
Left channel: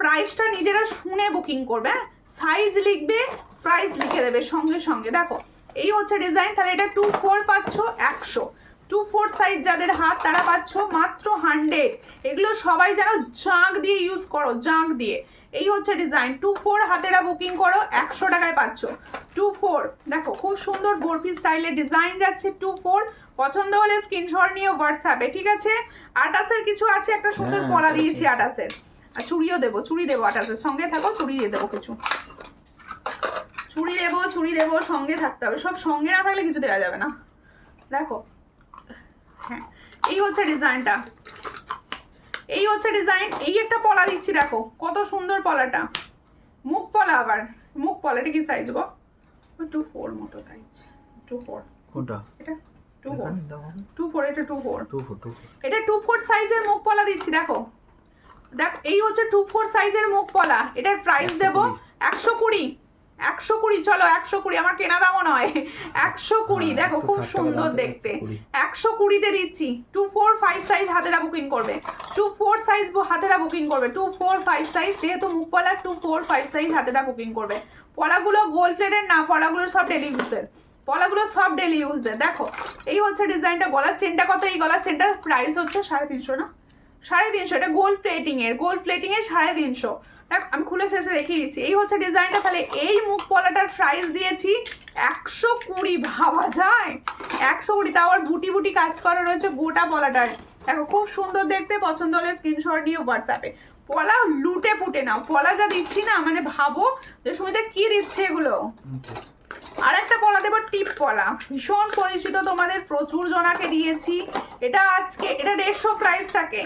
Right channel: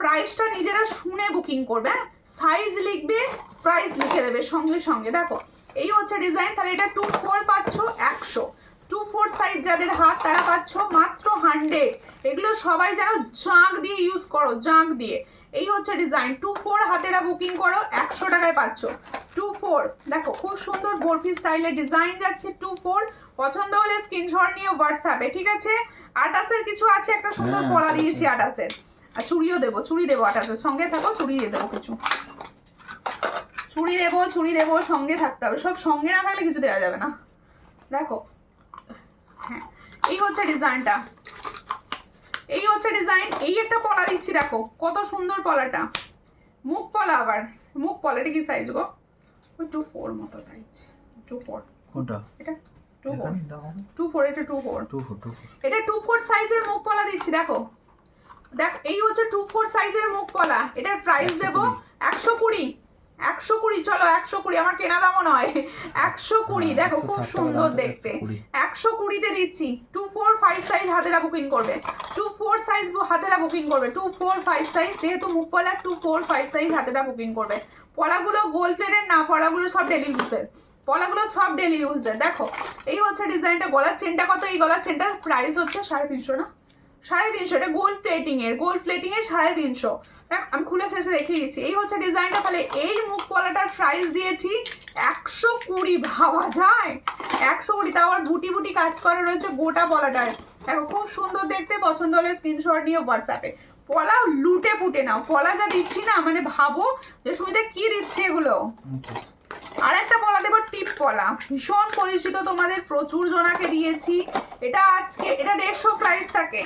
প্রাইসটা নিজেরা শুনে বুকিং করবে। হ্যাঁ সাইজ লিখবে, প্রাইস লিখে দেবে সঙ্গে সঙ্গে। দেখো এই হচ্ছে ডিজাইন। তাহলে এটা 24 পাচ্ছ 100, 24 সাইজ যাদের হাত তারা পাচ্ছ মাত্র 100। এগুলো সবাই যেন জাঁক দিয়ে ইউজ করো, জাঁক দিয়ে। এই হচ্ছে ডিজাইন, 24 হাতেরা বুকিং করো, 100 টাকায় পাচ্ছ। 24 দেখো খুব সুন্দর বরফি স্টাইলের ডিজাইন যাচ্ছে, 24। পছন্দ হলে স্ক্রিনশট নিয়ে হোয়াটসঅ্যাপে, ঠিক আছে। 28-এর কিছু আছে, একটা সুন্দর পলা দিয়েছি 28-এর। আর চুড়িও দেবো, 28-এর সঙ্গে থাকো, চুড়ি দিয়ে দেবো কিছু, চুড়ি দেবো, সঙ্গে থাকতে হবে। সব সঙ্গে না থাকলে কিছু দেওয়া যাবে না। দেখো হ্যাঁ এই হচ্ছে ডিজাইনটা, এই হচ্ছে ডিজাইন। এই একটা পলা দিচ্ছি, দেখো কত সুন্দর পলাটা, মুখ পলা। আবার মুখ পলা, এটা কি সাইজ গো? 24 মতো সাইজ, 24 কোনটা? এটা 24, দাও 24, এটা 24, 24 এটা 24 সাইজের মুখ পলা দিচ্ছি। দেখো এই হচ্ছে 24 সাইজের মুখ পলা। এটার প্রাইস দেবো 120, 120। চলো 120, আমার কেনা দামও নয়, 120। দেখো খুব সুন্দর দেখতে, 120-তে দিচ্ছি। 24-5 সাইজ হাতেরা বুকিং করবে, 24 সাইজ হাতেরা বুকিং করবে, 24-5 সাইজ, যেহেতু মুখ পলা 24-5 সাইজ হাতেরা বুকিং করবে। পলাগুলো গোল্ড প্লেটের না, পলাগুলো সব ডেলি ইউজের, পলাগুলো সব ডেলি ইউজের। দেখো এই হচ্ছে ডিজাইনটা। গলার চেনটা কত? এই গলার চেনটার প্রাইস হচ্ছে 350 না, 350। এটা গোল্ড প্লেটিংয়ের, 350। দেখো আমি খুলে শেষে দেখিয়ে দিচ্ছি। এই হচ্ছে ডিজাইনটা। তাহলে এই মুখ পলাটার প্রাইস দিয়েছি 120। ভাবা যায় 120, তাও আর বুটি বুটি কাজ করা রয়েছে গোটা পলাটায়। দেখো খুব সুন্দর দেখতে। পছন্দ হলে স্ক্রিনশট নিয়ে হোয়াটসঅ্যাপে। পলা লুটে পুটে নাও, পলা যা দিচ্ছি না, মানে ভাবো যে সুমিতা কি দিচ্ছে এগুলো। আর একটা পলা দেবো, টিপ পলা, ভীষণ পরিচিত, তোমাদের প্রচুর জনাকে দিয়েছি। এটা আজকে এটা 150 প্রাইস থাকে,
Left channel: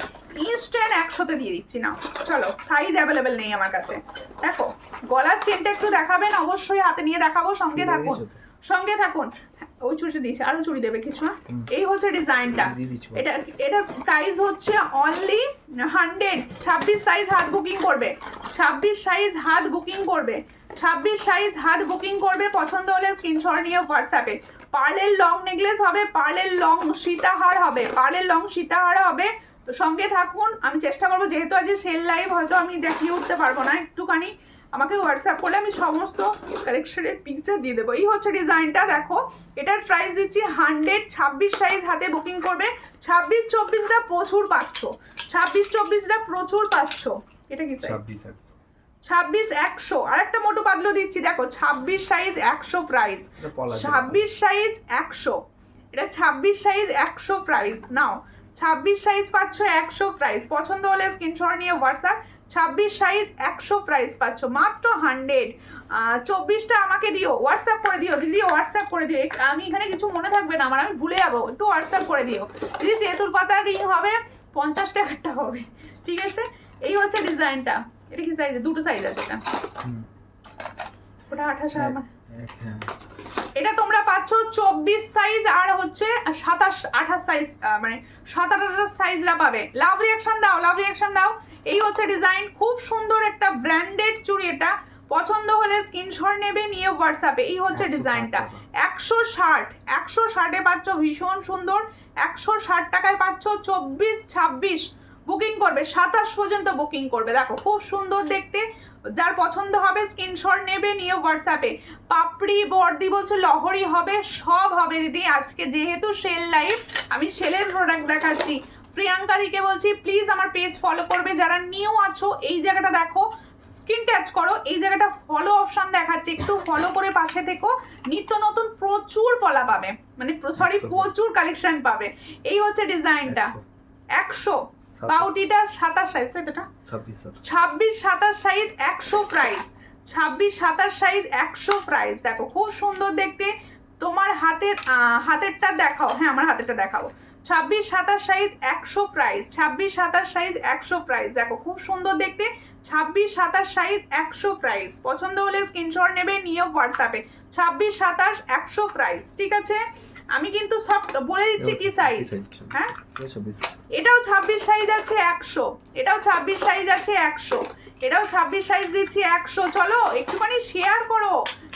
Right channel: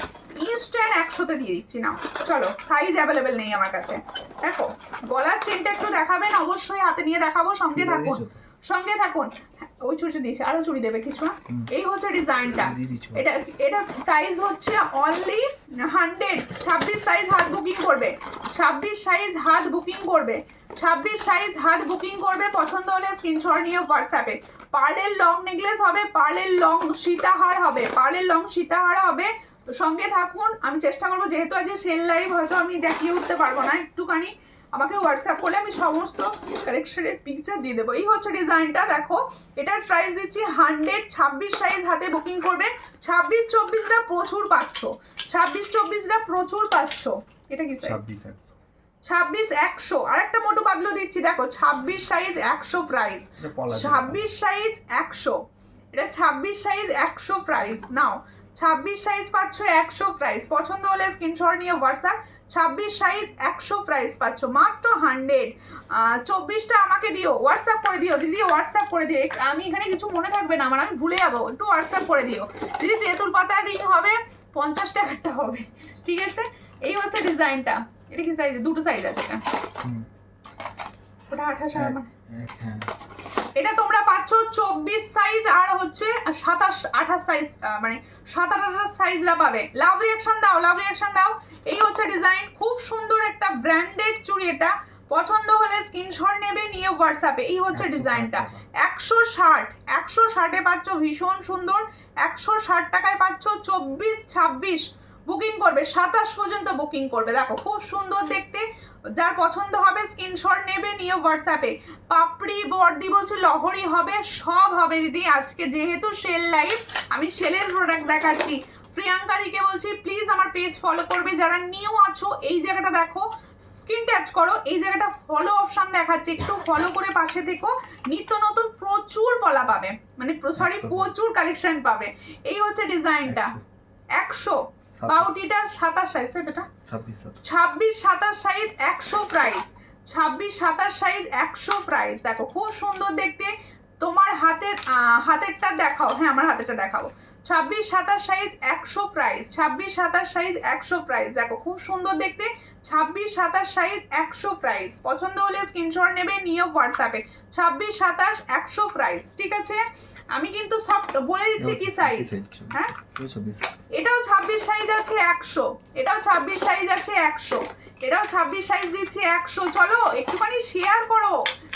ইনস্ট্যান্ট 100-তে দিয়ে দিচ্ছি না। চলো সাইজ অ্যাভেলেবেল নেই আমার কাছে। দেখো গলার চেনটা একটু দেখাবেন, অবশ্যই হাতে নিয়ে দেখাবো, সঙ্গে থাকুন, সঙ্গে থাকুন। ওই চুড়িটা দিয়েছি, আরো চুড়ি দেবে কিছু না। এই হচ্ছে ডিজাইনটা। এটা প্রাইস হচ্ছে অনলি 100। 26 সাইজ হাত বুকিং করবে, 26 সাইজ হাত বুকিং করবে, 26 সাইজ হাত বুকিং করবে। পছন্দ হলে স্ক্রিনশট নিয়ে হোয়াটসঅ্যাপে। পার্লের লং নেকলেস হবে, পার্লের লং সীতাহার হবে, পার্লের লং সীতাহার হবে। তো সঙ্গে থাকুন, আমি চেষ্টা করবো, যেহেতু আজ সেল লাইভ হয়তো আমি দেখিয়ে উঠতে পারবো না, একটুখানি আমাকে হোয়াটসঅ্যাপ করলে আমি সমস্ত কালেকশনের পিকচার দিয়ে দেবো। এই হচ্ছে ডিজাইনটা। দেখো এটার প্রাইস দিচ্ছি 100। 26 সাইজ হাতে বুকিং করবে। 26-24টা প্রচুর পাচ্ছ, 26-24টা প্রচুর পাচ্ছ। এটা কি 26-100। আর একটা মোটু পাতলু দিচ্ছি, দেখো 26 সাইজ 100 প্রাইস, 26 সাইজ 100। এটা 26 সাইজ 100 প্রাইস নাও, 26 সাইজ পাচ্ছ 100 প্রাইস, পছন্দ হলে স্ক্রিনশট নিয়ে হোয়াটসঅ্যাপ। 26 সাইজ 100 প্রাইস পাচ্ছ মাত্র 100। 24টা আমাকে দিও, হোয়াটসঅ্যাপ করে দিও দিদি, হোয়াটসঅ্যাপ করে দিও। আমি এখানে কিছু মনে থাকবে না আমার, আমি ভুলে যাবো, একটু হোয়াটসঅ্যাপ করে দিও দিদি। তেঁতুল পাতা রিং হবে 50 টাকারটা হবে, ঠিক আছে। এই হচ্ছে ডিজাইনটা। এটা কি সাইজ? দুটো সাইজ আছে এটা, ওটা 28 আমার। হ্যাঁ এটা তোমরা পাচ্ছ 24 সাইজ আর হচ্ছে 27 28 সাইজ, মানে 27 28 সাইজরা পাবে। লাভ রিঅ্যাকশন দাও, লাভ রিঅ্যাকশন দাও। এই হচ্ছে ডিজাইন, খুব সুন্দর একটা ব্র্যান্ডেড চুড়ি। এটা পছন্দ হলে স্ক্রিনশট নেবে, নিয়ে হোয়াটসঅ্যাপে। এই হচ্ছে ডিজাইনটা 160 160-এ পাচ্ছ, ভীষণ সুন্দর। 160 টাকায় পাচ্ছ। 24 26 বুকিং করবে, 27 পর্যন্ত বুকিং করবে। দেখো খুব সুন্দর দেখতে, যার পছন্দ হবে স্ক্রিনশট নেবে, নিয়ে হোয়াটসঅ্যাপে। পাপড়ি বর্দি বলছে লহরি হবে, সব হবে দিদি। আজকে যেহেতু সেল লাইভ, আমি সেলের প্রোডাক্ট দেখাচ্ছি। প্রিয়াঙ্কা দিকে বলছি প্লিজ আমার পেজ ফলো করবে। যারা নিউ আছো এই জায়গাটা দেখো, স্ক্রিন টাচ করো, এই জায়গাটা ফলো অপশন দেখাচ্ছে, একটু ফলো করে পাশে থেকো। নিত্য নতুন প্রচুর পলা পাবে, মানে সরি প্রচুর কালেকশন পাবে। এই হচ্ছে ডিজাইনটা 100। বাউটিটা 27 সাইজ, সেটা 26 27 সাইজ 100 প্রাইস। 26 27 size 100 price. দেখো খুব সুন্দর দেখতে। তোমার হাতেরটা দেখাও, হ্যাঁ আমার হাতেরটা দেখাবো। 26 27 সাইজ 100 প্রাইস। 26 27 size 100 price. দেখো খুব সুন্দর দেখতে। 26 27 সাইজ 100 প্রাইস। পছন্দ হলে স্ক্রিনশট নেবে, নিয়ে হোয়াটসঅ্যাপে। 26 27 100 প্রাইস, ঠিক আছে। আমি কিন্তু সব বলে দিচ্ছি কি সাইজ। হ্যাঁ এটাও 26 সাইজ আছে 100, এটাও 26 সাইজ আছে 100, এটাও 26 সাইজ দিচ্ছি 100। চলো একটুখানি শেয়ার করো,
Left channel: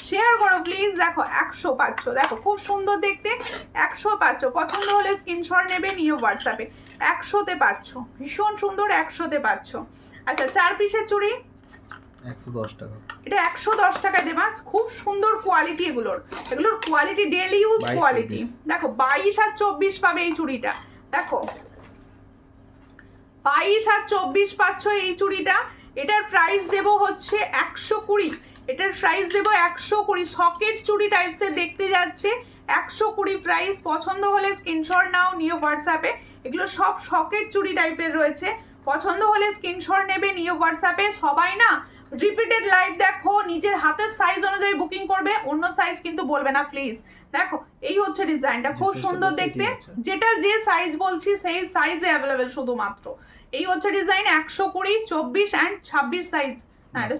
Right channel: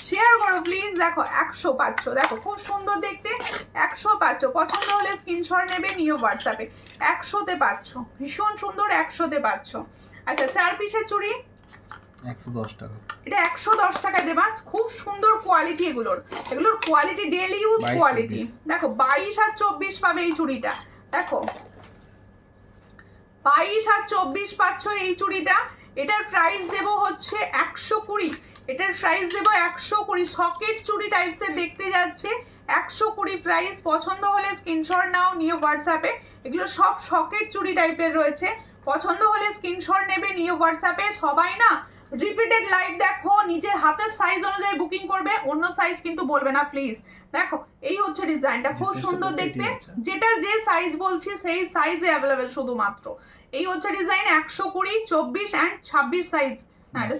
শেয়ার করো প্লিজ। দেখো 100 পাচ্ছ, দেখো খুব সুন্দর দেখতে। 100 পাচ্ছ, পছন্দ হলে স্ক্রিনশট নেবে, নিয়ে হোয়াটসঅ্যাপে। 100-তে পাচ্ছ, ভীষণ সুন্দর 100-তে পাচ্ছ। আচ্ছা 4 পিসের চুড়ি 110 টাকা। এটা 110 টাকায় দেবা। খুব সুন্দর কোয়ালিটি এগুলোর, এগুলোর কোয়ালিটি ডেইলি ইউজ কোয়ালিটি। দেখো 22 আর 24 পাবে এই চুড়িটা। দেখো 22 আর 24 পাচ্ছ এই চুড়িটা। এটার প্রাইস দেব হচ্ছে 120। এটার প্রাইস দেব 120। সকেট চুড়ি টাইপসের দেখতে যাচ্ছে, 120 প্রাইস। পছন্দ হলে স্ক্রিনশট নাও, নিয়ে হোয়াটসঅ্যাপে। এগুলো সব সকেট চুড়ি টাইপের রয়েছে, পছন্দ হলে স্ক্রিনশট নেবে, নিয়ে হোয়াটসঅ্যাপে। সবাই না রিপিটেড লাইভ দেখো, নিজের হাতের সাইজ অনুযায়ী বুকিং করবে, অন্য সাইজ কিন্তু বলবে না প্লিজ। দেখো এই হচ্ছে ডিজাইনটা, খুব সুন্দর দেখতে। যেটা যে সাইজ বলছি সেই সাইজে অ্যাভেলেবেল শুধুমাত্র। এই হচ্ছে ডিজাইন 120 24 এন্ড 26 সাইজ।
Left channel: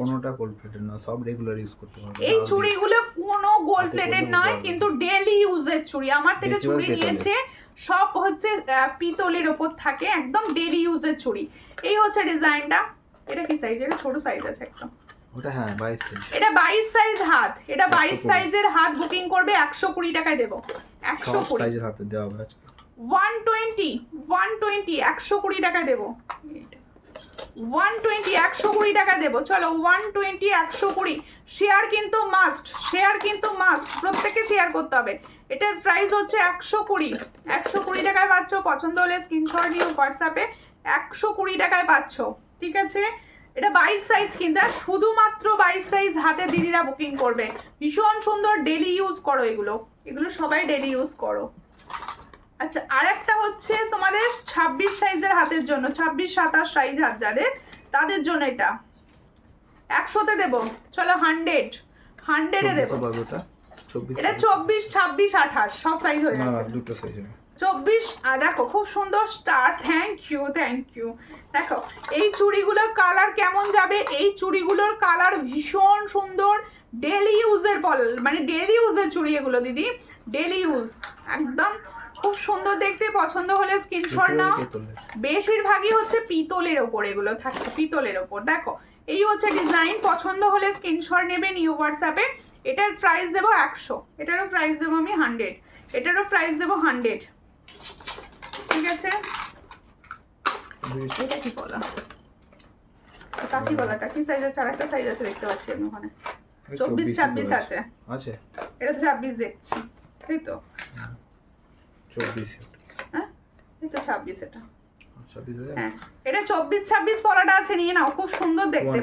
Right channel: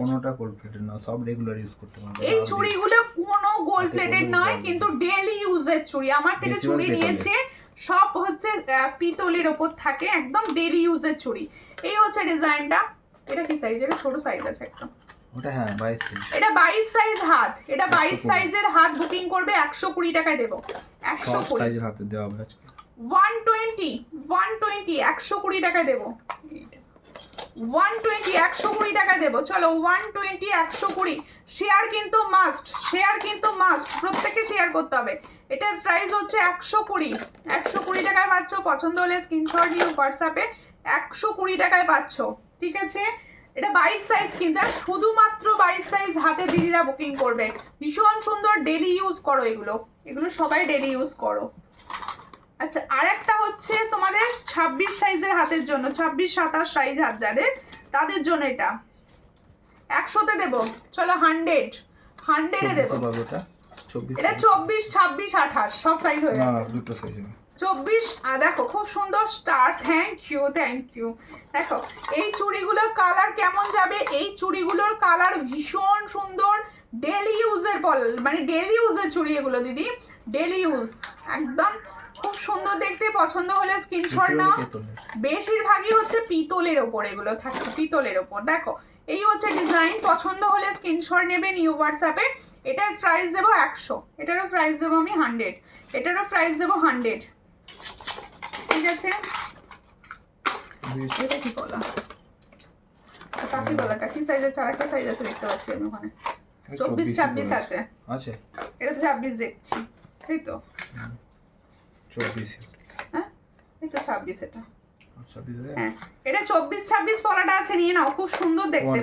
কোনোটা গোল্ড প্লেটেড না, সব রেগুলার ইউজ করতে পারবে। এই চুড়িগুলো কোনো গোল্ড প্লেটেড নয়, কিন্তু ডেইলি ইউজের চুড়ি। আমার থেকে চুড়ি নিয়েছে সব হচ্ছে পিতলের উপর থাকে, একদম ডেইলি ইউজের চুড়ি। এই হচ্ছে ডিজাইনটা। এটা কি সাইজ? এটা ছোট সাইজ আছে একটা, ওটা হ্যাঁ 22 সাইজ। এটা 22 সাইজ হাত, এটা 22 সাইজের হাত বুকিং করবে 120 টাকায় দেব। 120 সাইজের হাতে দেওয়া হবে আজকে। 120 120 টাকায় দেব। 120 120 টাকা দেব। চলো 120 120। শেয়ার কিন্তু মাস্ট, শেয়ার কিন্তু মাস্ট, প্রত্যেককে শেয়ার করতে হবে। এটার প্রাইস হচ্ছে 120 120 টাকায় পাচ্ছ। পছন্দ হলে স্ক্রিনশট নিয়ে হোয়াটসঅ্যাপে। 120 টাকায় পাচ্ছ, ঠিক আছে। এটা 22 সাইজ কিন্তু, শুধুমাত্র 22 সাইজ হাতে দিদিরা বুকিং করবে। ভীষণ সুন্দর, ডেলি ইউজ করো এগুলো, এগুলো সবাই ডেলি ইউজ করো। আচ্ছা আর একটা হচ্ছে তোমাদের 26 সাইজের হাতের জন্য, 26 27 সাইজ হাত যাদের, তাদের জন্য এটা 100-তে দেব। চলো 100-এ দেব। এটা 24 26 28 সব সাইজ হয়ে গেছে। দুটো সাইজ হবে 24। দেখো খুব সুন্দর স্টার। Thank you. দেখো এই চুড়িগুলোর কালার কেমন যাবে, এই চুড়িগুলোর কালার ভীষণ সুন্দর। ডেলি ইউজের মানে ডেলি ইউজের চুড়ি এগুলো দিদি, ডেলি ইউজ একদম খুব সুন্দর দেখতে। পছন্দ হলে স্ক্রিনশট নাও। বেশিরভাগই হচ্ছে পিতলের ওপর এগুলো থাকে, পিতলের ওপর। দেখো এই হচ্ছে ডিজাইন, পছন্দ হলে স্ক্রিনশট নেবে, নিউ হোয়াটসঅ্যাপে। এটার প্রাইস দেবো 100, এটারও প্রাইস দেবো আমি 100, এটারও প্রাইস দেবো 100, ঠিক আছে। এটা কি বলা, কাকি বলাটা কি সাইজ আছে? আরেকটা সাইজ আছে দেখতে পাচ্ছি আমি ওখানে, 24 26 আছে। এটা তো 26 দেখছি, তাই তো? 24, হ্যাঁ এই তো 26 এটা। 26 হ্যাঁ এটা 24 26 পলাটা আছে, নিয়ে নাও, খুব সুন্দর দেখতে।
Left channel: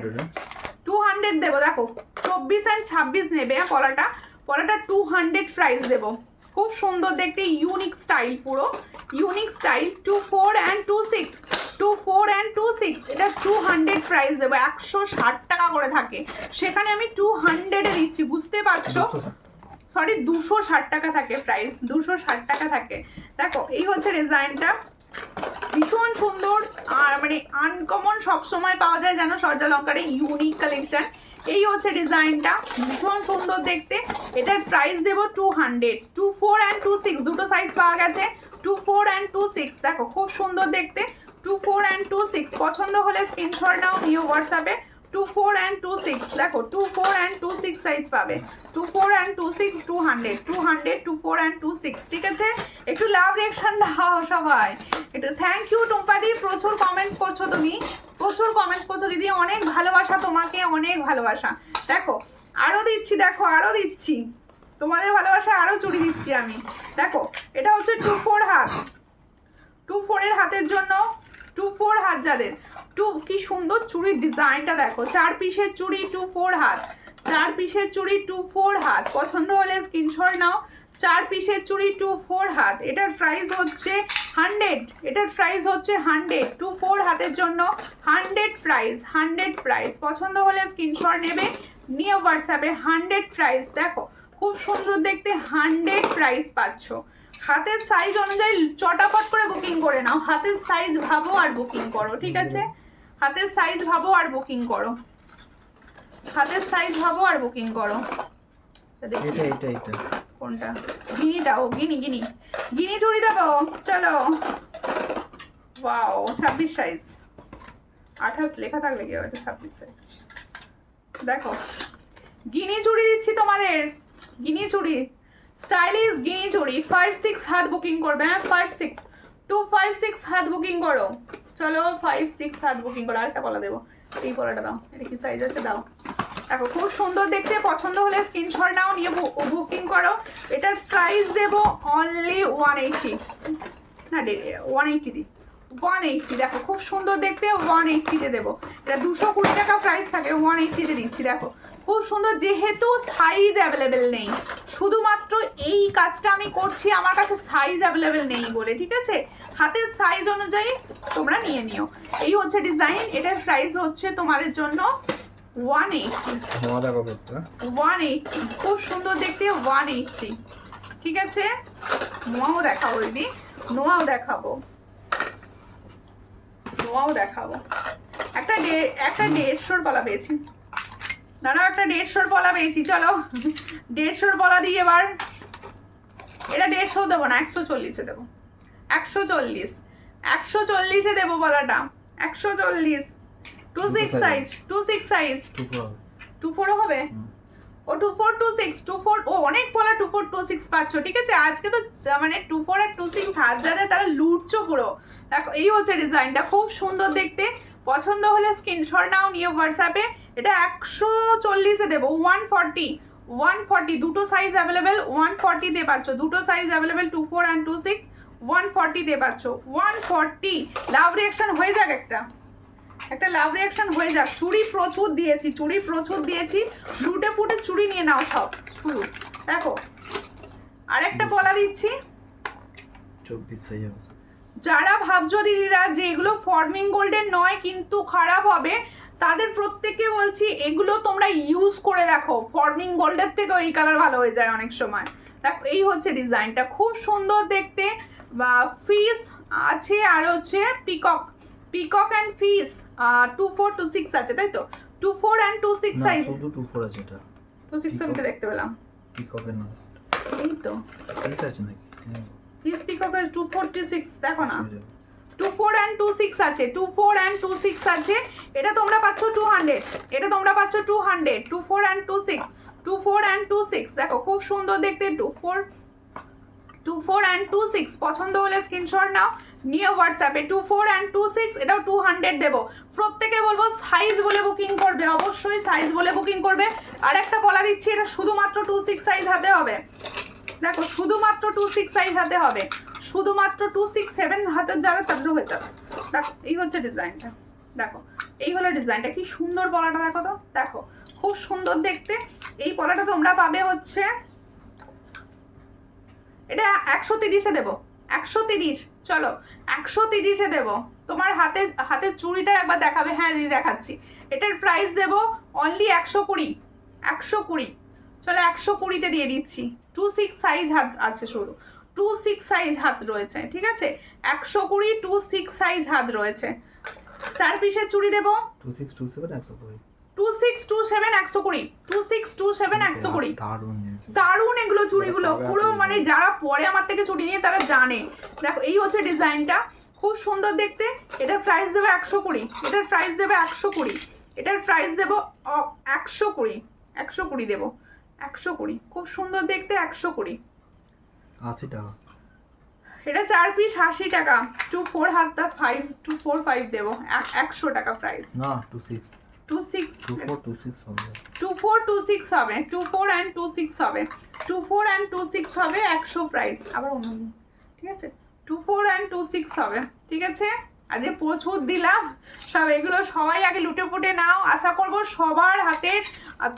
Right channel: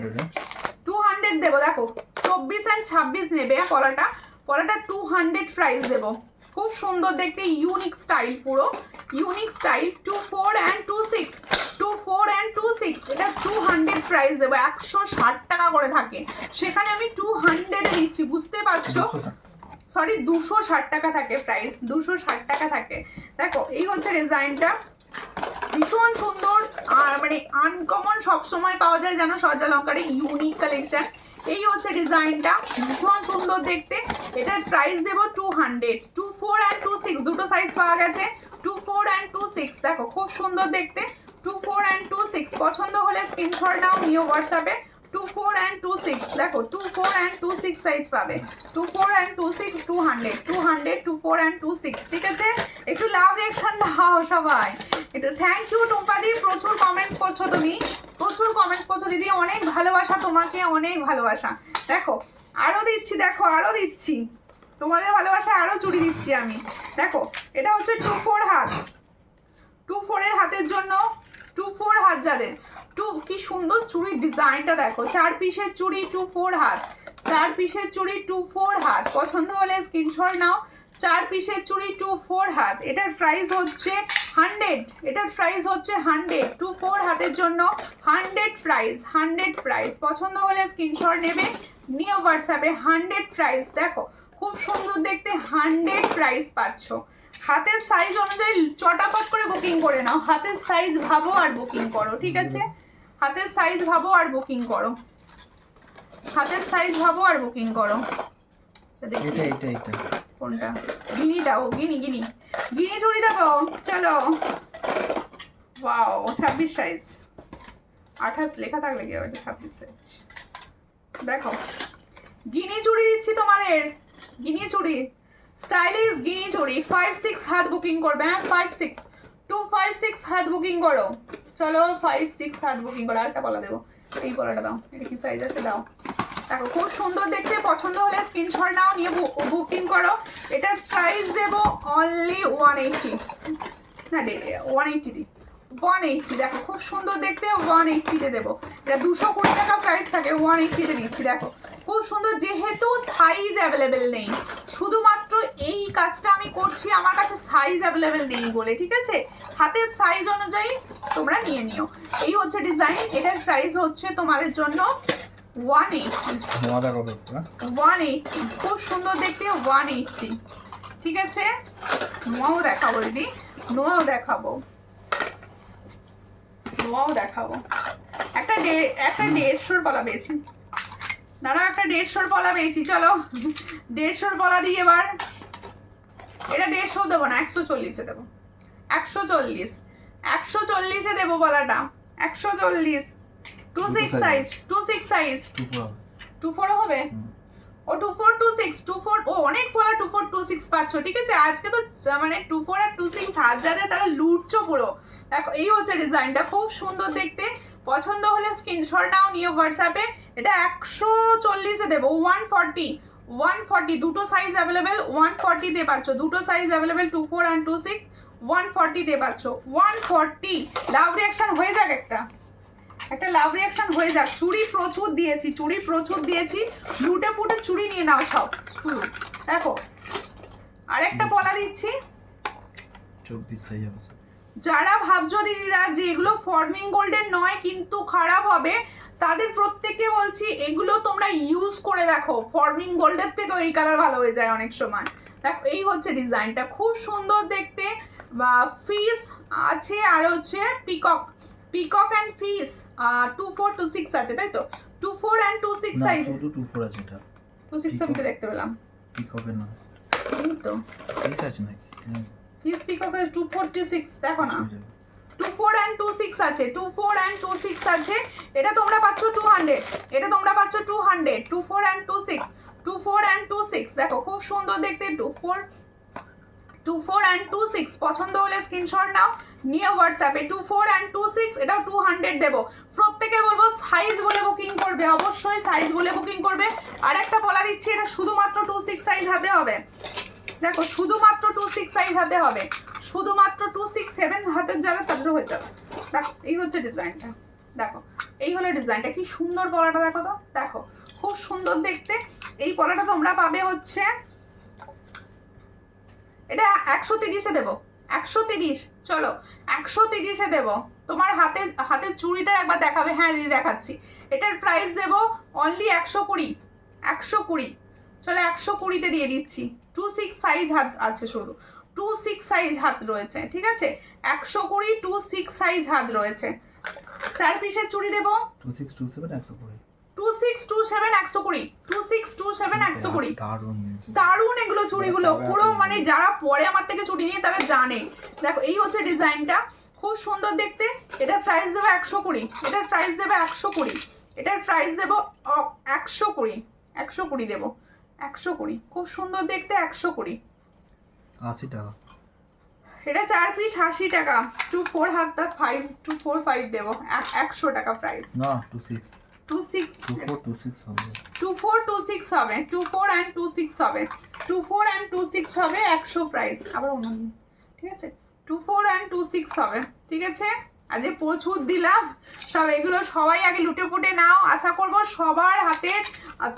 200 দেবো। দেখো 24 আর 26 নেবে পলাটা 200 প্রাইস দেবো। খুব সুন্দর দেখতে, ইউনিক স্টাইল, পুরো ইউনিক স্টাইল। 24 and 26, 24 and 26, এটা 200 প্রাইস দেবো। 160 টাকা করে থাকে, সেখানে আমি 200 এ দিচ্ছি, বুঝতে পারছো? সরি 260 টাকা থাকে প্রাইস, 260 টাকা থাকে। দেখো এই হচ্ছে ডিজাইনটা, ভীষণ সুন্দর আর মানে আনকমন, সবসময় পাওয়া যায় যেন সূর্যালঙ্কারে ইউনিক কালেকশন। এই হচ্ছে ডিজাইনটা, ভীষণ সুন্দর দেখতে। এটার প্রাইস দেবো 200। 24 and 26 দুটো সাইজ পাওয়া গেছে, 24 and 26। দেখো খুব সুন্দর দেখতে, 24 and 26 পছন্দ হলে স্ক্রিনশট নাও, নিও হোয়াটসঅ্যাপে। 24 and 26 দেখো, 24 and 26 সাইজ পাবে, 24 and 26 200, 24 and 26। ঠিক আছে, একটু লাভ রিঅ্যাকশন দাও সবাই, একটু থ্যাংক ইউ টুম্পাদি, প্রচুর কমেন্টস করছো তুমি, প্রচুর কমেন্টস করছো দিদি, অনেক ভালোবাসা তোমাকে, অনেক ভালোবাসা। দেখো আরো দিচ্ছি, দেখো আরো দিচ্ছি, তোমাদের ভালোবাসা আরো চুরি দিচ্ছি আমি। দেখো এটা হচ্ছে 24 হাত, 24 এর হাতের জন্য, 24 হাত যাদের, কি সুন্দর চুড়ির ডিজাইনটা দেখো, 4 পিসের চুড়ি, 24 হাত, 4 পিসের চুড়ি, 24 হাত। পছন্দ হলে স্ক্রিনশট নাও, 4 পিসের চুড়ি, 24 হাত। এটার প্রাইস হচ্ছে 100, এটার প্রাইস হচ্ছে 100, 24 হাতের জন্য 100 প্রাইস, 100 প্রাইস। পছন্দ হলে স্ক্রিনশট নেবে, নিয়ে হোয়াটসঅ্যাপে 100 প্রাইস। দেখো খুব সুন্দর দেখতে, 100 প্রাইস পাচ্ছ। হাতের সাইজ অনুযায়ী চটাপট করে বুকিং করে নাও, হাতের সাইজ ভাবো আর বুকিং করো, ঠিক আছে? হাতের সাইজ ভাবো আর বুকিং করো, হাতের সাইজ ভাবো আর বুকিং করো। এটা কোনটা? গিনিটা, ও গিনি চুড়ি দেবো, চলো। ওয়াও 26 সাইজ, 28 লেখা থাকলে কি হবে, 26 সাইজ। দেখো গিনি চুড়ি দিচ্ছি তোমাদের, গিনি চুড়ি, স্টাইলিশ গিনি চুড়ি। 5-6 হাত বুকিং করবে, হ্যাঁ 5-6, 256 হাত বুকিং করো, চলো 5-6 হাত বুকিং করো। আরেকটা পলা দেবো, এই পলাটা দাও, এটা কি সাইজ আছে দাও। দেখো খুব সুন্দর দেখতে, পছন্দ হলে স্ক্রিনশট নাও, নিয়ে বুকিং করো। এটার প্রাইস দেবো অনলি 180, না 180 দিই, 180। দেখো খুব সুন্দর দেখতে, 180-তে দেবো। এটা 220 টাকা প্রাইস থাকে, 180-তে দিচ্ছি। দেখো খুব সুন্দর, যেহেতু সাইজ অ্যাভেলেবেল নেই, শুধুমাত্র এই কাজটা আমি করছি আমার কাছে সাইজ অ্যাভেলেবেল নেই বলে, ঠিক আছে? হাতের সাইজ অনুযায়ী তোমরা নিয়ে নিও। এই হচ্ছে ডিজাইন, এটার প্রাইস হচ্ছে তোমাদের জন্য 180, 180। খুব সুন্দর দেখতে, 180, ঠিক আছে? নোয়াও দেখাবো দিদি, নোয়াও দেখাবো, নোয়াও দেখাবো। একটা 150-র পলা পেয়েছি, দাঁড়াও, একটা 150-র পলা পেয়েছি, চলো 150-র পলা দিই এবার। এটা 150 দেবো না, 140-এ দেবো, 140-এ দেবো পলাটা, 140। 26 সাইজ, 26 সাইজ, 24 হবে, ও 24, 26, 24, ও অনেক পলা 24, 26 পাচ্ছ, ঠিক আছে? আজকে তো মানে 24 আর 26 হাত যাদের, তারা লুটছো পুরো। দেখো এই হচ্ছে ডিজাইনটা, খুব সুন্দর দেখতে। পছন্দ হলে স্ক্রিনশট নাও, নিয়ে হোয়াটসঅ্যাপে। এটা 140-এ দেবো, 140, দুটো সাইজ অ্যাভেলেবেল, 140-তে পাচ্ছ, দুটো সাইজ অ্যাভেলেবেল, 24 and 26, 140-তে পাচ্ছ, 140। লাভ রিঅ্যাকশন হয়ে যাক, একটা লাভ রিঅ্যাকশন হয়ে যাক। চুড়ি প্রচুর দিয়েছি, লুটে পুটে চুড়ি নিয়ে নাও সব শুরু। দেখো আরেকটা পলা দিচ্ছি, 24 সাইজ হবে। যারা ভাবছো দিদিরা যে এগুলো ফর্মিং গোল্ডের নয় কিন্তু খারাপ হবে, তাদের প্রত্যেককে বলছি এগুলো তোমরা ইউজ করে দেখো, ফর্মিং গোল্ডের থেকেও এই কালার ভালো হয়ে যায় অনেক সময়। দেখো এই হচ্ছে ডিজাইনটা, খুব সুন্দর দেখতে। বা ফিস আছে, আর হচ্ছে পিকক অ্যান্ড ফিস 24, 26 আছে, তাই তো? 24 and 26 সাইজ, শুধু 24 আছে, এটা 26 আমি তো দেখতে পেলাম, পিককের না, এই তো ফিস আছে নাকি? ফিস পিককের 246 দেখো না, 24 and 26 আছে, 24 and 26 আছে। এটা তোমরা পাচ্ছ 200, এটা তোমরা পাচ্ছ 200, 24 and 26, 24 and 26। দেখো খুব সুন্দর দেখতে, 24 and 26। পছন্দ হলে স্ক্রিনশট নাও, নিয়ে হোয়াটসঅ্যাপে। 24 and 26, এটাও 200 দেবো। প্রত্যেকে বলবো সাইজ বলে বুকিং করবে, অবশ্যই সাইজ বলে বুকিং করবে। আর একটা বলা দিচ্ছি, এটা শুধুমাত্র 26 সাইজ হাতে হবে। দেখো শুধুমাত্র 26 সাইজ হাতে হবে, শুধুমাত্র 267 হাতের যারা তাদের হয়ে যাবে। দেখো এই হচ্ছে ডিজাইনটা, দেখো এই হলো ডিজাইনটা, কি সুন্দর পলাটা দেখো তো, দেখো খুব সুন্দর দেখতে। এই পলাটা তোমরা পাবে হচ্ছে এটা 130-এ দেবো, 130। চলো 130-এ দেবো। তোমার হাতের চুড়িটা একবার দেখাবে? হ্যাঁ দিদি দেখাচ্ছি। এটার প্রাইস দেবো অনলি 120, 120। চলো 120-তে দিয়ে দিচ্ছি। 26 সাইজ হাত আছে, শুধু 26 সাইজ হাত রয়েছে, ঠিক আছে? 120, 26 সাইজ হাত রয়েছে। 4 পিসের চুড়ি দেবো 2627 120, 2627 120, 2627 120। দারুণ জিনিস। দারুণ এগুলো চুড়িগুলো, পুরো মানে যারা পরে আমার থেকে চুড়ি নিয়ে তারা জানে। দেখো এই হচ্ছে ডিজাইনটা, খুব সুন্দর দেখতে। এটার প্রাইস দেবো 120, এটার প্রাইস দেবো 120, এটার প্রাইস দেবো 120, 120 দেবো, 120। খুব সুন্দর দেখতে, 120, 80 টাকা। এটা 4 পিস 80 টাকা। 24 হাতটা 245 দেবো, 100 টাকা প্রাইস। না 26, 26 2426 হবে। 2426 হবে, 24 and 26 হবে, 24 and 26 হবে 100 প্রাইস। আবার অন্য দিন, ঠিক আছে? 24 and 26 হবে, ঠিক আছে? আজকে প্রচুর দিলাম সব, এগুলো সবাই আগে লুটে পুটে নাও। আশা করব সবার হাতে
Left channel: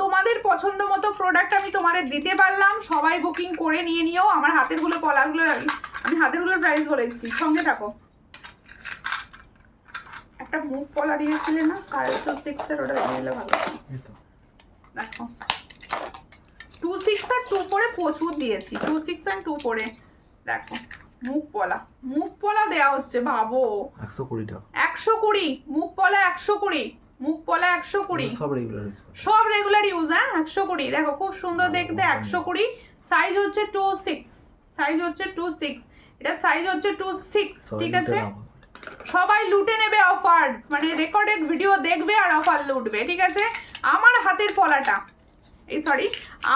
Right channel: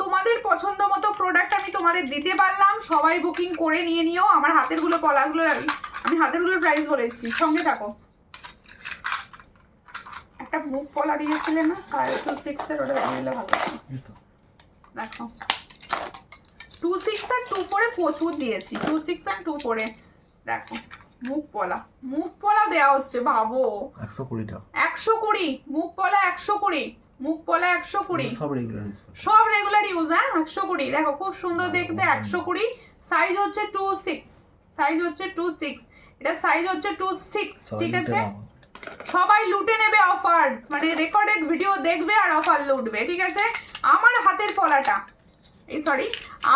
তোমাদের পছন্দ মতো প্রোডাক্ট আমি তোমাদের দিতে পারলাম। সবাই বুকিং করে নিয়ে নিও। আমার হাতেরগুলো পলাগুলো আমি হাতেরগুলোর প্রাইস বলেছি, সঙ্গে থাকো। একটা মুখ পলা দিয়েছিলে না 26.5-এর, ওটা দিলে ভালো। দেখো 26 আর 24-এ প্রচুর দিয়েছি, 26 আর 24-এ দেখো মুখ পলা দেওয়া হচ্ছে, ভাবো 120 টাকা। 120 মুখ পলা, 120 মুখ পলা, 120 সব রেগুলার ইউজ। সব রেগুলার ইউজ। হ্যাঁ 120 দেখো খুব সুন্দর দেখতে, 120। সাইজ হচ্ছে 26, সাইজ হচ্ছে 26, এটা সাইজ হচ্ছে 26, ঠিক আছে? সবাই লুটে নেবে অফার, মানে রেকর্ডেড ভিডিও দেখবে আর অফার লুটবে, ঠিক আছে? আমার হাতের পলাটা,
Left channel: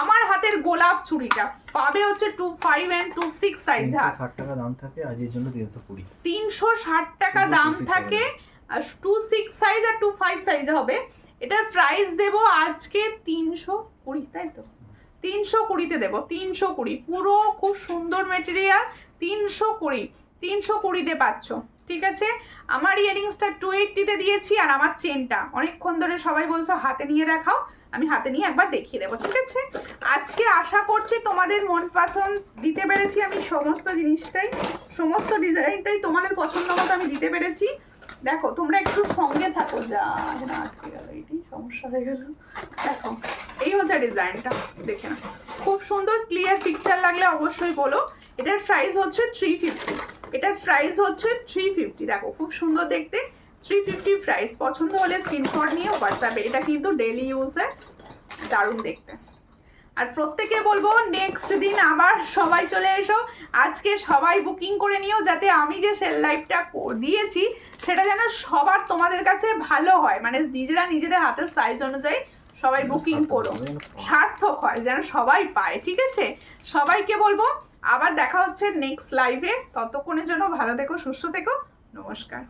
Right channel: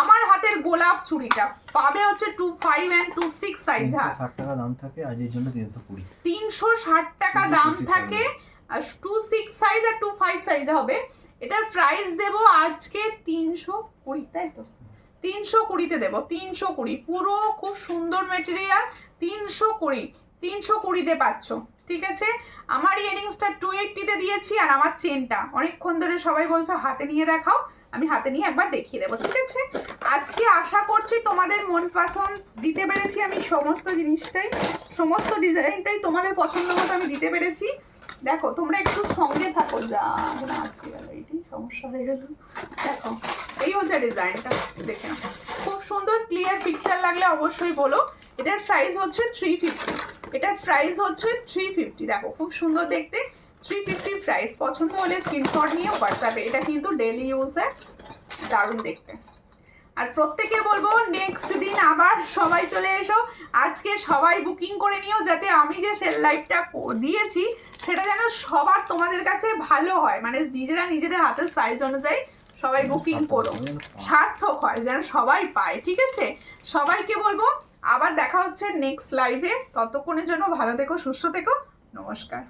আমার হাতের গোলাপ চুড়িটা পাবে হচ্ছে 25 and 26 সাইজ। 360 টাকা দাম থাকে, আজের জন্য 320, 360 টাকা দাম থাকে। আর 26 সাইজ আর 25 সাইজ হবে। এটার প্রাইস দেবো আজকে 320, তাই তো? 320-তে দেবো, 320। পুরো খুব সুন্দর মেটেরিয়াল, 320, 320-তে পাচ্ছ, ঠিক আছে? আমার ইয়ারিংসটা 280-তে দিয়েছি, আর আমার চেনটা অনেকক্ষণ ধরে সবাই বলছো হাতে নিয়ে দেখাও, আমি হাতে নিয়ে একবার দেখিয়ে দেবো, ঠিক আছে? আজকে আশা করছি তোমাদের মন পছন্দ দিতে পেরেছি আমি, সমস্ত জিনিসটাই, সমস্ত ডিজাইনটাই তোমাদের পছন্দ মতো আমি দিতে পেরেছি। দেখো তোমরা একটু সঙ্গে থাকো, যা না আটকে গেল, এইটাই সমস্যা হয়ে গেল। দেখো এই হচ্ছে ডিজাইনটা, দেখে নাও। খুব সুন্দর ক্লিয়ার পিকচার লাগলে অবশ্যই বলো। এটার প্রাইস হচ্ছে 350, এটার প্রাইস হচ্ছে 350। দেখো খুব সুন্দর দেখতে, 350 প্রাইস। পছন্দ হলে স্ক্রিনশট নিয়ে হোয়াটসঅ্যাপে। এটা কিন্তু ডেলি ইউজে দারুণ দেখতে। আর প্রত্যেকে বলবো নেক্সট দিন আবার সবাই চলে এসো। আজকে সবাই বুকিং করে নিও, যাতে আমি যে সেল লাইভটা দিয়েছি সেটা যেন সবার তোমাদের কাছে ভালো হয়, মানে নিজেদের হাতের সাইজ অনুযায়ী সবাই বুকিং করো, সার্থক হয়, যেন সবাই পায়, ঠিক আছে? সবাইকে বলবো আবার দেখা হচ্ছে নেক্সট লাইভে। ততক্ষণের জন্য ভালো থেকো, সুস্থ থেকো, নমস্কার।